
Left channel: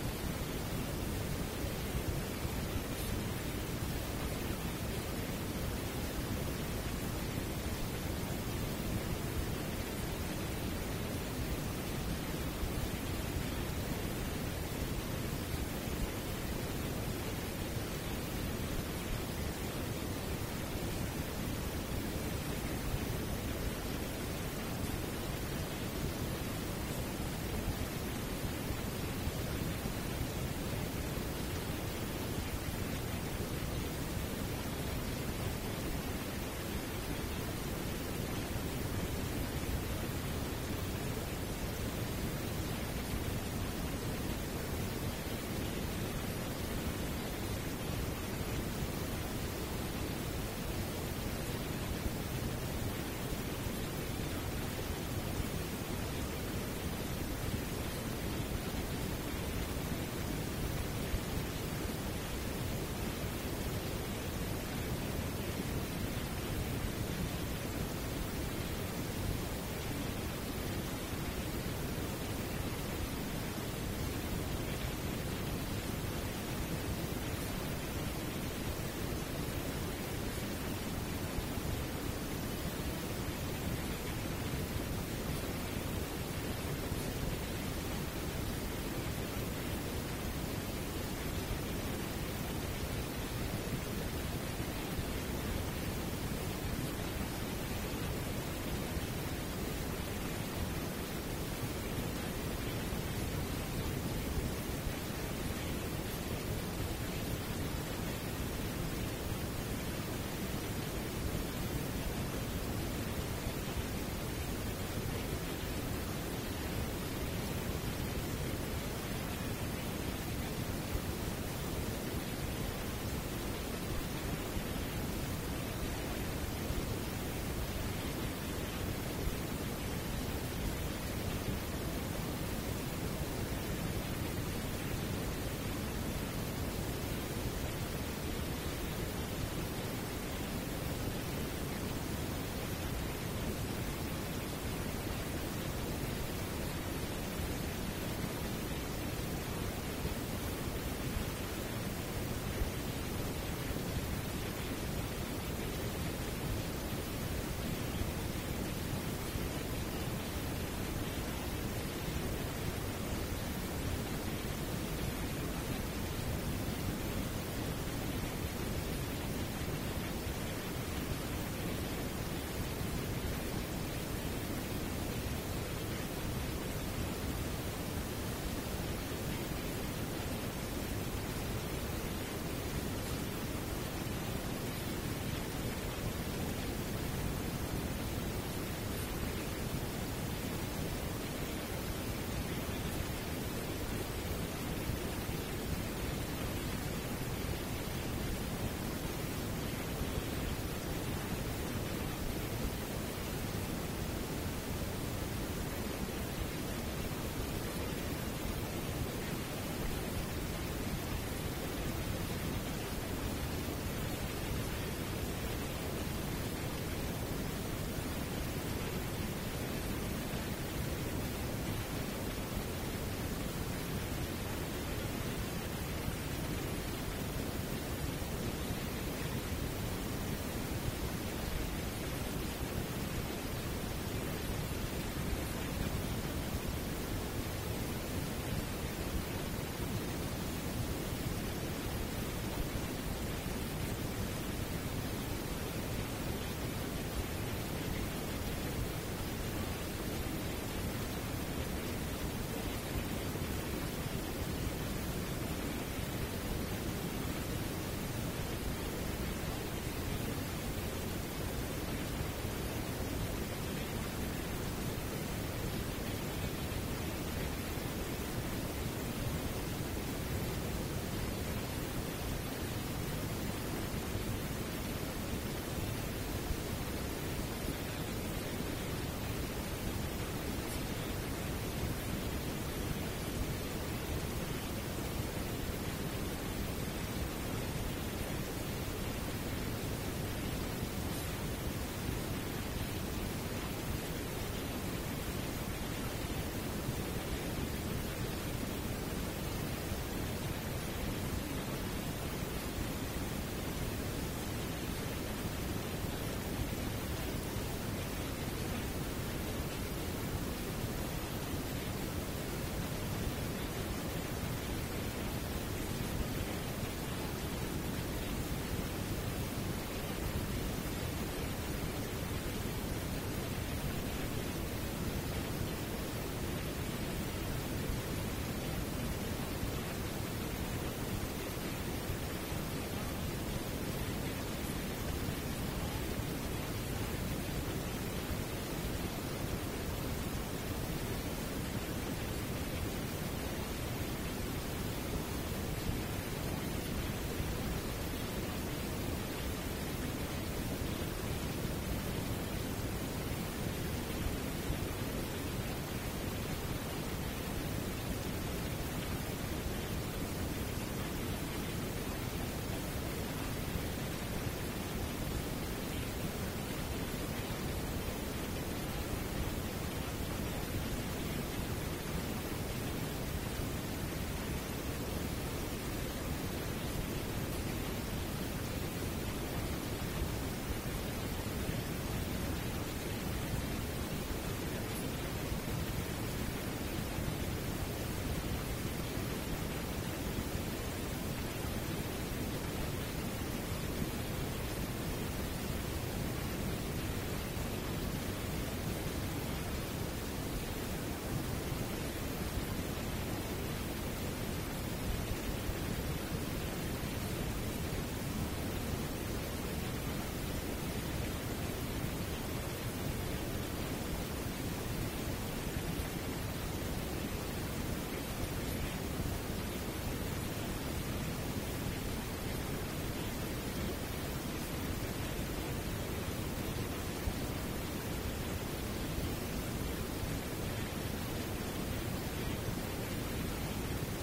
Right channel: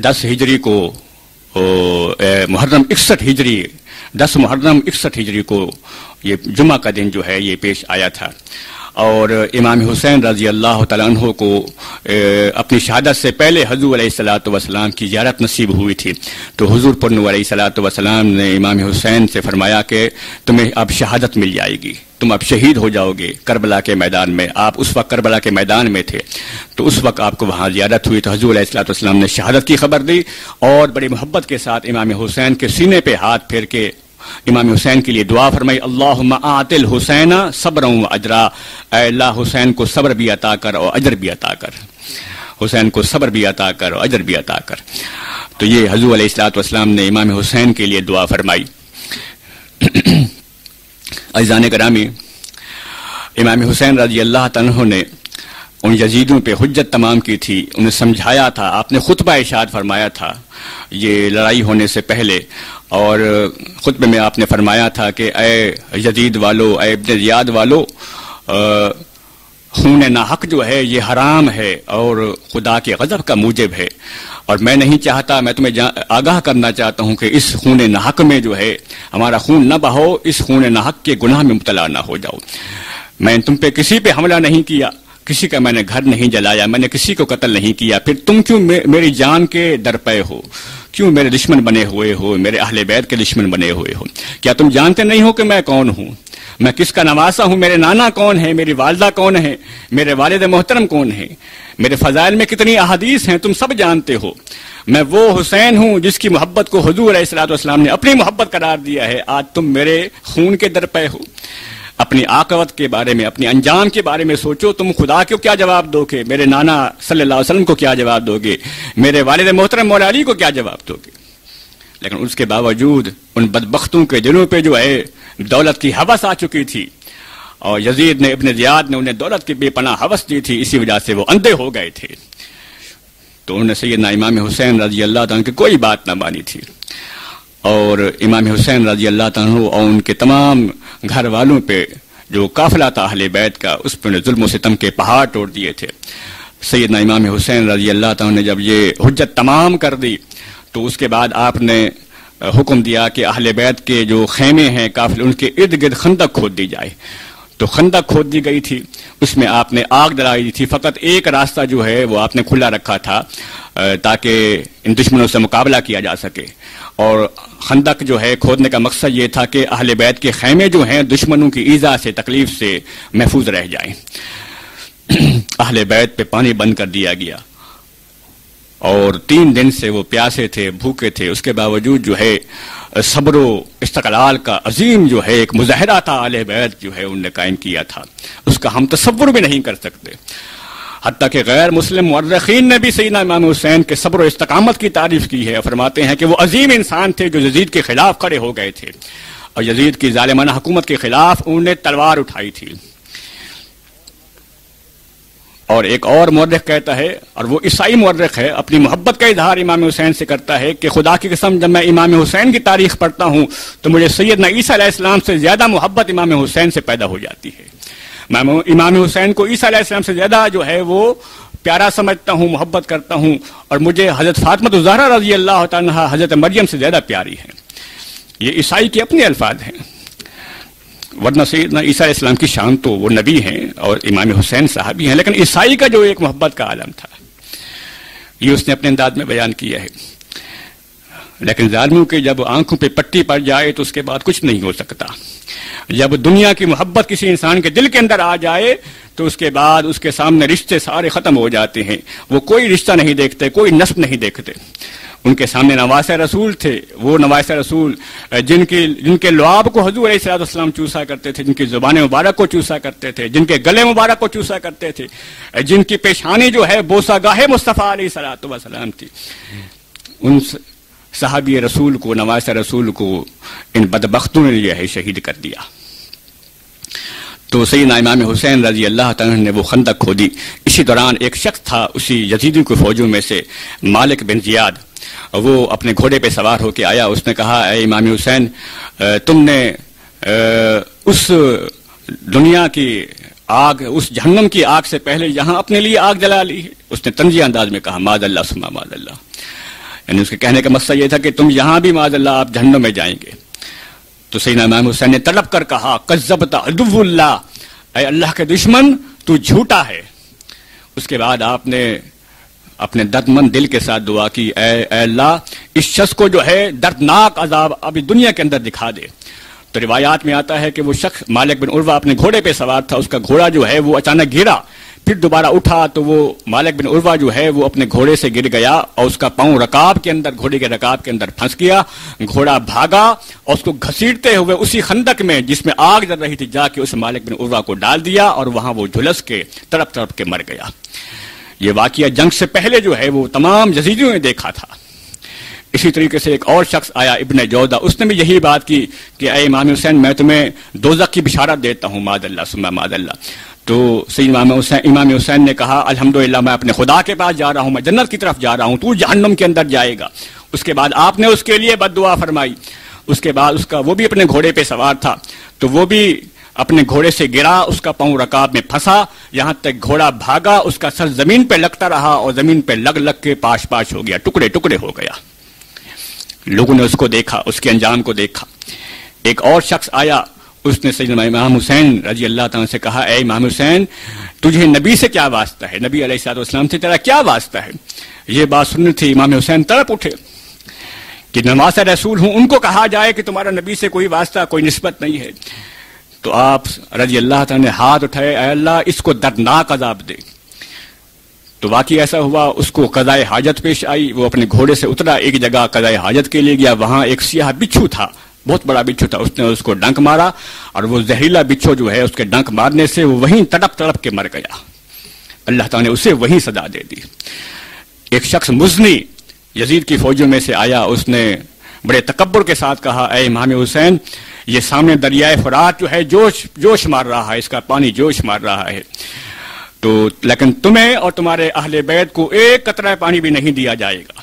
10 ہجری کو محرم 61 ہجری 10 محرم 61 ہجری کو یہ جمعہ کا دن جو ہے یہ پیش آیا تھا، اور امام حسین رضی اللہ تعالیٰ عنہ کو اپنی شہادت سے پہلے حضور علیہ الصلوۃ والسلام کی زیارت نصیب ہوئی تھی۔ تو حضور پر نور علیہ الصلوۃ والسلام نے امام حسین سے فرمایا کہ تمہیں اب شہادت مل جائے گی، تم اب شہید ہو جاؤ گے کربلا کے میدان میں۔ آپ اس وقت کربلا کے میدان میں تھے، تو اس وقت آپ کو وہاں زیارت ہوئی، تو حضور علیہ الصلوۃ والسلام نے شہادت کی خبر دی اور بڑی محبت کے ساتھ امام حسین کے سینے پہ ہاتھ پھیر کے امام حسین کے لیے دعا فرمائی، اللہم آت الحسین صبرا و اجرا، اے اللہ حسین کو صبر بھی عطا کر اور اجر بھی عطا کر، حسین کو صبر بھی عطا کر اور اجر بھی عطا کر۔ تو یہ حضور علیہ الصلوۃ والسلام نے امام حسین کے لیے دعا فرمائی۔ عزیزان گرامی، امام حسین رضی اللہ عنہ نے ان یزیدوں پہ حجت تمام کی تھی، انہیں سمجھایا تھا، آپ نے خطبہ ارشاد فرمایا تھا یہ لڑائی ہونے سے پہلے، اور خطبے میں آپ نے فرمایا تھا کہ اے یزید والو، اے ابن زیاد والو، خون ناحق جو ہے یہ حرام ہے اور خدا کے غضب کا موجب ہے، اور میں نہیں چاہتا، میں تمہیں آگاہ کرنا چاہتا ہوں کہ اس خون ناحق میں جو ہے ہمارا خون نہ بہو، اس خون ناحق کے گناہ میں مبتلا نہ ہو جاؤ۔ میں تم پہ کسی پہ حملہ نہیں کیا، کسی کا میں نے گھر نہیں جلایا، میں نے کسی کو قتل نہیں کیا، پھر تم کیوں میری جان کے درپے ہو؟ کیوں میرے دشمن بنے ہوئے ہو، میرے اہل بیت کے دشمن بنے ہوئے ہو؟ کیا تم جانتے نہیں ہو کہ میں کون ہوں؟ میں کس کا نواسا ہوں؟ میرے نانا کون ہے؟ میری والدہ کون ہے؟ میرے والد محترم کون ہے؟ میرے فضائل میں کتنی احادیث ہیں تم سب جانتے ہو۔ میں وہ حسین ہوں جس کی محبت کو حضور علیہ الصلوۃ والسلام نے اپنی محبت قرار دیا ہے، آج تم میرے خون کے درپے ہو۔ اپنی عاقبت کے بارے میں، اپنی انجام کے بارے میں سوچو، تم خدا کو کیا جواب دو گے؟ میرے نانا صلی اللہ علیہ وسلم کو کیا جواب دو گے؟ میرے والد محترم مولا علی کو کیا جواب دو گے؟ لیکن اس کے باوجود ان بدبختوں کے دلوں پہ جو ہے دولت کی ہوس آ چکی تھی، اور یزید نے، ابن زیاد نے انہیں دولت کی بے پناہ ہوس دی تھی، اسی وجہ سے وہ اندھے ہو گئے تھے۔ تو انہوں نے سیدنا امام حسین رضی اللہ تعالیٰ کی کوئی بات نہ مانی تھی، اور امام حسین رضی اللہ تعالیٰ اور ان کے تمام گھر والوں پہ جو قافلہ تھا اہل بیت کا، اس پہ ظلم و ستم کے پہاڑ توڑ دیے تھے۔ سیدنا امام حسین رضی اللہ تعالیٰ نے جب یہ حجت تمام کر دی تو اس کے بعد آپ نے حکم دیا کہ اہل بیت کے جو خیمے ہیں قافلے، ان کے ارد گرد خندق کھود دی جائے۔ تو خندق کھود دی گئی تھی، اس میں آپ نے آگ ڈلائی تھی، فقط ایک راستہ جو ہے وہ آپ نے کھلا رکھا تھا تاکہ ان دشمنوں سے مقابلہ کیا جا سکے۔ اور خندق جو ہے کھودنے کا مقصد یہ تھا کہ اہل بیت کے خیمے جو ہیں دشمنوں کی ایذا سے، تکلیف سے محفوظ رہ جائیں۔ اہل بیت پہ پانی بند کر دیا گیا، اور 3 دن سے وہ پیاسے تھے، بھوکے تھے، اس کے باوجود جو ہے صبر و استقلال کا عظیم جو ہے ایک مظاہرہ تھا اہل بیت جو ہے انہوں نے قائم کیا تھا، اس کا ہم تصور بھی نہیں کر سکتے۔ حتیٰ کہ غیر مسلم مورخین نے بھی سیدنا امام حسین کے صبر و استقامت کی تعریف کی ہے، فرماتے ہیں کہ وہ عظیم انسان تھے جو یزید کے خلاف کھڑے ہو گئے تھے، اور یزید کی ظالمانہ حکومت کے خلاف انہوں نے تلوار اٹھائی تھی۔ اور ایک اور مورخ کہتا ہے، اور وہ عیسائی مورخ ہے، اپنی محبت کا اظہار امام حسین سے کرتا ہے کہ خدا کی قسم جب میں امام حسین کی تاریخ پڑھتا ہوں تو مجھے سیدنا عیسیٰ علیہ السلام سے زیادہ محبت امام حسین سے پیدا ہو جاتی ہے۔ میں امام حسین کو عیسیٰ علیہ السلام سے زیادہ جو ہے وہ پیارا سمجھتا ہوں، محبت کرتا ہوں، اور مجھے حضرت فاطمہ الزہرا رضی اللہ تعالیٰ حضرت مریم سے زیادہ پیاری ہے۔ یہ عیسائی کے اپنے الفاظ ہیں، ورنہ سیدنا عیسیٰ علیہ السلام کی شان تو وہ نبی ہیں اور امام حسین صحابی ہیں، لیکن عیسائی کا جو ایک محبت کا عالم تھا یہ اس نے اپنے انداز میں بیان کیا ہے۔ لیکن ظالموں کے جب آنکھوں پہ پٹی پڑ جائے تو اس کے بعد کچھ نہیں ہو سکتا۔ جب دنیا کی محبت کسی انسان کے دل کے اندر آ جائے تو اس کے بعد اس کے سامنے رشتے سارے ختم ہو جاتے ہیں، وہ کوئی رشتہ نہیں دیکھتے، کوئی نسب نہیں دیکھتے۔ ان کے سامنے نواسۂ رسول تھے، وہ نواسۂ رسول جن کے لعاب کو حضور علیہ الصلوۃ والسلام چوسا کرتے تھے، جن کی زبان مبارک کو چوسا کرتے تھے، جن کے گلے مبارک کو چوسا کرتے تھے، جن کی پیشانی جو ہے بوسہ گاہ مصطفیٰ علیہ الصلوۃ والسلام تھی، ان صحابی رسول کو، نواسۂ رسول کو ان بدبختوں نے یہ ہے شہید کر دیا۔ تو سیدنا امام حسین رضی اللہ تعالیٰ نے وہ خندق کھودی۔ اسی دوران ایک شخص تھا اسی یزیدی کے فوجوں میں سے، مالک بن زیاد، وہ اپنے گھوڑے پہ سوار ہو کے آیا۔ اس نے کہا، اے امام حسین، تم نے اس دنیا کی آگ، اس جہنم کی آگ سے پہلے یہاں اپنے لیے آگ جلا لی ہے۔ اس نے طنزیہ انداز میں کہا، معاذ اللہ ثم معاذ اللہ، یعنی اس کے کہنے کا مقصد یہ تھا کہ تم یہاں بھی معاذ اللہ آپ جہنم میں جائیں گے۔ تو سیدنا امام حسین نے طلب کر کہا، کذبت عدو اللہ، اے اللہ کے دشمن تو جھوٹا ہے۔ اس کے بعد آپ نے اپنے درد مند دل کے ساتھ دعا کی، اے اللہ اس شخص کو جو ہے دردناک عذاب ابھی دنیا کے اندر دکھا دے۔ تو روایات میں آتا ہے کہ وہ شخص مالک بن عروہ اپنے گھوڑے پہ سوار تھا، اس کا گھوڑا جو ہے وہ اچانک گرا، پھر دوبارہ اٹھا تو وہ مالک بن عروہ جو ہے وہ اپنے گھوڑے سے گر گیا اور اس کا پاؤں رکاب کے اندر، گھوڑے کے رکاب کے اندر پھنس گیا۔ گھوڑا بھاگا اور اس کو گھسیٹتے ہوئے اسی خندق میں جس میں آگ جل رہی تھی جا کے اس مالک بن عروہ کو ڈال دیا، اور وہاں وہ جھلس کے تڑپ تڑپ کے مر گیا۔ یہ واقعہ جنگ سے پہلے جو ہے وہ تمام یزیدیوں نے دیکھا تھا۔ اسی طریقے سے ایک اور شخص آیا، ابن جودہ، اس نے بھی یہی بات کی کہ اے امام حسین، میں تمہیں دوزخ کی بشارت دیتا ہوں، معاذ اللہ ثم معاذ اللہ۔ تو سیدنا امام حسین نے کہا، الحمدللہ میں اپنے خدا کے پاس جا رہا ہوں، میں جنت کی طرف جا رہا ہوں، تو جہنم کے اندر جائے گا۔ اس کے بعد آپ نے اس کے لیے بد دعا فرمائی، اس کے بعد وہ بھی اپنے گھوڑے پہ سوار تھا تو وہ بھی اپنے گھوڑے سے گرا، اس کا پاؤں رکاب میں پھنسا، یہاں تک گھوڑا بھاگا، اس کا سر زمین پہ لگتا رہا اور زمین پہ لگ کے پاش پاش ہو گیا، ٹکڑے ٹکڑے ہو گیا۔ لوگوں نے اس کو دیکھا، اس کے انجام کو دیکھا۔ ایک اور شخص آیا، اس نے سیدنا امام حسین رضی اللہ تعالیٰ سے کہا، اے امام حسین تجھے نبی سے کیا واسطہ ہے، نبی علیہ الصلوۃ والسلام سے تیرا کیا واسطہ ہے؟ یہ بات سننی تھی، امام حسین تڑپ اٹھے کہ نواسہ رسول ہوں، ان کو کہا جائے کہ تمہارا نبی سے کوئی واسطہ، کوئی نسبت نہیں ہے۔ تو آپ رضی اللہ تعالیٰ نے ہاتھ اٹھائے، اے اللہ اس کو دردناک عذاب دے۔ تو واقعی ایسا ہوا، اس کو قضائے حاجت پیش آئی، وہ اپنے گھوڑے سے اترا، ایک جگہ قضائے حاجت کے لیے گیا، وہاں ایک سیاہ بچھو تھا، بہت بڑا بچھو تھا، اس نے اس کو ڈنک مارا اور وہ زہریلا بچھو جو ہے اس کے ڈنک مارنے سے وہ وہیں تڑپ تڑپ کے مر گیا۔ اللہ تعالیٰ نے اسے وہیں سزا دے دی۔ ایک شخص مزنی یزید کی فوجوں میں سے آیا، اس نے بڑے تکبر کے ساتھ کہا، اے امام حسین یہ سامنے دریائے فرات جو ہے جوش مار رہا ہے، اس کا پانی جوش مار رہا ہے، تو لیکن تمہیں اور تمہارے اہل بیت کو ایک قطرہ پانی بھی نہیں دیا جائے گا۔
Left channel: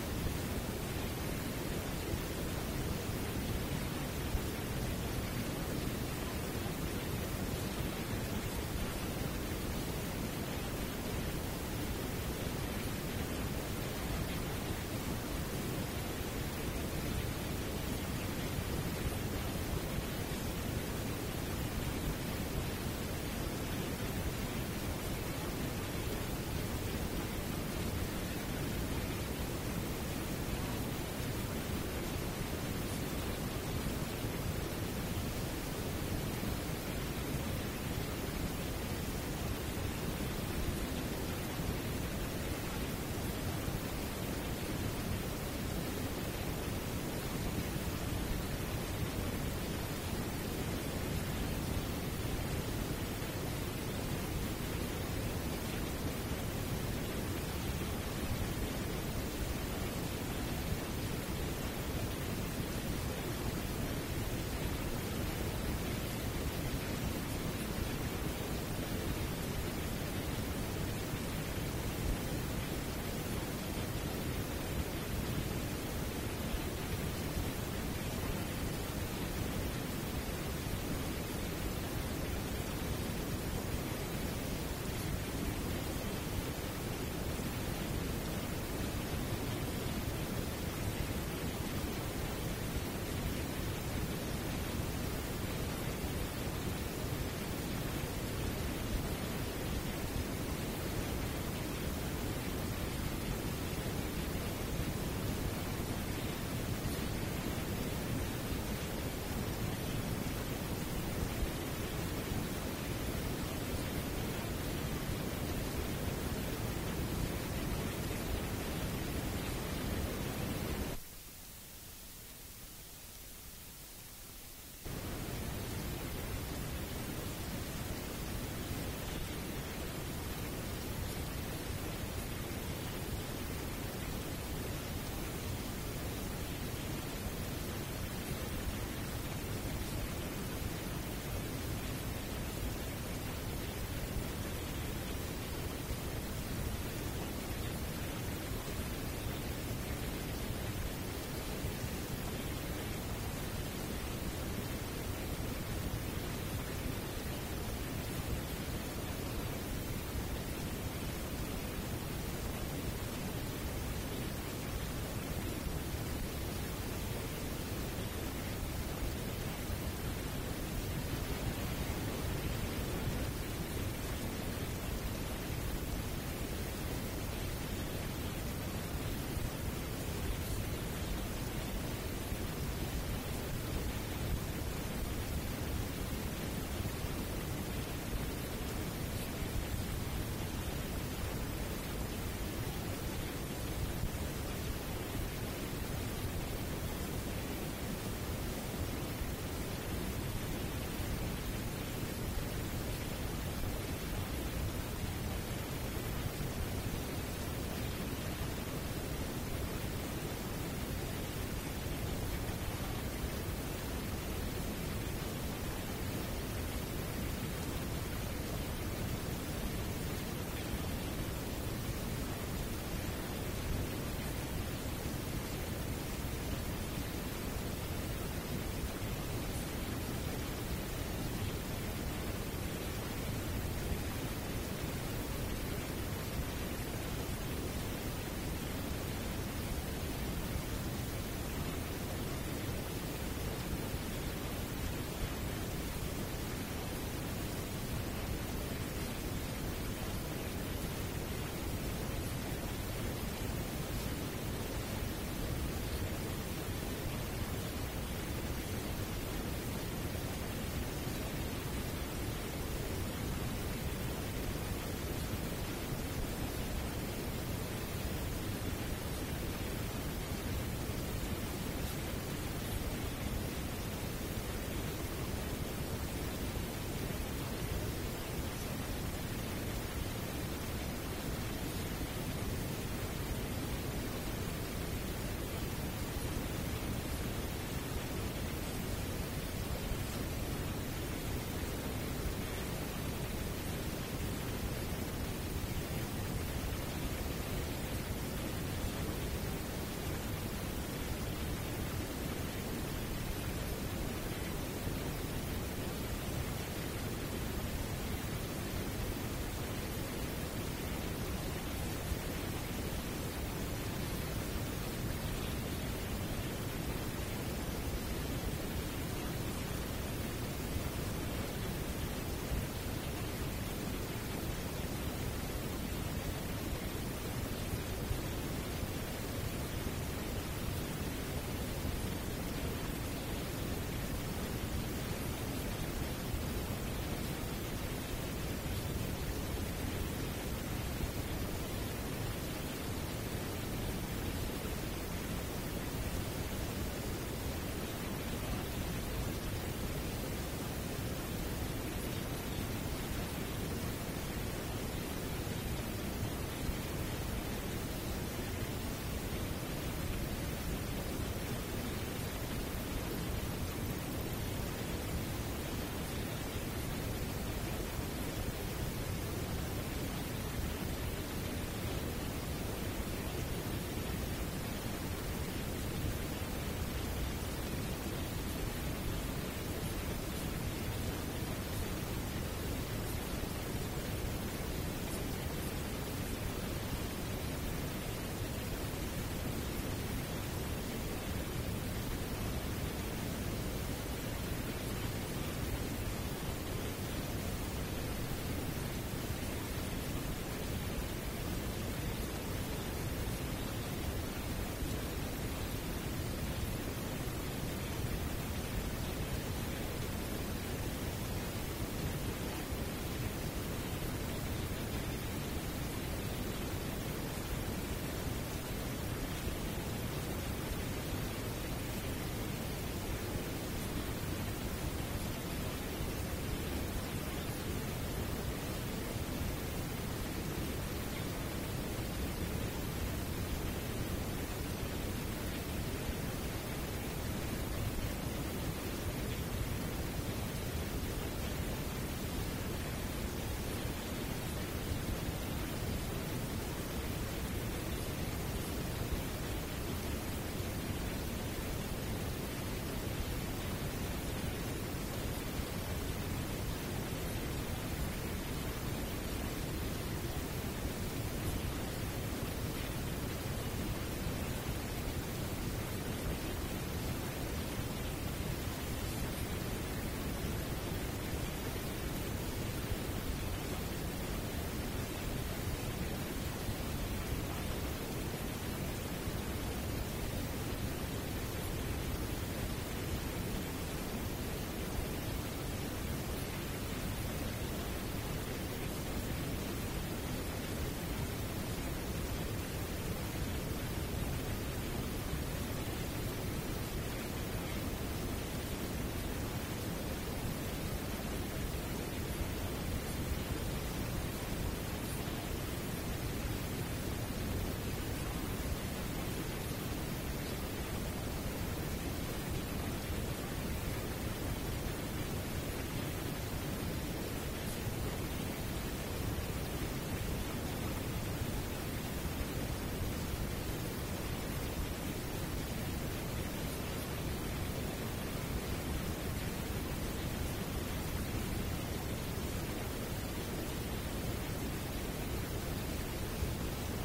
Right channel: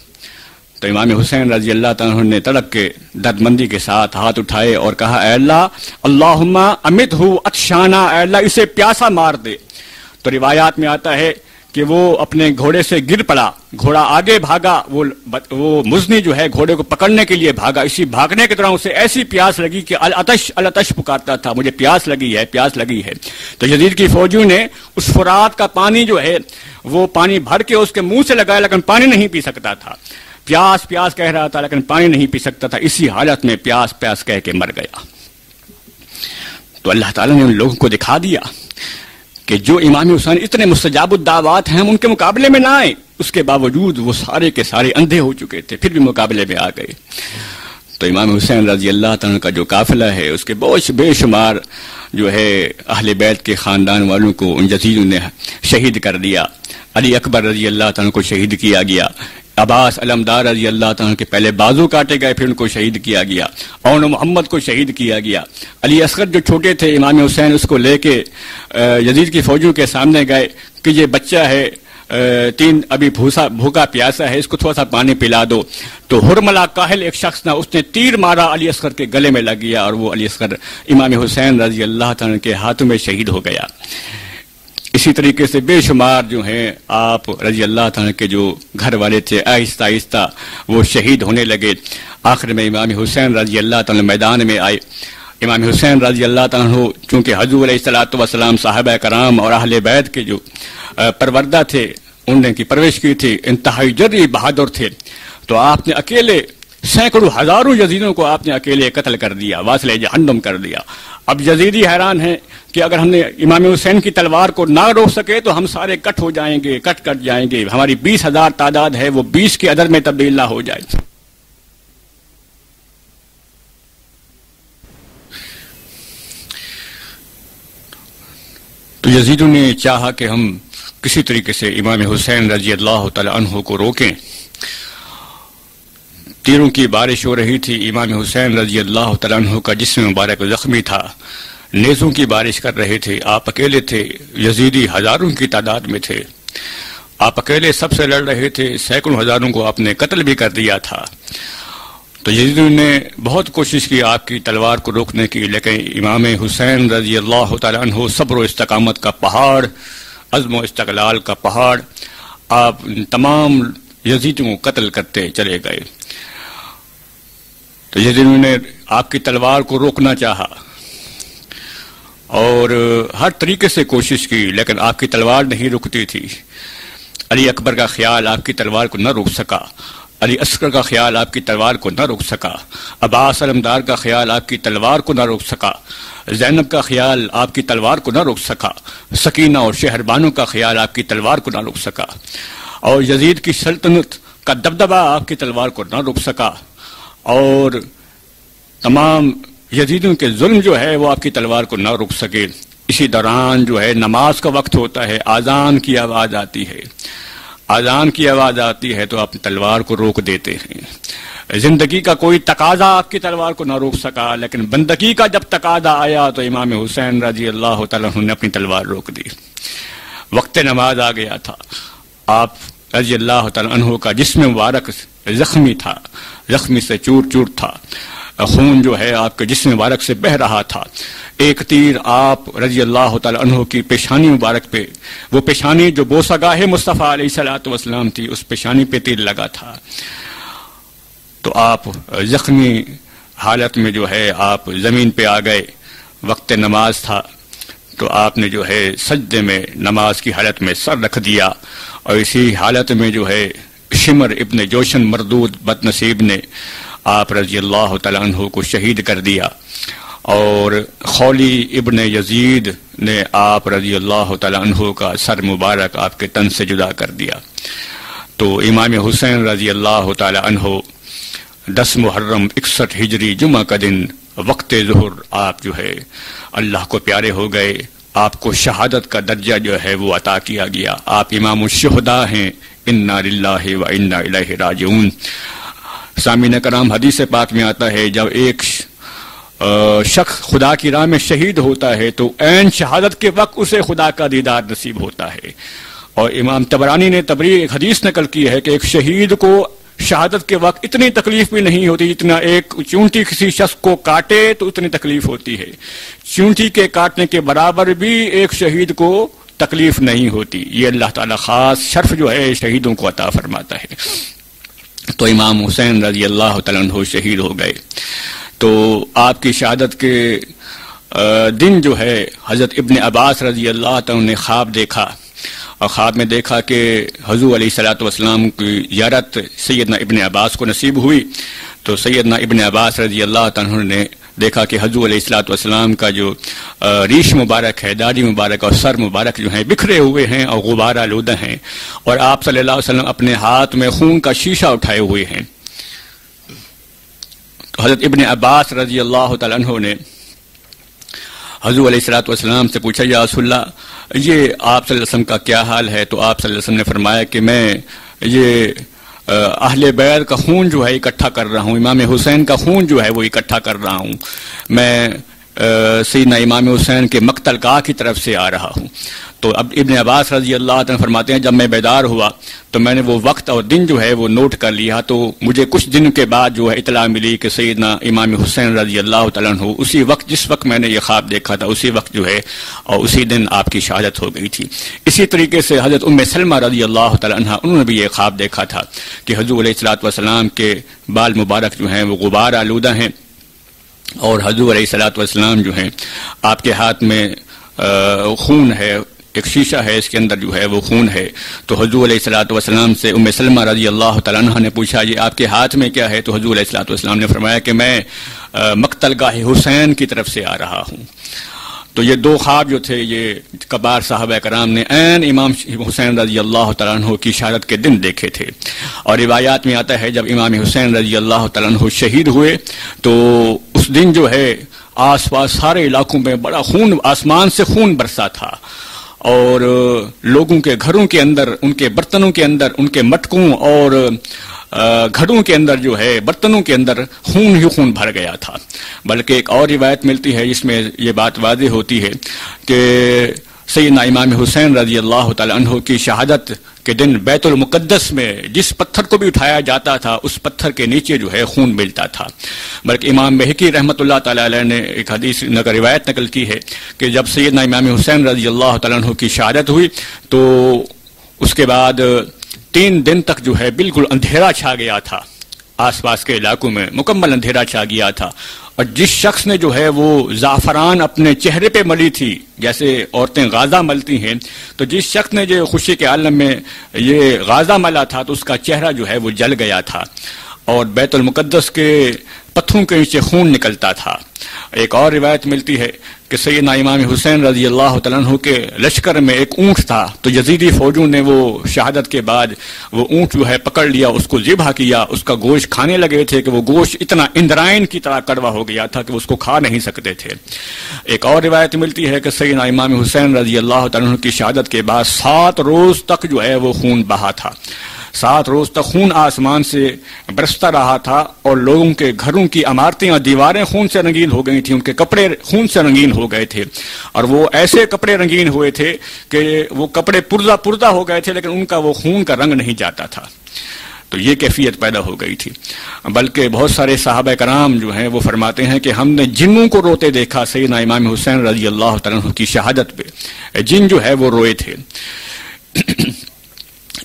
تو امام حسین رضی اللہ تعالیٰ نے تڑپ کے درد مندی کے ساتھ ہاتھ اٹھائے اور کہا، اے اللہ اللہم امتہ عطشانا، اے اللہ اسے پیاسا مار دے۔ تو روایات میں آتا ہے کہ وہ اپنے گھوڑے سے گر پڑا، گھوڑا آگے بھاگا، وہ مزنی جو ہے گھوڑے کو پکڑنے کے لیے بھاگا، اسی بھاگنے کے دوران اسے ایسی پیاس لگی کہ العطش العطش پکارتا تھا، مجھے پیاس لگی ہے، پیاس لگی ہے۔ تو یزید کی فوجیوں نے اس فرات کا پانی جو ہے وہ پانی بھر کے اس کے منہ سے لگایا، لیکن پانی نہیں پی سکتا تھا، پیاس پیاس کہہ رہا تھا لیکن پانی نہیں پی سکتا تھا، اسی حالت میں پیاس پیاس کہہ کے مر گیا۔ تو اللہ تعالیٰ نے ان لوگوں کو دکھا دیا کہ جو امام حسین اتنے مستجاب الدعوات ہیں، ہم ان کے مقابلے میں نہ آئے، اس کے باوجود وہ سارے کے سارے اندھے ہو چکے تھے، پھر بھی مقابلے میں آ گئے۔ تو امام حسین رضی اللہ تعالیٰ کا جو قافلہ ہے، اس کے بہت بے شمار جو ہے اہل بیت کے خاندان والوں کو ان یزیدوں نے شہید کر دیا۔ علی اکبر رضی اللہ تعالیٰ کو شہید کیا گیا، عباس علمدار رضی اللہ تعالیٰ کے پہلے بازو کاٹے گئے، پھر ان کو شہید کیا گیا، اون محمد کو شہید کیا گیا۔ علی اصغر جو چھوٹے تھے، امام حسین اس کو لے کے یزید کی فوجوں کے سامنے گئے کہ یہ بچہ ہے، ابھی بھوکا پیاسا ہے، اس کو تھوڑا سا پانی پلا دو۔ تو ہرملا کاہل ایک شخص تھا، اس نے تیر مارا، علی اصغر کے گلے میں لگ گیا اور وہ علی اصغر امام حسین رضی اللہ تعالیٰ کے ہاتھوں میں شہید ہو گیا۔ اسی طریقے سے بے شمار جو ہیں آپ رضی اللہ تعالیٰ کے جو گھر والے تھے، آہستہ آہستہ وہ شہید ہونے لگے۔ آخر میں امام حسین رضی اللہ تعالیٰ میدان میں آئے۔ امام حسین رضی اللہ تعالیٰ چونکہ حضور علیہ الصلوۃ والسلام صحابہ کرام اور اہل بیت کے جو پروردہ تھے، انہوں نے کی پرورش کی تھی، انتہائی جری بہادر تھے، تو آپ نے اکیلے سینکڑوں ہزاروں یزیدوں کو آپ نے اکیلے قتل کر دیا، واصل جہنم کر دیا۔ اب یزیدی حیران ہیں کہ اگر ہم نے امام حسین کی تلوار کو نہ روک سکے تو ہم سارے کٹ ہو جائیں گے، کٹ جائیں گے، ہماری 20,000 تعداد ہے وہ 20 کے عدد میں تبدیل نہ ہو جائے۔ تو یزیدوں نے چاہا کہ ہم کسی طریقے سے امام حسین رضی اللہ تعالی عنہ کو روکیں۔ تیروں کی بارش ہو رہی تھی، امام حسین رضی اللہ تعالی عنہ کا جسم مبارک زخمی تھا، نیزوں کی بارش کر رہے تھے، آپ اکیلے تھے، یزیدی ہزاروں کی تعداد میں تھے، آپ اکیلے سب سے لڑ رہے تھے، سینکڑوں ہزاروں کو آپ نے قتل بھی کر دیا تھا۔ تو یزیدوں نے بہت کوشش کی آپ کی تلوار کو روکنے کی، لیکن امام حسین رضی اللہ تعالی عنہ صبر و استقامت کا پہاڑ، عزم و استقلال کا پہاڑ، آپ تمام یزیدوں کو قتل کرتے چلے گئے۔ تو یزیدوں نے آپ کی تلوار کو روکنا چاہا اور ہر طریقے سے کوشش کی، لیکن آپ کی تلوار نہیں رکتی تھی۔ علی اکبر کا خیال آپ کی تلوار کو نہ روک سکا، علی اصغر کا خیال آپ کی تلوار کو نہ روک سکا، عباس علمدار کا خیال آپ کی تلوار کو نہ روک سکا، زینب کا خیال آپ کی تلوار کو نہ روک سکا، سکینہ اور شہربانو کا خیال آپ کی تلوار کو نہ روک سکا، اور یزید کی سلطنت کا دبدبہ آپ کی تلوار کو نہ روک سکا، اور تمام یزیدوں کے ظلم جو ہے وہ آپ کی تلوار کو نہ روک سکے۔ اسی دوران جو ہے نماز کا وقت ہوتا ہے، اذان کی آواز آتی ہے، اذان کی آواز آتی ہے تو آپ تلوار کو روک دیتے ہیں۔ زندگی کا کوئی تقاضا آپ کی تلوار کو نہ روک سکا، لیکن بندگی کا جب تقاضا آیا تو امام حسین رضی اللہ تعالیٰ عنہ نے اپنی تلوار روک دی۔ وقت نماز آ گیا تھا، آپ رضی اللہ تعالیٰ عنہ کا جسم مبارک زخمی تھا، زخمی سے چور چور تھا، خون جو ہے آپ کے جسم مبارک سے بہہ رہا تھا. ایک تیر آپ رضی اللہ تعالیٰ عنہ کی پیشانی مبارک پہ، وہ پیشانی جو بوسہ گاہ مصطفیٰ علیہ الصلوۃ والسلام تھی، اس پیشانی پہ تیر لگا تھا. تو آپ زخمی حالت میں جو ہے آپ زمین پہ آ گئے. وقت نماز تھا تو آپ نے جو ہے سجدے میں نماز کی حالت میں سر رکھ دیا، اور اسی حالت میں جو ہے شمر ابن جوشن مردود بد نصیب نے آپ رضی اللہ تعالیٰ عنہ کو شہید کر دیا، اور خولی ابن یزید نے آپ رضی اللہ تعالیٰ عنہ کا سر مبارک آپ کے تن سے جدا کر دیا. تو امام حسین رضی اللہ تعالیٰ عنہ 10 محرم 61 ہجری جمعہ کا دن وقت ظہر آپ جو ہے اللہ کو پیارے ہو گئے. آپ کو شہادت کا درجہ جو ہے وہ عطا کیا گیا. آپ امام الشہداء ہیں. انا للہ و انا الیہ راجعون. سامعین کرام، حدیث پاک میں آتا ہے جب ایک شخص خدا کی راہ میں شہید ہوتا ہے تو عین شہادت کے وقت اسے خدا کا دیدار نصیب ہوتا ہے. اور امام طبرانی نے ایک حدیث نقل کی ہے کہ ایک شہید کو شہادت کے وقت اتنی تکلیف بھی نہیں ہوتی جتنا ایک چونٹی کسی شخص کو کاٹے تو اتنی تکلیف ہوتی ہے. چونٹی کے کاٹنے کے برابر بھی ایک شہید کو تکلیف نہیں ہوتی. یہ اللہ تعالیٰ خاص شرف جو ہے شہیدوں کو عطا فرماتا ہے. تو امام حسین رضی اللہ تعالیٰ عنہ شہید ہو گئے. تو آپ کی شہادت کے دن جو ہے حضرت ابن عباس رضی اللہ تعالیٰ نے خواب دیکھا، اور خواب میں دیکھا کہ حضور علیہ الصلوۃ والسلام کی زیارت سیدنا ابن عباس کو نصیب ہوئی. تو سیدنا ابن عباس رضی اللہ تعالیٰ نے دیکھا کہ حضور علیہ الصلوۃ والسلام کا جو ریش مبارک ہے، داڑھی مبارک اور سر مبارک جو ہیں بکھرے ہوئے ہیں اور غبار آلودہ ہیں، اور آپ صلی اللہ علیہ وسلم اپنے ہاتھ میں خون کا شیشہ اٹھائے ہوئے ہیں. تو حضرت ابن عباس رضی اللہ تعالیٰ عنہ نے حضور علیہ الصلوۃ والسلام سے پوچھا، یا رسول اللہ یہ آپ صلی اللہ علیہ وسلم کا کیا حال ہے؟ تو آپ صلی اللہ علیہ وسلم نے فرمایا کہ میں یہ اہل بیت کا خون جو ہے اکٹھا کر رہا ہوں، امام حسین کا خون جو ہے وہ اکٹھا کر رہا ہوں. میں سیدنا امام حسین کے مقتل گاہ کی طرف سے آ رہا ہوں. تو اب ابن عباس رضی اللہ عنہ فرماتے ہیں جب میں بیدار ہوا تو میں نے وہ وقت اور دن جو ہے وہ نوٹ کر لیا. تو مجھے کچھ دن کے بعد جو ہے اطلاع ملی کہ سیدنا امام حسین رضی اللہ تعالیٰ عنہ اسی وقت جس وقت میں نے یہ خواب دیکھا تھا اسی وقت جو ہے اور اسی دن آپ کی شہادت ہو گئی تھی. اسی طریقے سے حضرت ام سلمہ رضی اللہ تعالیٰ عنہ انہوں نے بھی یہ خواب دیکھا تھا کہ حضور علیہ الصلوۃ والسلام کے بال مبارک جو ہیں وہ غبار آلودہ ہیں، اور حضور علیہ الصلوۃ والسلام جو ہیں آپ کے ہاتھ میں خون ہے، ایک شیشہ ہے اس کے اندر جو ہے وہ خون ہے. تو حضور علیہ الصلوۃ والسلام سے ام سلمہ رضی اللہ تعالیٰ عنہ نے پوچھا یہ آپ کے ہاتھ میں کیا ہے؟ تو حضور علیہ الصلوۃ والسلام نے فرمایا کہ میں مقتل گاہ حسین کی طرف سے آ رہا ہوں. تو یہ دو خواب جو تھے یہ کبار صحابہ کرام نے عین امام حسین رضی اللہ تعالیٰ عنہ کی شہادت کے دن دیکھے تھے. اور روایات میں آتا ہے جب امام حسین رضی اللہ تعالیٰ عنہ شہید ہوئے تو اس دن جو ہے آس پاس سارے علاقوں میں بڑا خون، آسمان سے خون برسا تھا، اور لوگوں کے گھروں کے اندر، ان کے برتنوں کے اندر، ان کے مٹکوں اور گھڑوں کے اندر جو ہے برتنوں کے اندر خون ہی خون بھر گیا تھا. بلکہ ایک اور روایت ملتی ہے جس میں یہ بات واضح ہوتی ہے کہ سیدنا امام حسین رضی اللہ تعالی عنہ کی شہادت کے دن بیت المقدس میں جس پتھر کو بھی اٹھایا جاتا تھا اس پتھر کے نیچے جو ہے خون ملتا تھا. بلکہ امام بہقی رحمۃ اللہ تعالی علیہ نے ایک حدیث روایت نقل کی ہے کہ جب سیدنا امام حسین رضی اللہ تعالی عنہ کی شہادت ہوئی تو اس کے بعد 3 دن تک جو ہے بالکل اندھیرا چھا گیا تھا، آس پاس کے علاقوں میں مکمل اندھیرا چھا گیا تھا. اور جس شخص نے جو ہے وہ زعفران اپنے چہرے پہ ملی تھی جیسے عورتیں غازہ ملتی ہیں، تو جس شخص نے جو خوشی کے عالم میں یہ غازہ ملا تھا تو اس کا چہرہ جو ہے وہ جل گیا تھا اور بیت المقدس کے پتھروں کے نیچے خون نکلتا تھا. ایک اور روایت ملتی ہے کہ سیدنا امام حسین رضی اللہ تعالیٰ عنہ کے لشکر میں ایک اونٹ تھا، تو یزیدی فوجوں نے وہ شہادت کے بعد وہ اونٹ جو ہے پکڑ لیا، اس کو ذبح کیا، اس کا گوشت کھانے لگے تھے کہ وہ گوشت اتنا اندرائن کی طرح کڑوا ہو گیا تھا کہ اس کو کھا نہیں سکتے تھے. ایک اور روایت ملتی ہے کہ سیدنا امام حسین رضی اللہ تعالیٰ عنہ کی شہادت کے بعد 7 روز تک جو ہے وہ خون بہا تھا. 7 روز تک خون آسمان سے برستا رہا تھا اور لوگوں کے گھروں کی عمارتیں اور دیواریں خون سے رنگین ہو گئی تھیں، ان کے کپڑے خون سے رنگین ہو گئے تھے، اور وہ ایسے کپڑے رنگین ہوئے تھے کہ وہ کپڑے پردہ ہو گئے تھے لیکن ان کا وہ خون کا رنگ نہیں جاتا تھا. تو یہ کیفیت پیدا ہو گئی تھی۔ بلکہ بہت سارے صحابہ کرام جو ہیں وہ فرماتے ہیں کہ ہم نے جنوں کو روتے دیکھا سیدنا امام حسین رضی اللہ تعالیٰ عنہ کی شہادت پہ، جن جو ہے وہ روئے تھے۔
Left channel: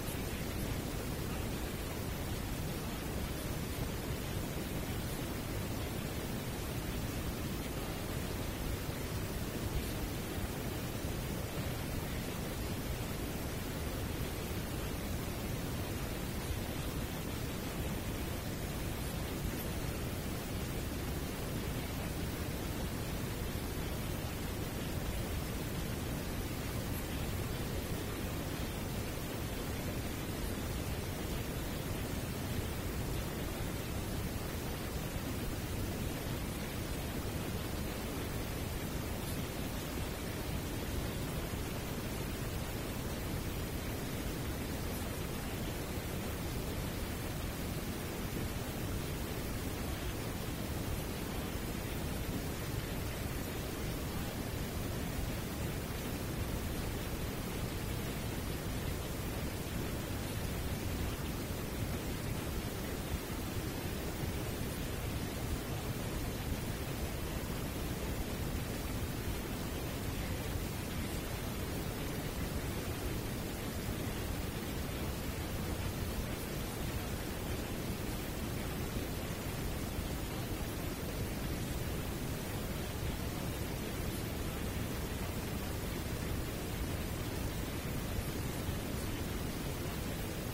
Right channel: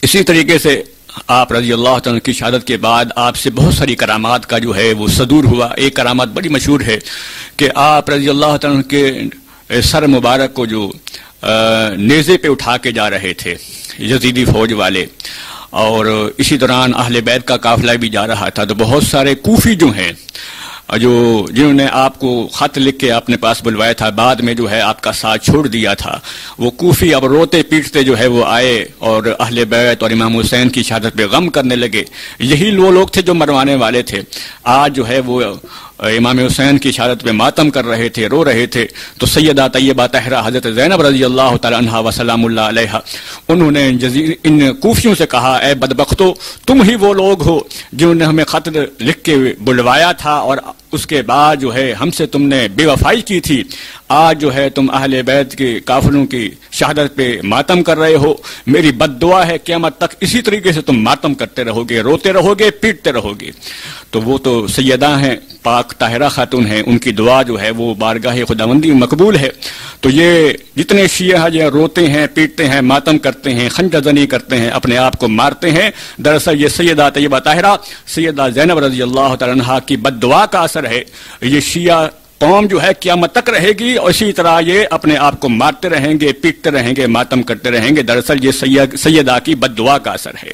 اسی طریقے سے آپ رضی اللہ تعالیٰ کی شہادت کے بعد آپ سے بہت ساری کرامات کا جو ہے وہ صدور ہوا۔ ایک کرامات بڑی مشہور ہے کہ آپ رضی اللہ تعالیٰ کے سر مبارک کو جو نیزے پہ اٹھا کے جا رہے تھے یزیدی فوج والے، اور اسی دوران اہل بیت کا قافلہ بھی جا رہا تھا، تو بہت سارے کوفی جو ہیں جنہوں نے آپ کو خط لکھ کے اپنے پاس بلوایا تھا، بعد میں جو ہے آپ کا ساتھ چھوڑ دیا تھا، وہ کوفی اب روتے پیٹتے جو ہے وہ آئے اور اہل بیت اور امام حسین کی شہادت پہ غم کرنے لگے۔ یہی وہ لوگ تھے جو مروانے والے تھے، آج جو ہے وہ امام حسین کی شہادت پہ ماتم کر رہے تھے، رو رہے تھے۔ تو سیدہ طیبہ طاہرہ حضرت زینب رضی اللہ تعالی عنہا وسلام اللہ علیہا، انہوں نے ان کوفیوں سے کہا، اے بدبختو، تم ہی وہ لوگ ہو جنہوں نے ہمیں خط لکھ کے بلوایا تھا اور اس کے بعد جو ہے ہم سے تم نے بے وفائی کی تھی، آج جو ہے تم اہل بیت کے کافروں کی شہادت پہ ماتم کر رہے ہو۔ میری بد دعا ہے قیامت تک اسی طریقے سے تم ماتم کرتے رہو گے، روتے رہو گے، پیٹتے رہو گے۔ تو وہ تو سیدہ ہیں، پاک طاہرہ خاتون ہیں، ان کی دعا جو ہے وہ بارگاہ خداوندی مقبول ہے۔ تو یہ جتنے شیعہ جو روتے ہیں، پیٹتے ہیں، ماتم کرتے ہیں، خنجر زنی کرتے ہیں، اپنے آپ کو مارتے ہیں، دراصل یہ سیدہ طیبہ طاہرہ سیدہ زینب رضی اللہ تعالی عنہا کی بد دعا کا اثر ہے۔ یہ شیعہ قوم جو ہے قیامت تک رہے گی اور اسی طرح یہ اپنے آپ کو مارتے رہیں گے، پیٹتے رہیں گے، ماتم کرتے رہیں گے، دراصل یہ سیدہ کی بد دعا کا اثر ہے۔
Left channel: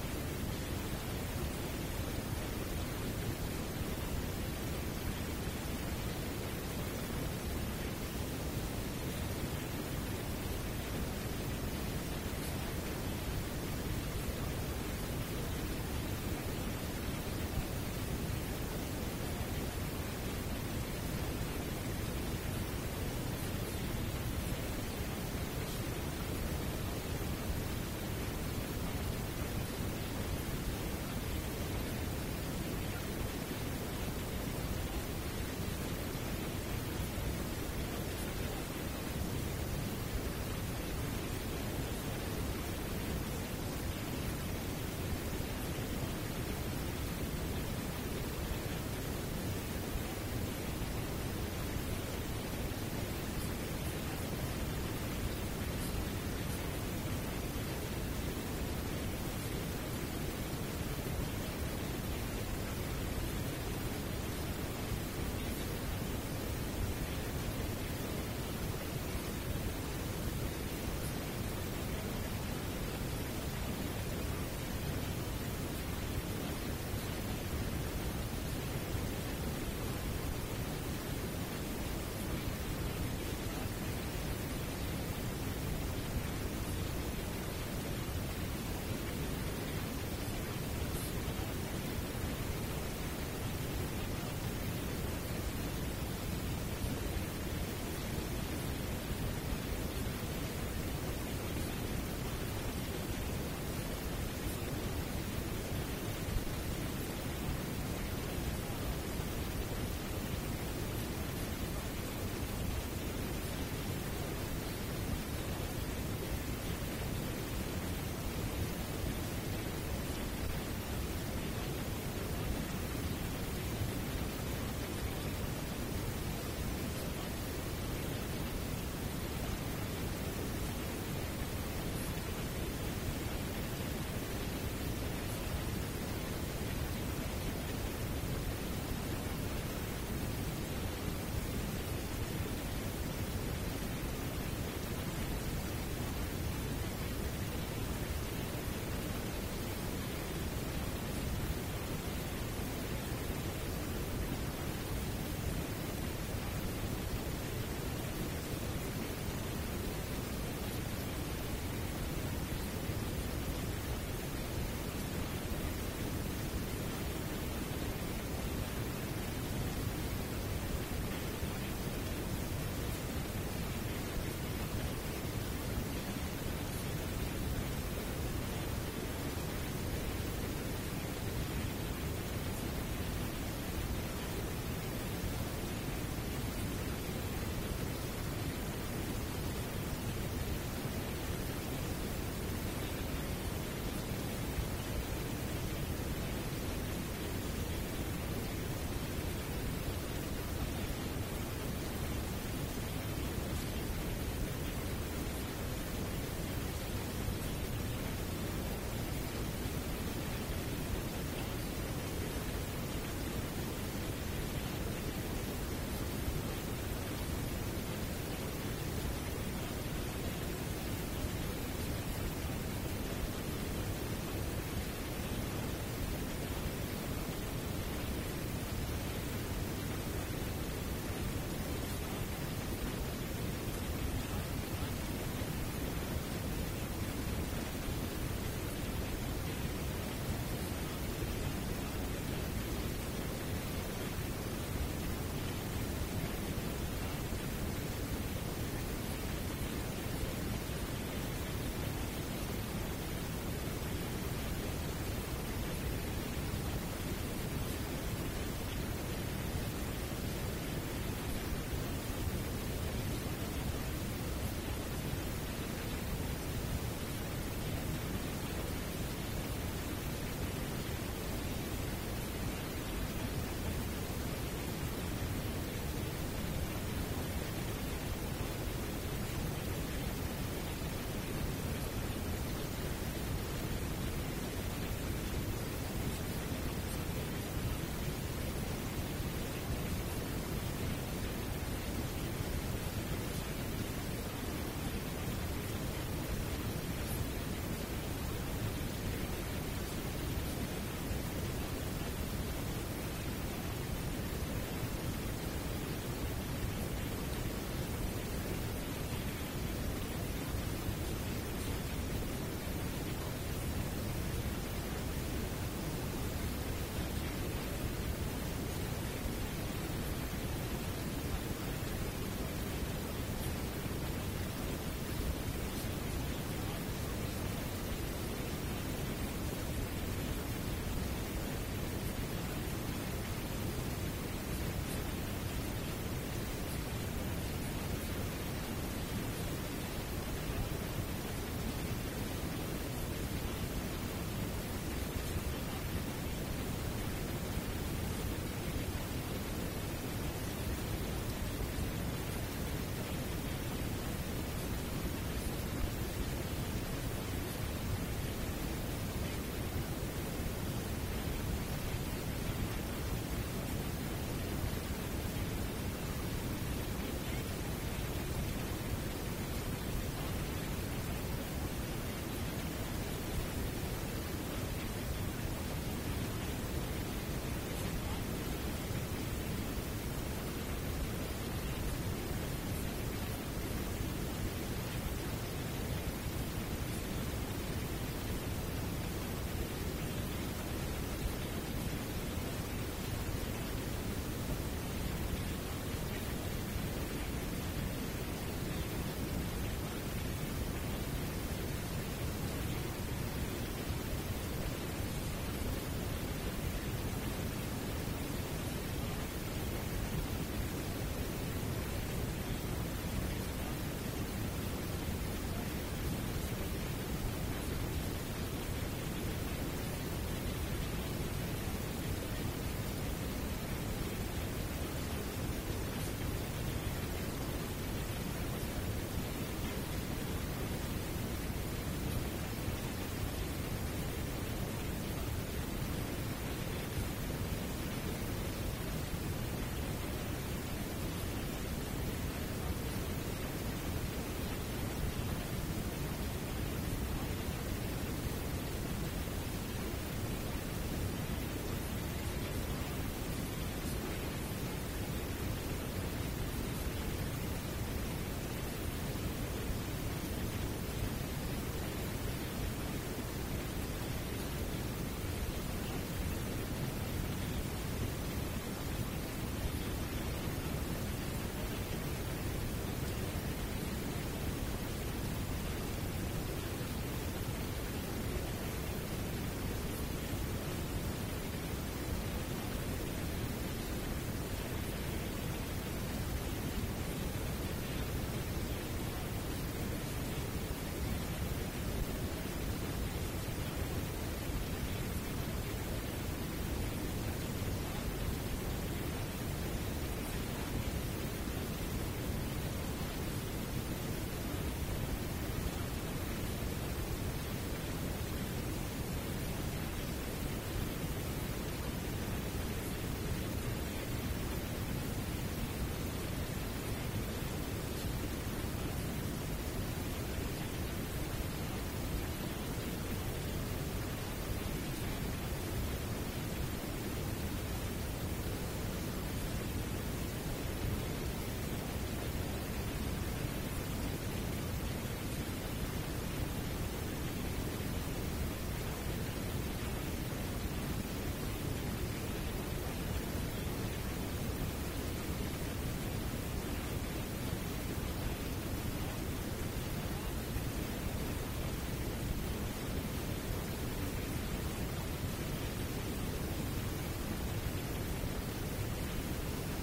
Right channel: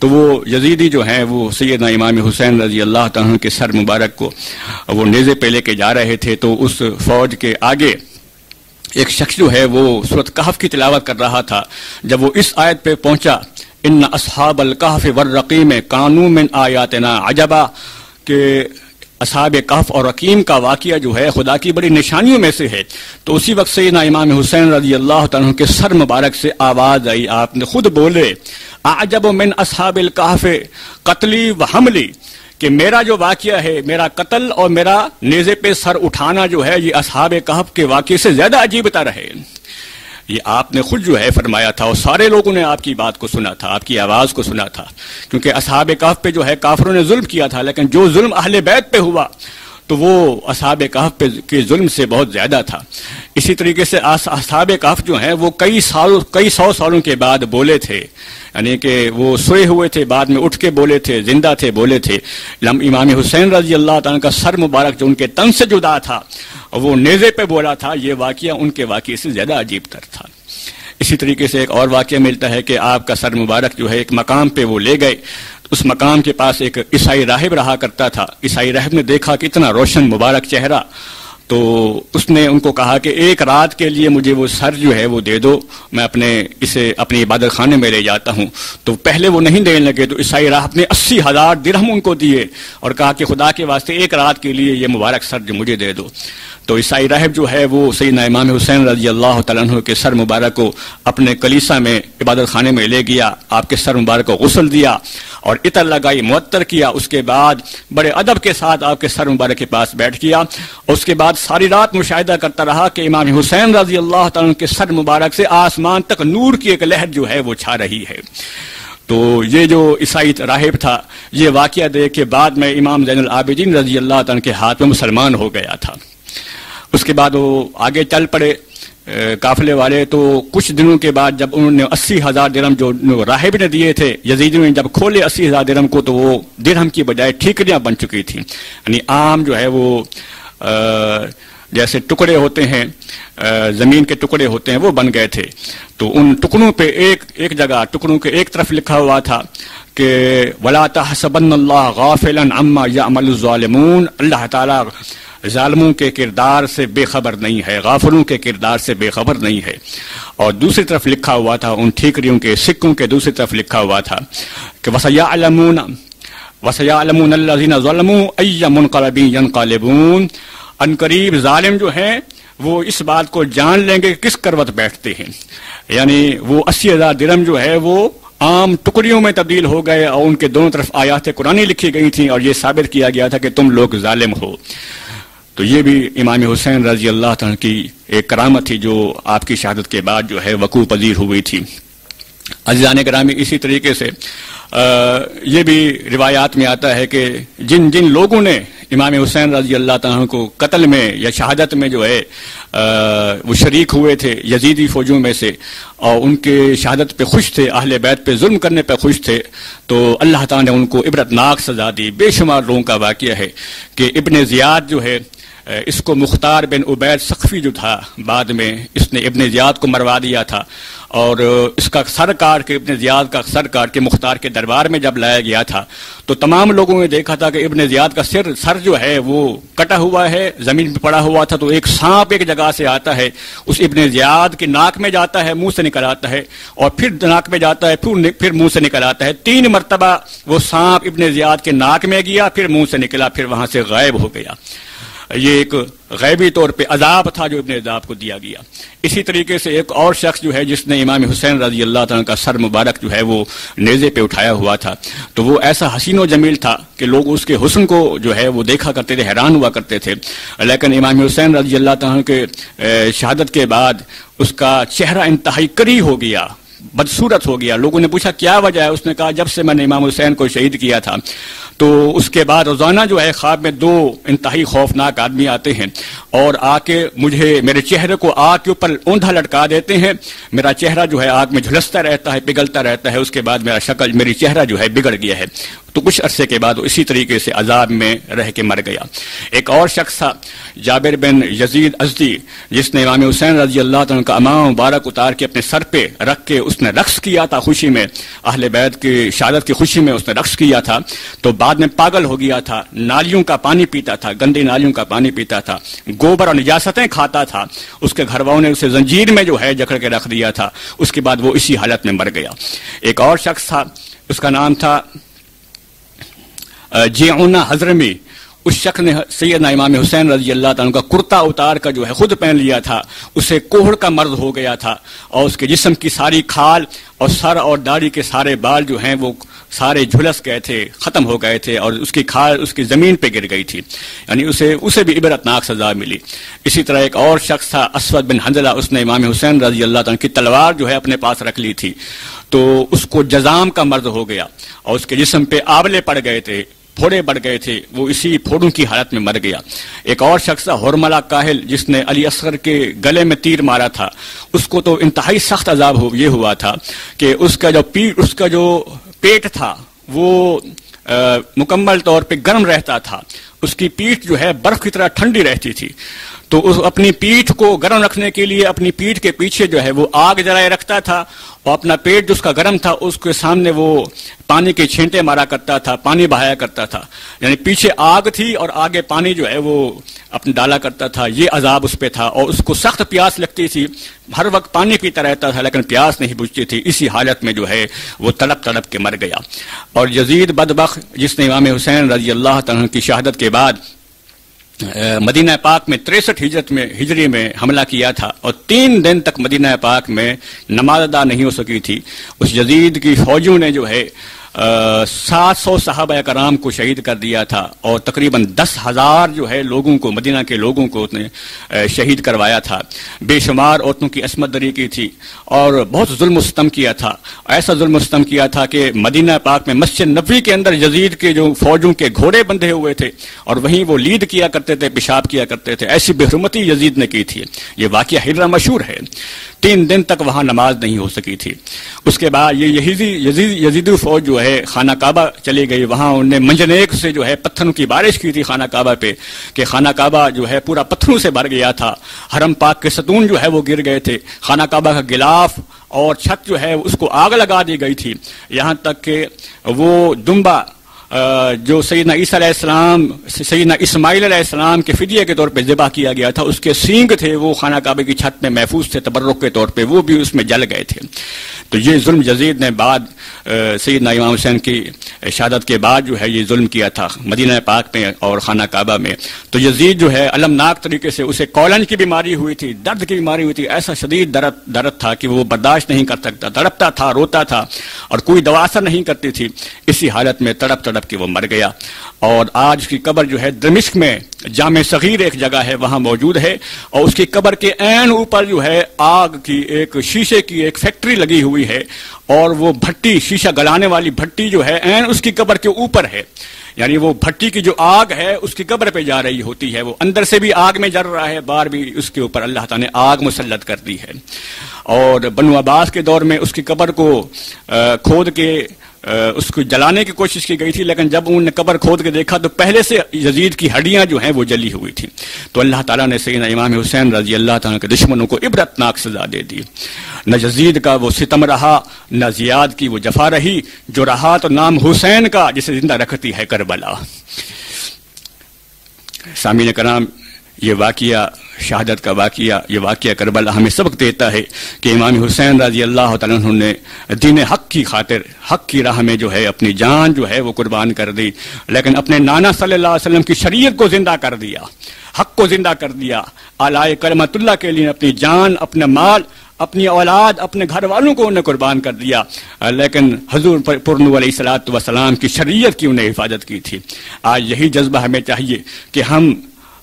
تو وہ یزیدی جو ہیں وہ سیدنا امام حسین رضی اللہ تعالیٰ کے سر مبارک کو وہ نیزے پہ لے کے جا رہے تھے، تو اس فوج کے آگے ایک شخص جو ہے وہ سورۃ کہف کی تلاوت کر رہا تھا۔ جب وہ اس آیت پہ پہنچا، ان اصحاب الکہف والرقیم کانوا من آیاتنا عجبا، کہ اصحاب کہف اور رقیم کا واقعہ جو ہے خدا کی بڑی نشانیوں میں سے ہے، تو اسی وقت سیدنا امام حسین رضی اللہ تعالیٰ کے سر مبارک سے آواز آئی، آپ نے خود بولے، اعجب من اصحاب الکہف قتلی و حملی، کہ میرا جو واقعہ ہے، میرا قتل اور میرا نیزے پہ سر اٹھانا جو ہے، یہ اصحاب کہف کے واقعے سے زیادہ عجیب تر ہے۔ یہ آپ نے خود جو ہے فرمایا تھا، اور سارے لوگوں نے آپ کی بات کو سنا تھا، آپ کی آواز کو سنا تھا، کیونکہ اصحاب کہف پہ جو ہے کافروں نے ظلم کیا تھا، لیکن جو ظلم اہل بیت پہ ہوا تو وہ اصحاب کہف پہ کے ظلم سے بہت زیادہ تھا۔ اسی طریقے سے اصحاب کہف جو ہیں وہ کئی سو سالوں کے بعد بولے تھے، یعنی کہ وہ سوئے ہوئے تھے، بعد میں اٹھ کے بولے تھے، زندہ تھے، بولے تھے۔ امام حسین رضی اللہ تعالیٰ کا سر مبارک جو ان کے تن سے جدا تھا، وہ نیزے پہ بولا تھا، یہ واقعہ ان کے واقعے سے زیادہ عجیب تر تھا۔ اسی طریقے سے ایک اور واقعہ ملتا ہے کہ آپ کا سر مبارک جو ہے ایک مقام پہ وہ لے گئے، اس مقام کے پاس ایک عیسائی راہب رہا کرتا تھا۔ عیسائی راہب نے دیکھا کہ اتنا روشن مبارک چہرہ، تو اس نے ان کو کہا کہ ایک رات کے لیے مجھے وہ سر جو ہے وہ دے دو، میں اسے اپنی عبادت خانے میں لے جاتا ہوں۔ تو پہلے وہ نہیں دینے لگے، تو عیسائی راہب نے 80,000 درہم ان کو دیے اور کہا کہ خدا کے واسطے ایک رات کے لیے یہ مبارک سر جو مجھے دے دو۔ تو عیسائی راہب جو ہے وہ سیدنا امام حسین رضی اللہ تعالیٰ عنہ کے سر مبارک کو اپنے کلیسا میں عبادت خانے میں لے گیا، آپ کے سر مبارک کو غسل دیا اور عطر لگائی، معطر کیا، اس کے بعد بڑے ادب کے ساتھ آپ کے سر مبارک کے پاس بیٹھ گیا، اور اس کے بعد ساری رات مشاہدہ کرتا رہا کہ امام حسین رضی اللہ تعالیٰ عنہ کے سر مبارک سے آسمان تک نور کی ایک لہر جو ہے وہ چھا رہی ہے۔ تو یہ جو عیسائی راہب تھا، یہ واقعہ دیکھ کے بعد میں امام زین العابدین رضی اللہ تعالیٰ کے ہاتھ میں مسلمان ہو گیا تھا۔ اس کے بعد وہ آگے چل پڑے قافلے والے، تو کچھ دنوں کے بعد جب انہوں نے 80,000 درہم جو راہب نے دیے تھے، یزیدیوں نے جب کھولے 80,000 درہم کو، تو وہ درہم کی بجائے ٹھیکریاں بن چکی تھیں، یعنی عام جو ہے وہ جیسے ٹکڑے ہوتے ہیں، زمین کے ٹکڑے ہوتے ہیں، وہ بن گئے تھے۔ تو ان ٹکڑوں پہ ایک جگہ ٹکڑوں کے ایک طرف لکھا ہوا تھا کہ وَلَا تَحْسَبَنَّ اللَّهَ غَافِلًا عَمَّا يَعْمَلُ الظَّالِمُونَ، اللہ تعالیٰ ظالموں کے کردار سے بے خبر نہیں ہے، غافلوں کے کردار سے بے خبر نہیں ہے۔ اور دوسری طرف لکھا ہوا تھا، ان ٹھیکریوں کے سکوں کے دوسری طرف لکھا ہوا تھا کہ وَسَيَعْلَمُونَ الَّذِينَ ظَلَمُوا أَيَّ مُنْقَلَبٍ يَنْقَلِبُونَ، ان قریب ظالم جو ہیں وہ اس بات کو جان لیں گے کہ کس کروٹ بیٹھتے ہیں، یعنی وہ 80,000 درہم جو ہے وہ عام ٹکڑیوں میں تبدیل ہو گئے، اور ان کے دونوں طرف آیات قرآنی لکھی گئی تھیں، اور یہ ثابت کیا گیا تھا کہ تم لوگ ظالم ہو۔ تو یہ بھی امام حسین رضی اللہ تعالیٰ کی ایک کرامت تھی جو آپ کی شہادت کے بعد جو ہے وقوع پذیر ہوئی تھی۔ عزیزان گرامی، اسی طریقے سے یہ بھی روایات میں آتا ہے کہ جن جن لوگوں نے امام حسین رضی اللہ تعالیٰ عنہ کو قتل میں یا شہادت میں جو ہے وہ شریک ہوئے تھے یزیدی فوجوں میں سے، اور ان کے شہادت پہ خوش تھے، اہل بیت پہ ظلم کرنے پہ خوش تھے، تو اللہ تعالیٰ نے ان کو عبرتناک سزا دی۔ بے شمار لوگوں کا واقعہ ہے کہ ابن زیاد جو ہے، اس کو مختار بن عبید ثقفی جو تھا، بعد میں اس نے ابن زیاد کو مروا دیا تھا، اور اس کا سر کاٹ کے، ابن زیاد کا سر کاٹ کے مختار کے دربار میں جب لایا گیا تھا تو تمام لوگوں نے دیکھا تھا کہ ابن زیاد کا سر جو ہے وہ کٹا ہوا ہے، زمین پہ پڑا ہوا تھا، تو ایک سانپ ایک جگہ سے آتا ہے، اس ابن زیاد کے ناک میں جاتا ہے، منہ سے نکل آتا ہے، اور پھر ناک میں جاتا ہے، پھر منہ سے نکل آتا ہے۔ 3 مرتبہ وہ سانپ ابن زیاد کے ناک میں گیا، پھر منہ سے نکلا، پھر وہاں سے غائب ہو گیا۔ یہ ایک غیبی طور پہ عذاب تھا جو ابن زیاد کو دیا گیا۔ اسی طریقے سے ایک اور شخص جو ہے جس نے امام حسین رضی اللہ تعالیٰ کا سر مبارک جو ہے وہ نیزے پہ اٹھایا ہوا تھا، تو وہ ایسا حسین و جمیل تھا کہ لوگ اس کے حسن کو جو ہے وہ دیکھا کرتے تھے، حیران ہوا کرتے تھے، لیکن امام حسین رضی اللہ تعالیٰ کے شہادت کے بعد اس کا چہرہ انتہائی کری ہو گیا، بدصورت ہو گیا۔ لوگوں نے پوچھا کیا وجہ ہے؟ اس نے کہا جب سے میں نے امام حسین کو شہید کیا تھا تو اس کے بعد روزانہ جو ہے خواب میں 2 انتہائی خوفناک آدمی آتے ہیں اور آ کے میرے چہرے کو آگ کے اوپر اوندھا لٹکا دیتے ہیں، میرا چہرہ جو ہے آگ میں جھلستا رہتا ہے، پگھلتا رہتا ہے، اس کے بعد میری چہرہ جو ہے بگڑ گیا ہے۔ تو کچھ عرصے کے بعد اسی طریقے سے عذاب میں رہ کے مر گیا۔ ایک اور شخص تھا جابر بن یزید ازدی، جس نے امام حسین رضی اللہ عنہ کا امامہ مبارک اتار کے اپنے سر پہ رکھ کے اس نے رقص کیا تھا، خوشی میں، اہل بیت کی شہادت کی خوشی میں اس نے رقص کیا تھا، تو بعد میں پاگل ہو گیا تھا، نالیوں کا پانی پیتا تھا، گندی نالیوں کا پانی پیتا تھا، گوبر اور نجاستیں کھاتا تھا، اس کے گھر والوں نے اسے زنجیر میں جو ہے جکڑ کے رکھ دیا تھا، اس کے بعد وہ اسی حالت میں مر گیا۔ ایک اور شخص تھا، اس کا نام تھا جیعونہ حضرمی، اس شخص نے سیدنا امام حسین رضی اللہ تعالیٰ کا کرتا اتار کا جو ہے خود پہن لیا تھا، اسے کوہڑ کا مرض ہو گیا تھا، اور اس کے جسم کی ساری کھال اور سر اور داڑھی کے سارے بال جو ہیں وہ سارے جھلس گئے تھے، ختم ہو گئے تھے، اور اس کی کھال اس کی زمین پہ گر گئی تھی، یعنی اسے بھی عبرتناک سزا ملی۔ اسی طرح ایک اور شخص تھا اسود بن حنظلہ، اس نے امام حسین رضی اللہ تعالیٰ کی تلوار جو ہے اپنے پاس رکھ لی تھی، تو اس کو جزام کا مرض ہو گیا اور اس کے جسم پہ آولے پڑ گئے تھے، پھوڑے بڑھ گئے تھے، وہ اسی پھوڑوں کی حالت میں مر گیا۔ ایک اور شخص تھا حرملہ کاہل، جس نے علی اصغر کے گلے میں تیر مارا تھا، اس کو تو انتہائی سخت عذاب یہ ہوا تھا کہ اس کا جو پیٹ تھا وہ مکمل طور پہ گرم رہتا تھا، اس کی پیٹھ جو ہے برف کی طرح ٹھنڈی رہتی تھی، تو اپنی پیٹھ کو گرم رکھنے کے لیے اپنی پیٹھ کے پیچھے جو ہے وہ آگ جلائے رکھتا تھا، اور اپنا پیٹ جو اس کا گرم تھا اس کے سامنے وہ پانی کے چھینٹے مارا کرتا تھا، پانی بہایا کرتا تھا، یعنی پیچھے آگ تھی اور آگے پانی جو ہے وہ اپنے ڈالا کرتا تھا، یہ عذاب اس پہ تھا، اور اس کو سخت پیاس لگتی تھی، ہر وقت پانی پیتا رہتا تھا لیکن پیاس نہیں بجھتی تھی، اسی حالت میں جو ہے وہ تڑپ تڑپ کے مر گیا۔ اور یزید بدبخت، جس نے امام حسین رضی اللہ تعالیٰ کی شہادت کے بعد مدینہ پاک میں 63 ہجری میں حملہ کیا تھا، اور 3 دن تک مدینہ پاک میں نماز ادا نہیں ہو سکی تھی، اس یزید کی فوجوں نے جو ہے 700 صحابہ کرام کو شہید کر دیا تھا، اور تقریباً 10,000 جو ہے لوگوں کو، مدینہ کے لوگوں کو اس نے شہید کروایا تھا، بے شمار عورتوں کی عصمت دری کی تھی، اور بہت ظلم و ستم کیا تھا، ایسا ظلم و ستم کیا تھا کہ مدینہ پاک میں مسجد نبوی کے اندر یزید کے جو فوجوں کے گھوڑے بندھے ہوئے تھے اور وہیں وہ لید کیا کرتے تھے، پیشاب کیا کرتے تھے، ایسی بے حرمتی یزید نے کی تھی۔ یہ واقعہ ہجرہ مشہور ہے، 3 دن تک وہاں نماز نہیں ہو سکی تھی۔ اس کے بعد یہ یزیدی فوج جو ہے خانہ کعبہ چلی گئی، وہاں انہوں نے منجنیق سے جو ہے پتھروں کی بارش کی تھی خانہ کعبہ پہ، کہ خانہ کعبہ جو ہے پورا پتھروں سے بھر گیا تھا، حرم پاک کے ستون جو ہے وہ گر گئے تھے، خانہ کعبہ کا غلاف اور چھت جو ہے اس کو آگ لگا دی گئی تھی، یہاں تک کہ وہ دمبا جو سیدنا عیسیٰ علیہ السلام، سیدنا اسماعیل علیہ السلام کے فدیے کے طور پہ ذبح کیا گیا تھا، اس کے سینگ تھے وہ خانہ کعبہ کی چھت میں محفوظ تھے تبرک کے طور پہ، وہ بھی اس میں جل گئے تھے۔ تو یہ ظلم یزید نے بعد سیدنا امام حسین کی شہادت کے بعد جو ہے یہ ظلم کیا تھا مدینہ پاک میں اور خانہ کعبہ میں۔ تو یزید جو ہے المناک طریقے سے، اسے کولن کی بیماری ہوئی تھی، درد کی بیماری ہوئی تھی، ایسا شدید درد تھا کہ وہ برداشت نہیں کر سکتا، تڑپتا تھا، روتا تھا، اور کوئی دوا اثر نہیں کرتی تھی، اسی حالت میں تڑپ تڑپ کے وہ مر گیا۔ اور آج کی قبر جو ہے دمشق میں جامع صغیر ایک جگہ ہے وہاں موجود ہے، اور اس کی قبر کے عین اوپر جو ہے آگ کی ایک شیشے کی ایک فیکٹری لگی ہوئی ہے، اور وہ بھٹی شیشہ گلانے والی بھٹی جو ہے عین اس کی قبر کے اوپر ہے، یعنی وہ بھٹی کی جو آگ ہے اس کی قبر پہ جا رہی ہوتی ہے، وہ اندر سے بھی آگ میں جل رہا ہے، باہر بھی اس کے اوپر اللہ تعالیٰ نے آگ مسلط کر دی ہے۔ اور بنو عباس کے دور میں اس کی قبر کو کھود کے اس کو جلانے کی کوشش کی گئی تھی، لیکن جب انہوں نے قبر کھود کے دیکھا تو پہلے سے یزید کی ہڈیاں جو ہیں وہ جلی ہوئی تھیں، تو اللہ تعالیٰ نے سیدنا امام حسین رضی اللہ تعالیٰ کے دشمنوں کو عبرتناک سزا دے دی۔ نہ یزید کا وہ ستم رہا، نہ زیاد کی وہ جفا رہی، جو رہا تو نام حسین کا جسے زندہ رکھتی ہے کربلا۔ سامعین کرام، یہ واقعہ شہادت کا واقعہ، یہ واقعہ کربلا ہمیں سبق دیتا ہے کہ امام حسین رضی اللہ تعالیٰ عنہ نے دین حق کی خاطر حق کی راہ میں جو ہے اپنی جان جو ہے وہ قربان کر دی، لیکن اپنے نانا صلی اللہ علیہ وسلم کی شریعت کو زندہ کر دیا، حق کو زندہ کر دیا، اعلی کلمت اللہ کے لیے اپنی جان، اپنا مال، اپنی اولاد، اپنے گھر والوں کو انہیں قربان کر دیا، لیکن حضور پرنو علیہ الصلوۃ والسلام کی شریعت کی انہیں حفاظت کی تھی۔ آج یہی جذبہ ہمیں چاہیے کہ ہم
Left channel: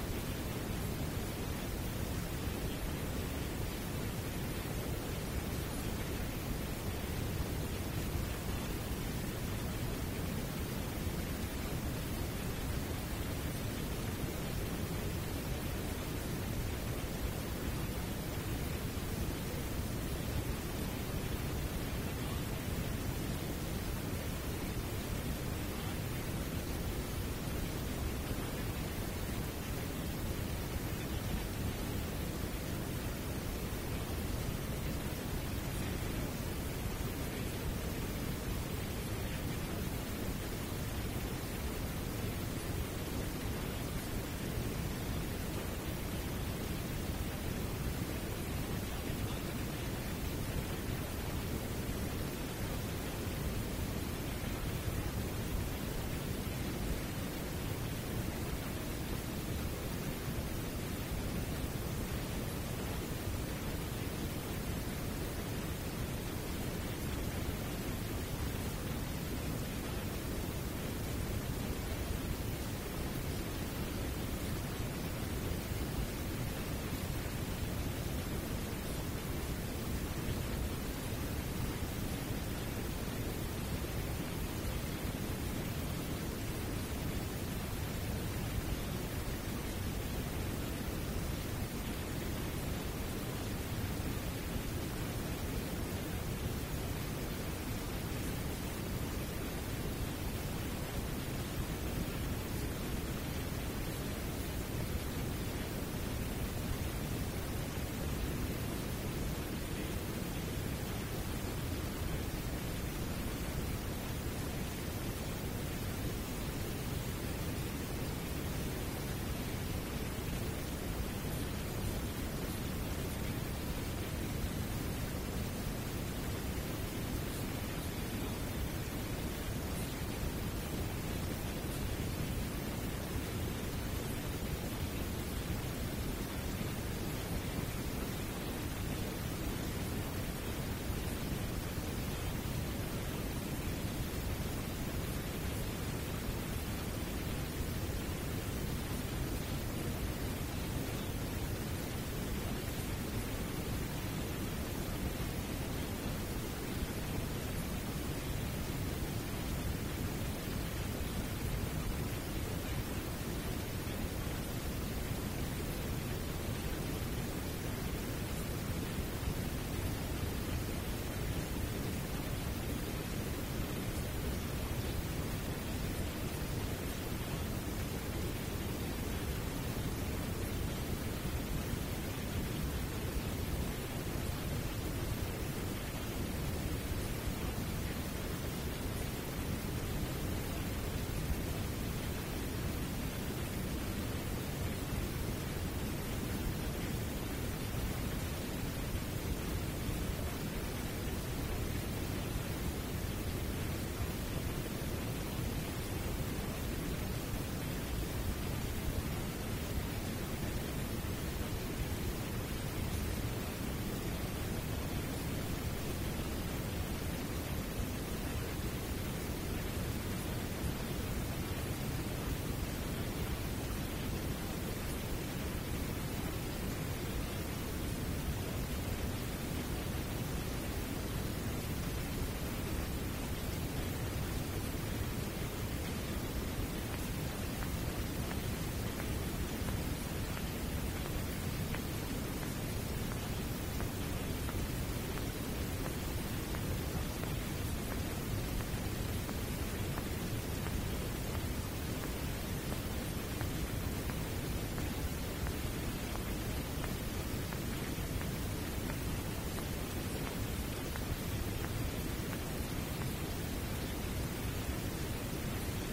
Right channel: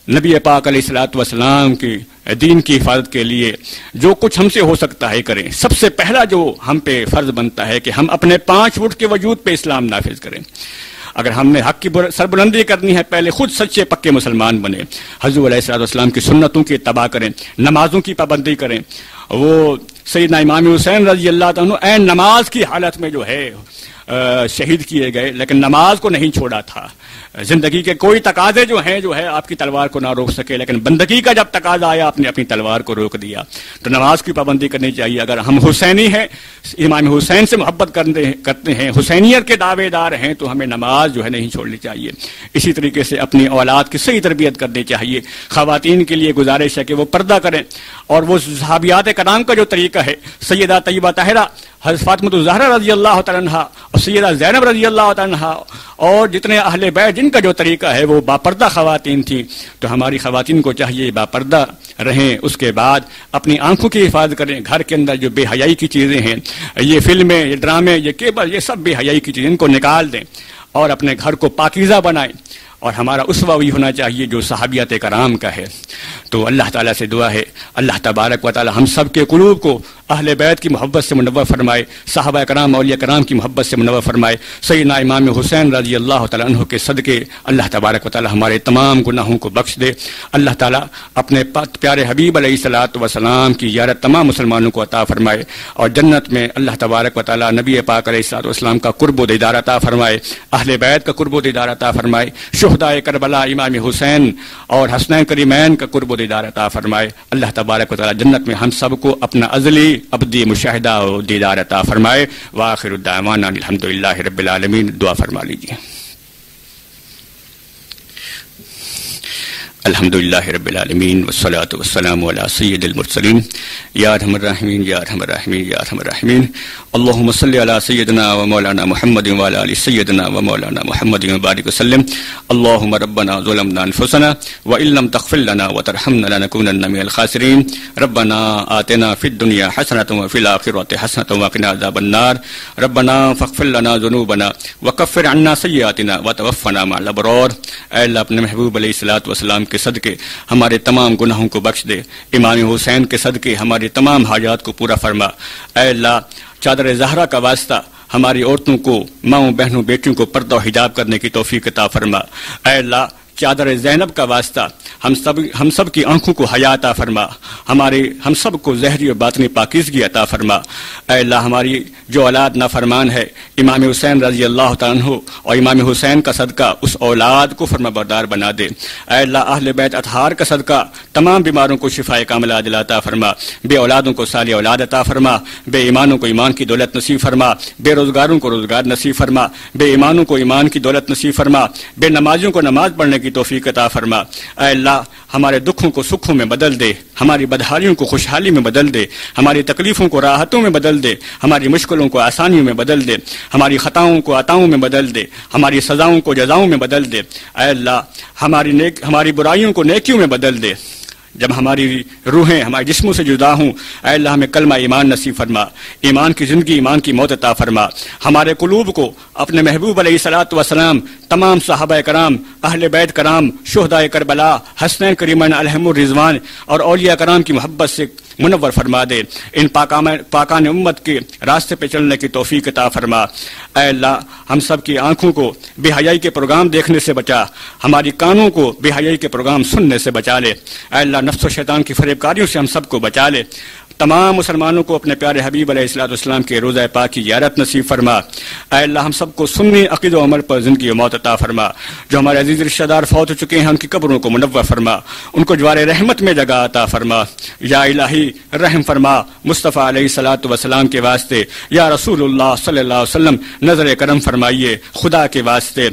نبی پاک علیہ الصلوۃ والسلام کی دین کی حفاظت کے لیے جو کچھ ہم سے ہو سکتا ہے کریں۔ سب سے پہلا جو ہم پہ فرض بنتا ہے کہ ہم اپنے 5 فٹ کے وجود پہ اسلام نافذ کریں۔ اگر ہم نے حق کی سربلندی کرنی ہے، پہلے خود سچے پکے مسلمان بنے، حضور علیہ الصلوۃ والسلام کی سنتوں کی اتباع کریں، نمازوں کی پابندی کریں۔ وہ سیدنا امام حسین رضی اللہ عنہ عین نماز کی حالت میں جو ہے شہید کیے گئے، لیکن نماز کو نہیں چھوڑا تھا۔ زندگی کے کوئی تقاضے جو ہے آپ کی تلوار کو نہ روک سکے، لیکن بندگی کا جب تقاضا آیا آپ نے اپنی تلوار کو روک دیا۔ تو نماز کی پابندی کرنی چاہیے۔ اگر ہم حسینی ہیں، امام حسین سے محبت کرتے ہیں، حسینیت کے دعوے دار ہیں، تو ہمیں نماز جو ہے نہیں چھوڑنی چاہیے۔ اسی طریقے سے اپنی اولاد کی صحیح تربیت کرنی چاہیے۔ خواتین کے لیے گزارش ہے کہ وہ پردہ کریں، اور وہ صحابیات کرام کا جو طریقہ ہے، سیدہ طیبہ طاہرہ، حضرت فاطمہ الزہرا رضی اللہ تعالیٰ عنہا اور سیدہ زینب رضی اللہ تعالیٰ عنہا، اور جتنے اہل بیت جن کا جو طریقہ ہے وہ باپردہ خواتین تھیں، تو ہماری خواتین کو چاہیے باپردہ رہیں۔ اس کے بعد اپنی آنکھوں کی حفاظت کریں۔ گھر کے اندر جو بے حیائی کی چیزیں ہیں، یہ فلمیں، یہ ڈرامے، یہ کیبل، یہ سب بے حیائی کی چیزیں، ان کو نکال دیں اور اپنے گھر کو پاکیزہ بنائیں۔ اور ہمارا اسوہ وہی ہونا چاہیے جو صحابیات کرام کا ہے۔ تو اللہ تعالیٰ سے دعا ہے اللہ تبارک و تعالیٰ ہم سب کے قلوب کو اہل بیت کی محبت سے منور فرمائے، صحابہ کرام اولیاء کرام کی محبت سے منور فرمائے۔ سیدنا امام حسین رضی اللہ تعالیٰ عنہ کے صدقے اللہ تبارک و تعالیٰ ہمارے تمام گناہوں کو بخش دے۔ اللہ تعالیٰ اپنے پیارے حبیب علیہ الصلوۃ والسلام کی زیارت تمام مسلمانوں کو عطا فرمائے، اور جنت میں اللہ تبارک و تعالیٰ نبی پاک علیہ الصلوۃ والسلام کا قرب و دیدار عطا فرمائے، اہل بیت کا قرب و دیدار عطا فرمائے، شہدائے کربلا امام حسین اور حسنین کریمین کا قرب و دیدار عطا فرمائے۔ اللہ تبارک و تعالیٰ جنت میں ہم سب کو اپنا ازلی ابدی مشاہدہ و دیدار عطا فرمائے۔ وآخر الدعوانا الحمدللہ رب العالمین۔ دعا فرما لیجیے۔ الحمدللہ رب العالمین والصلاة والسلام علی سید المرسلین یا ارحم الراحمین یا ارحم الراحمین یا ارحم الراحمین۔ اللہم صلی علی سیدنا و مولانا محمد وعلی آل سیدنا و مولانا محمد وبارک وسلم۔ اللہم ربنا ظلمنا انفسنا وان لم تغفر لنا وترحمنا لنکونن من الخاسرین۔ ربنا آتنا فی الدنیا حسنۃ وفی الآخرۃ حسنۃ وقنا عذاب النار۔ ربنا فاغفر لنا ذنوبنا وکفر عنا سیئاتنا وتوفنا مع الابرار۔ اے اللہ اپنے محبوب علیہ الصلوۃ والسلام کے صدقے ہمارے تمام گناہوں کو بخش دے، امام حسین کے صدقے ہماری تمام حاجات کو پورا فرما۔ اے اللہ چادر زہرا کا واسطہ ہماری عورتوں کو، ماؤں بہنوں بیٹیوں کو پردہ و حجاب کرنے کی توفیق عطا فرما۔ اے اللہ چادر زینب کا واسطہ ہم سب کی آنکھوں کو حیا عطا فرما، ہم سب کو ظاہری و باطنی پاکیزگی عطا فرما۔ اے اللہ ہماری جو اولاد نافرمان ہے، امام حسین رضی اللہ تعالیٰ عنہ اور امام حسین کا صدقہ اس اولاد کو فرما بردار بنا دے۔ اے اللہ اہل بیت اطہار کا صدقہ تمام بیماروں کو شفاء کاملہ عاجلہ عطا فرما، بے اولادوں کو صالح اولاد عطا فرما، بے ایمانوں کو ایمان کی دولت نصیب فرما، بے روزگاروں کو روزگار نصیب فرما، بے ایمانوں کو ایمان کی دولت نصیب فرما، بے نمازیوں کو نماز پڑھنے کی توفیق عطا فرما۔ اے اللہ ہمارے دکھوں کو سکھوں میں بدل دے، ہماری بدحالیوں کو خوشحالی میں بدل دے، ہماری تکلیفوں کو راحتوں میں بدل دے، ہماری مشکلوں کو آسانیوں میں بدل دے، ہماری خطاؤں کو عطاؤں میں بدل دے، ہماری سزاؤں کو جزاؤں میں بدل دے۔ اے اللہ ہماری برائیوں کو نیکیوں میں بدل دے۔ جب ہماری روحیں ہمارے جسموں سے جدا ہوں، اے اللہ ہمیں کلمہ ایمان نصیب فرما، ایمان کی زندگی، ایمان کی موت عطا فرما، ہمارے قلوب کو اپنے محبوب علیہ الصلوۃ والسلام، تمام صحابہ کرام، اہل بیت کرام، شہدائے کربلا، حسنین کریمین علیہم الرضوان اور اولیاء کرام کی محبت سے منور فرما دے، ان پاکان امت کے راستے پہ چلنے کی توفیق عطا فرما۔ اے اللہ ہم سب کی آنکھوں کو بے حیائی کے پروگرام دیکھنے سے بچا، ہماری کانوں کو بے حیائی کے پروگرام سننے سے بچا لے، اے اللہ نفس و شیطان کی فریب کاریوں سے ہم سب کو بچا لے، تمام مسلمانوں کو اپنے پیارے حبیب علیہ الصلوۃ والسلام کے روضہ پاک کی زیارت نصیب فرما۔ اے اللہ ہم سب کو سنی عقید و عمل پر زندگی و موت عطا فرما، جو ہمارے عزیز رشتہ دار فوت ہو چکے ہیں ان کی قبروں کو منور فرما، ان کو جوار رحمت میں جگہ عطا فرما۔ یا الہی رحم فرما مصطفیٰ علیہ الصلوۃ والسلام کے واسطے، یا رسول اللہ صلی اللہ علیہ وسلم نظر کرم فرمائیے خدا کے واسطے۔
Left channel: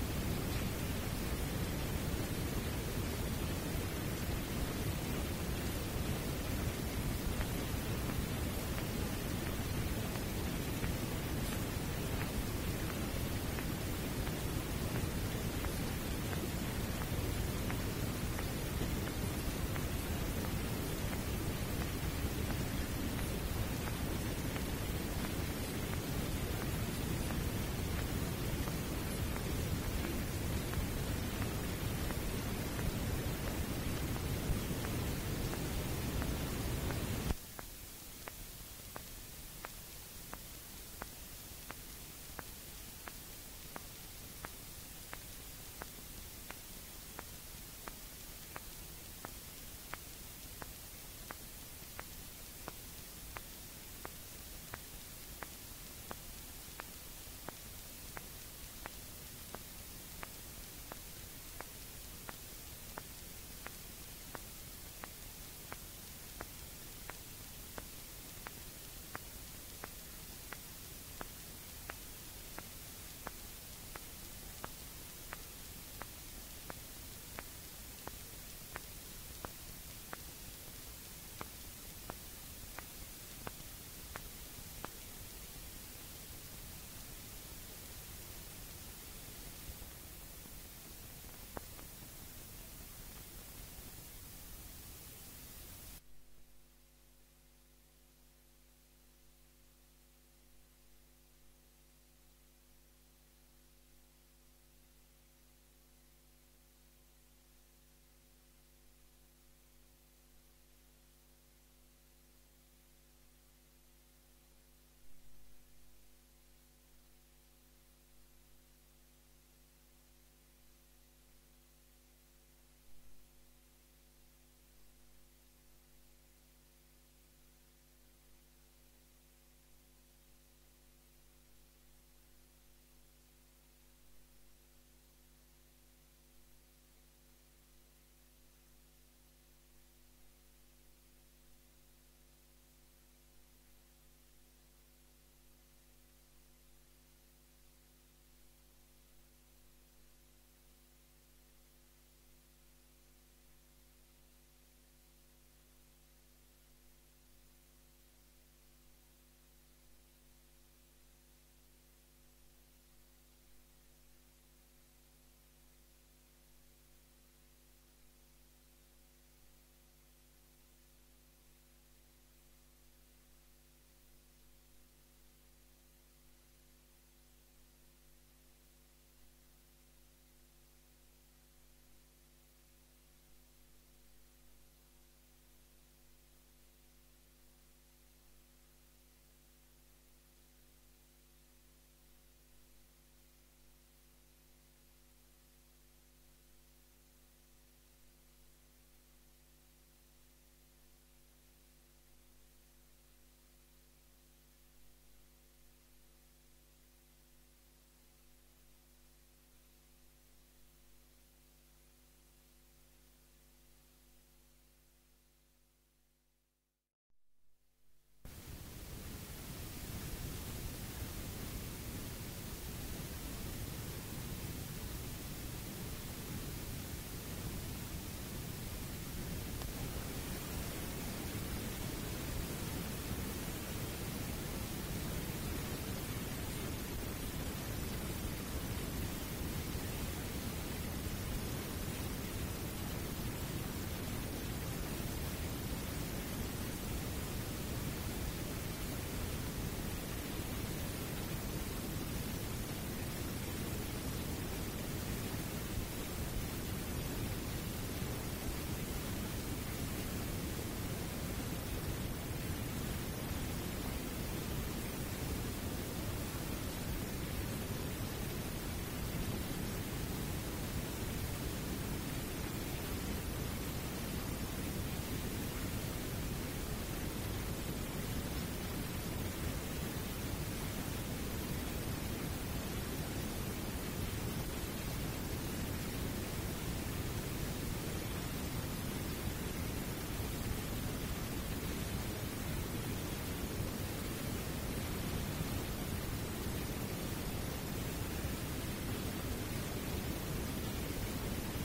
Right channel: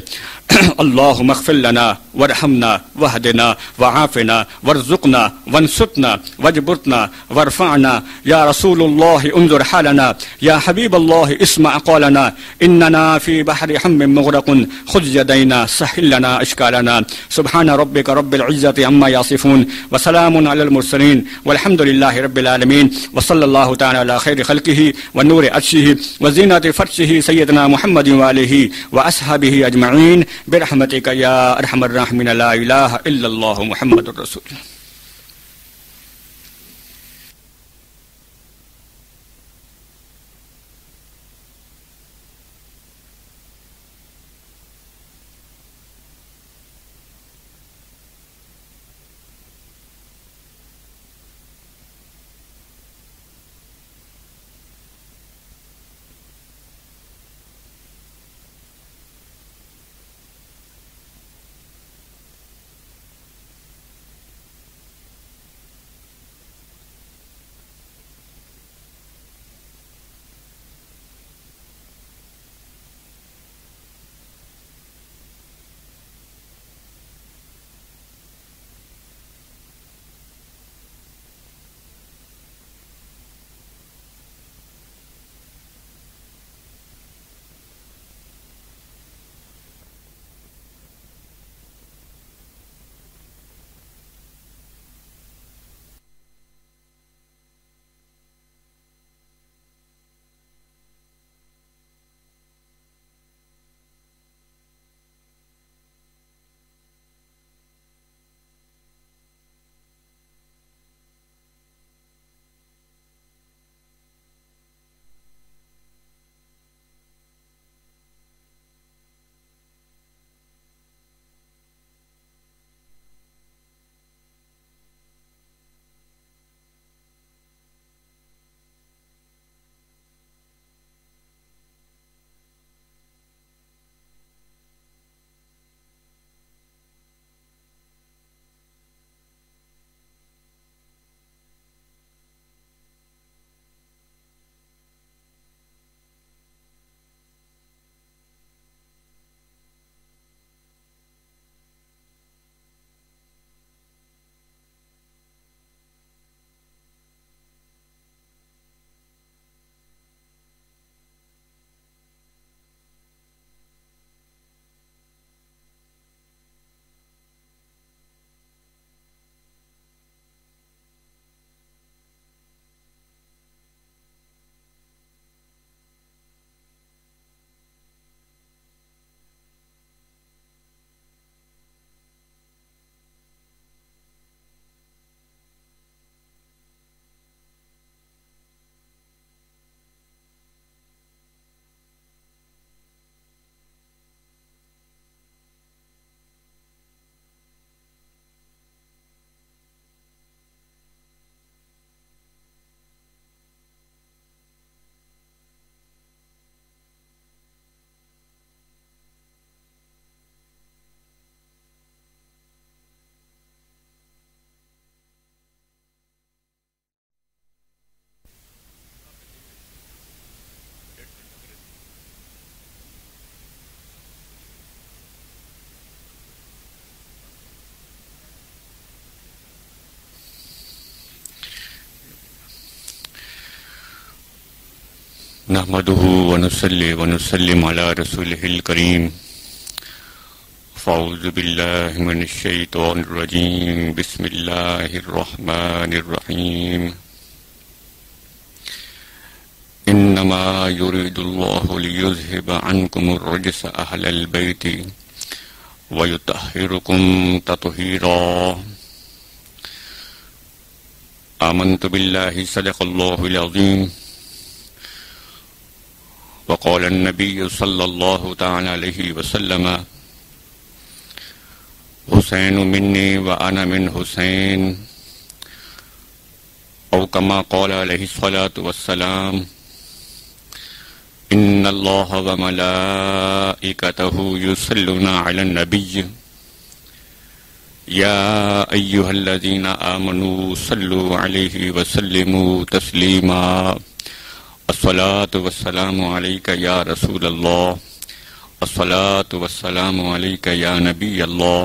اللہم اغفر لنا وارحمنا وہدنا وعافنا وارزقنا وانصرنا واجبرنا وارفعنا، یا رسول اللہ انظر حالنا، یا حبیب اللہ اسمع قولنا، اننا فی بحر ہم مغرق خذ یدینا سہل لنا اشکالنا، سبحان ربک رب العزة عما یصفون وسلام علی المرسلین والحمد للہ رب العالمین، وصلی اللہ تعالی علی خیر خلقہ ونور عرشہ وزینۃ فرشہ سیدنا محمد وآلہ واصحابہ اجمعین برحمتک یا ارحم الراحمین، لا الہ الا اللہ محمد الرسول اللہ۔ نحمده ونصلي ونسلم على رسوله الكريم فاعوذ باللہ من الشیطان الرجیم بسم اللہ الرحمن الرحیم انما يريد الله ليذهب عنكم الرجس اهل البيت ويطهركم تطهيرا آمنت بالله صدق الله العظيم وقال النبي صلى الله تعالى عليه وسلم حسین منی وأنا من حسین او كما قال عليه الصلاة والسلام ان اللہ وملائکته يصلون على النبی یا ایها الذین آمنوا صلوا علیہ وسلموا تسلیما الصلاة والسلام علیک یا رسول اللہ الصلاة والسلام علیک یا نبی اللہ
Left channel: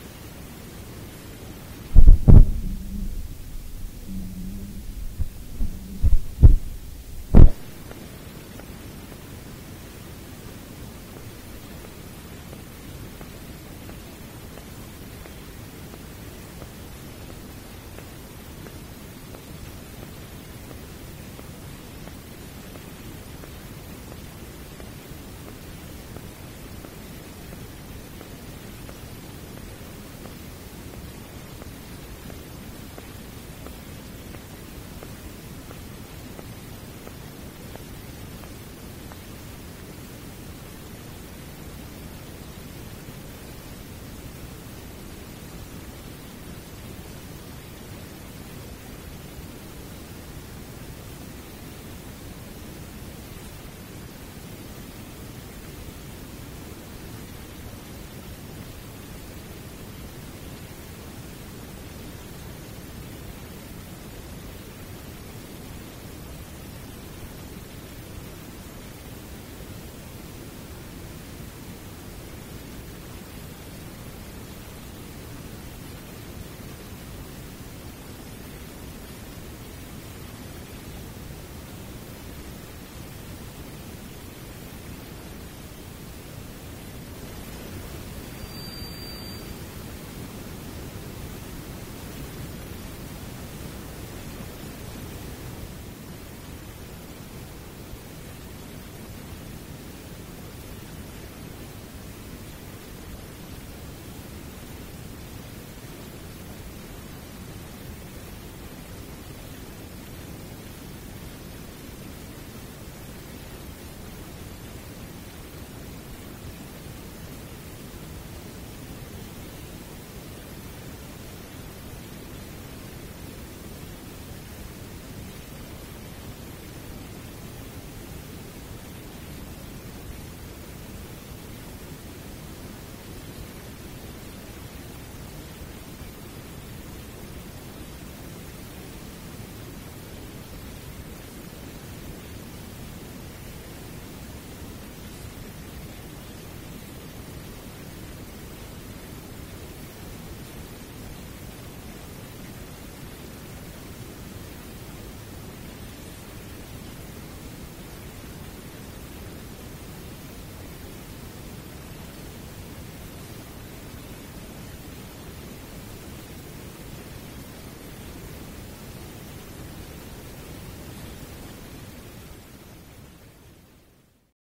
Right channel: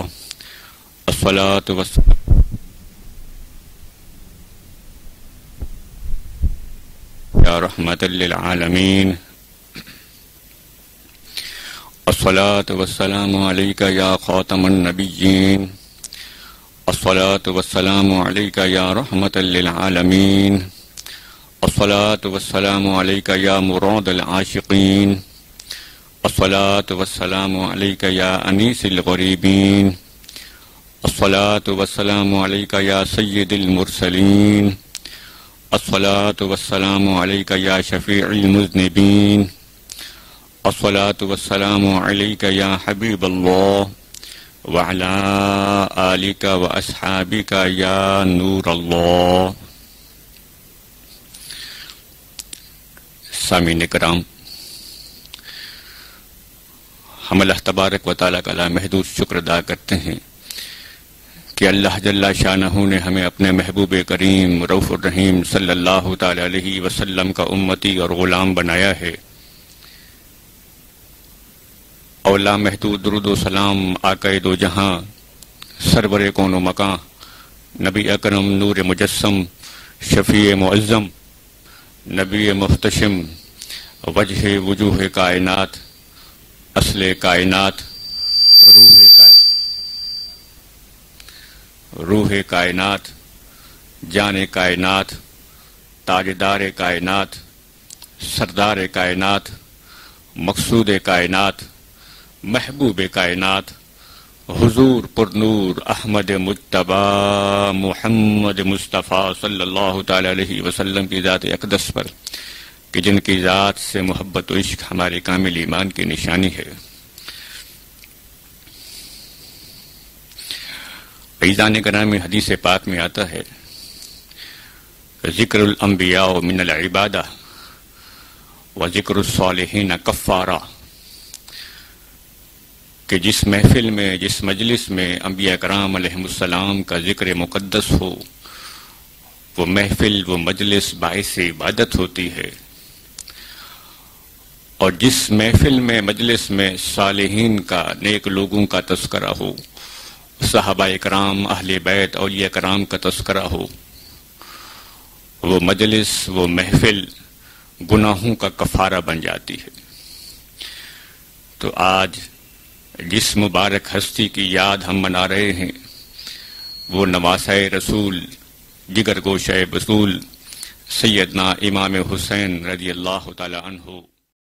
الصلاة والسلام یا رحمت للعالمین الصلاة والسلام علیک یا خاتم النبیین الصلاة والسلام علیک یا رحمت للعالمین الصلاة والسلام علیک یا مراد العاشقین الصلاة والسلام علیک یا انیس الغریبین الصلاة والسلام علیک یا سید المرسلین الصلاة والسلام علیک یا شفیع المذنبین الصلاة والسلام علیک یا حبیب اللہ وعلی آلک و اصحابک یا نور اللہ. سامعین کرام، ہم اللہ تبارک و تعالیٰ کا لامحدود شکر ادا کرتے ہیں کہ اللہ جل شانہ نے ہمیں اپنے محبوب کریم رؤوف الرحیم صلی اللہ تعالی علیہ وسلم کا امتی اور غلام بنایا ہے. اور لامحدود درود و سلام آقا دو جہاں سرور کون و مکان نبی اکرم نور مجسم شفیع معظم نبی محتشم وجہ وجوہ کائنات اصل کائنات روح کائنات جان کائنات تاجدار کائنات سردار کائنات مقصود کائنات محبوب کائنات حضور پر نور احمد مجتبی محمد مصطفیٰ صلی اللہ تعالی علیہ وسلم کی ذات اقدس پر کہ جن کی ذات سے محبت و عشق ہمارے کامل ایمان کی نشانی ہے. عزیزان گرامی، حدیث پاک میں آتا ہے ذکر الانبیاء من العبادہ و ذکر الصالحین کفارہ، کہ جس محفل میں، جس مجلس میں انبیاء کرام علیہ السلام کا ذکر مقدس ہو، وہ محفل، وہ مجلس باعث عبادت ہوتی ہے. اور جس محفل میں، مجلس میں صالحین کا، نیک لوگوں کا تذکرہ ہو، صحابہ کرام، اہل بیت، اولیاء کرام کا تذکرہ ہو، وہ مجلس، وہ محفل گناہوں کا کفارہ بن جاتی ہے. تو آج جس مبارک ہستی کی یاد ہم منا رہے ہیں، وہ نواسۂ رسول، جگر گوشۂ بطول، سیدنا امام حسین رضی اللہ تعالی عنہ